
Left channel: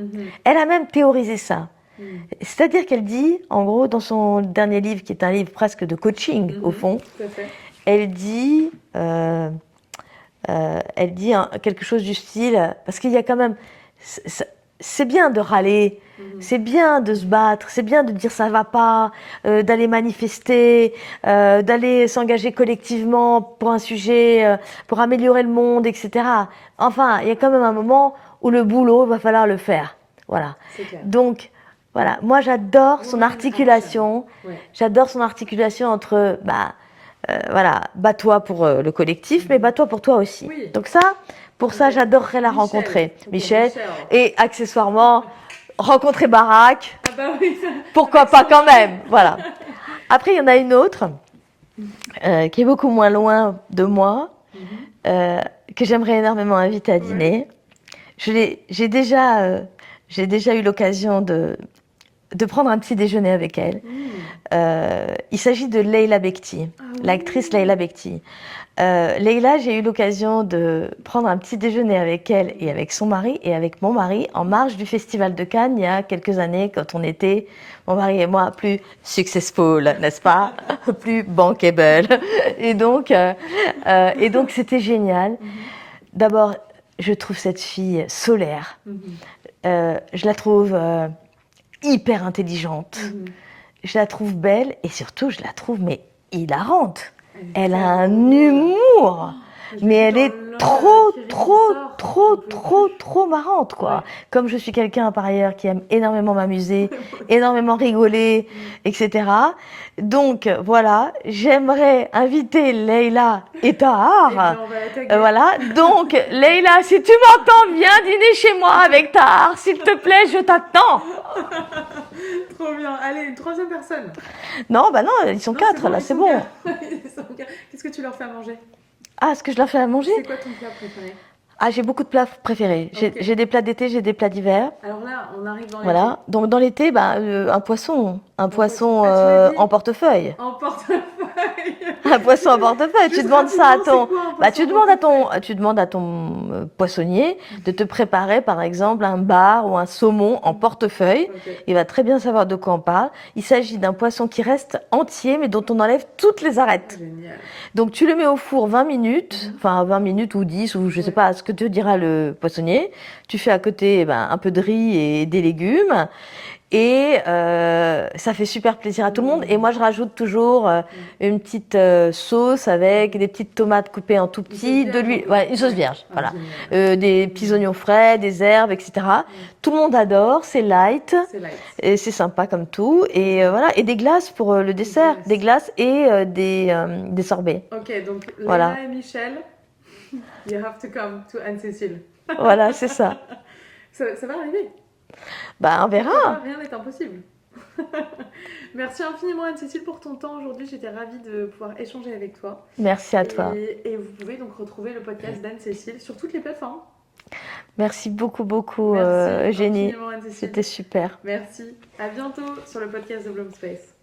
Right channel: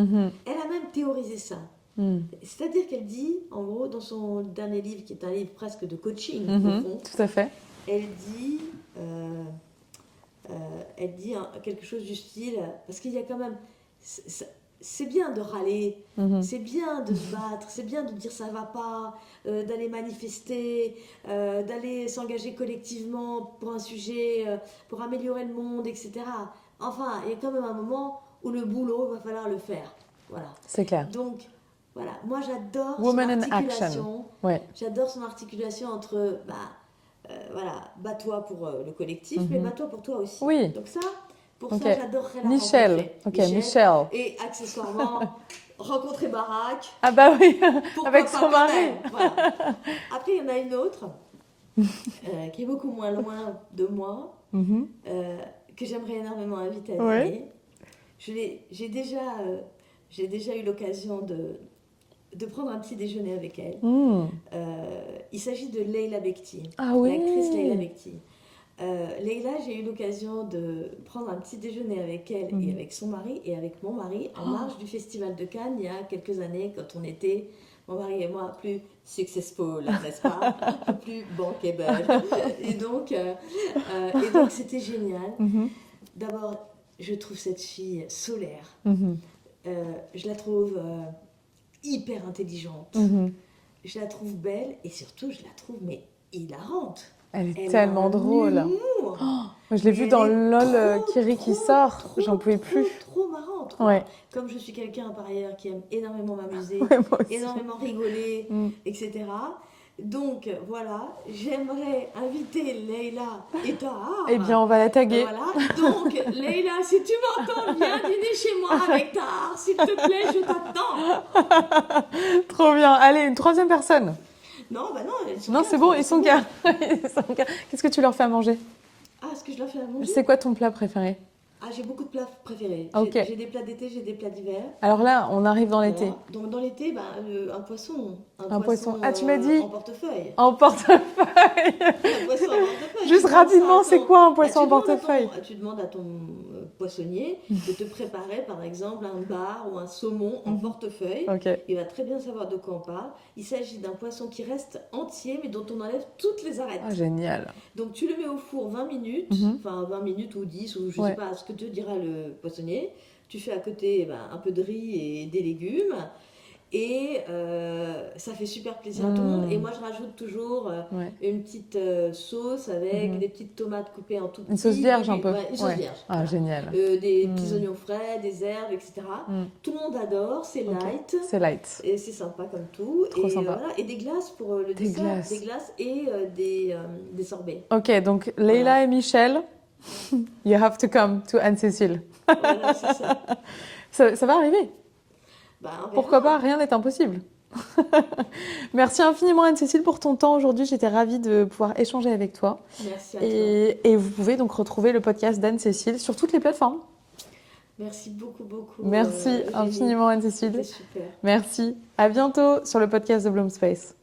Elle a même théorisé ça. C'est-à-dire qu'elle dit, en gros, dans son dernier livre, qui est un livre presque de coaching, au fond, tout à fait. elle dit quelque chose du style, parce qu'il y a quand même... C'est bien de râler, c'est bien de se battre, c'est bien de dire ça va pas, d'aller manifester, d'aller s'engager collectivement pour un sujet, pour améliorer le monde, etc. Enfin, il y a quand même un moment où le boulot, il va falloir le faire. Voilà. C'est clair. Donc, Voilà, moi j'adore son Woman in articulation. Ouais. J'adore son articulation entre, voilà, bats-toi pour le collectif, mais bats-toi pour toi aussi. Oui. Donc ça, pour ça, Ok. j'adorerais la Michel. rencontrer. Ok, Michel. Michel. Et accessoirement, rencontrer Barack. Ah bah oui. Pourquoi Avec pas son quand mari. même. Voilà. Après, il y en a une autre qui est beaucoup moins loin de moi, que j'aimerais énormément inviter à dîner. J'ai déjà eu l'occasion de prendre un petit déjeuner avec elle. Il s'agit de Leila Bekti, Ah oui. l'actrice Leila Bekti. Leila, j'ai eu l'occasion de prendre un petit déjeuner avec elle et avec son mari et avec mon mari en marge du Festival de Cannes il y a quelques années quand on était, mon mari et moi, plus successful, n'est-ce pas? Plus bankable. Et donc c'était génial. D'abord, je trouve cette fille solaire. Je la trouve hyper intelligente. Je la trouve belle et surtout, je la trouve mais hilarante. Elle a un humour, mais elle est trop marrante, quoi. Ouais. Comme je suis quelqu'un par ailleurs qui aime énormément m'amuser, énormément rigoler, etc. Donc voilà, j'aimerais inviter Leila et Tahar. Eh bien, on va la taguer. Voilà. Donc Leila, si tu m'entends, viens dîner chez moi avec Tahar, s'il te plaît, je t'attends. Trop bien. Allez, une troisième personne. Non, bah non, ils sont Non, quatre. c'est bon, là, ils sont quatre. Ils sont quatre. Qu'est-ce que tu leur fais à manger? Ah, est-ce que je leur fais à manger? C'est quoi ton plat préféré? Ah, j'ai beaucoup de plats préférés. Ok. J'ai des plats d'été, j'ai des plats d'hiver. Alors là, on arrive dans l'été. Voilà. Donc dans l'été, un poisson. Un poisson poisson. Ah, tu m'as dit en portefeuille. En portefeuille. Un poisson en portefeuille. Juste Tu demandes ça à rapidement, c'est ton. quoi un poisson Tu en demandes portefeuille? tu demandes à ton poissonnier de te préparer, par exemple, un bar ou un saumon en portefeuille. Ok. Il va très bien savoir de quoi on parle. Il s'agit d'un poisson qui reste entier, mais dont on enlève toutes les arêtes. Ah, génial. Donc tu le mets au four 20 minutes, enfin 20 minutes ou 10, ou je ne sais pas ce que te dira le poissonnier. Tu fais à côté un peu de riz et des légumes. Et ça fait super plaisir à tout le monde. Et moi, je rajoute toujours une petite sauce avec des petites tomates coupées en tout petit, de l'huile, une sauce vierge, Ah, voilà. génial. Des petits oignons frais, des herbes, etc. Tout le monde adore, c'est light. C'est light. Et c'est sympa comme tout. Et sympa. voilà. Et des glaces pour le dessert, glaces. des glaces et des sorbets. Ok, donc Leila Voilà. et Michel, you have to come to Anne-Cécile. Voilà, c'est ça. Ça va arriver. Bah, on Pourquoi pas, verra. rien n'est impossible. Merci infiniment Anne-Cécile pour ton temps aujourd'hui. J'étais ravie de pouvoir échanger avec toi. Merci à toi. Et vous pouvez donc retrouver le podcast d'Anne-Cécile sur toutes les plateformes. Merci beaucoup, beaucoup, Merci Eugénie. infiniment Anne-Cécile. C'était super. Merci. À bientôt sur le podcast de Bloom Space.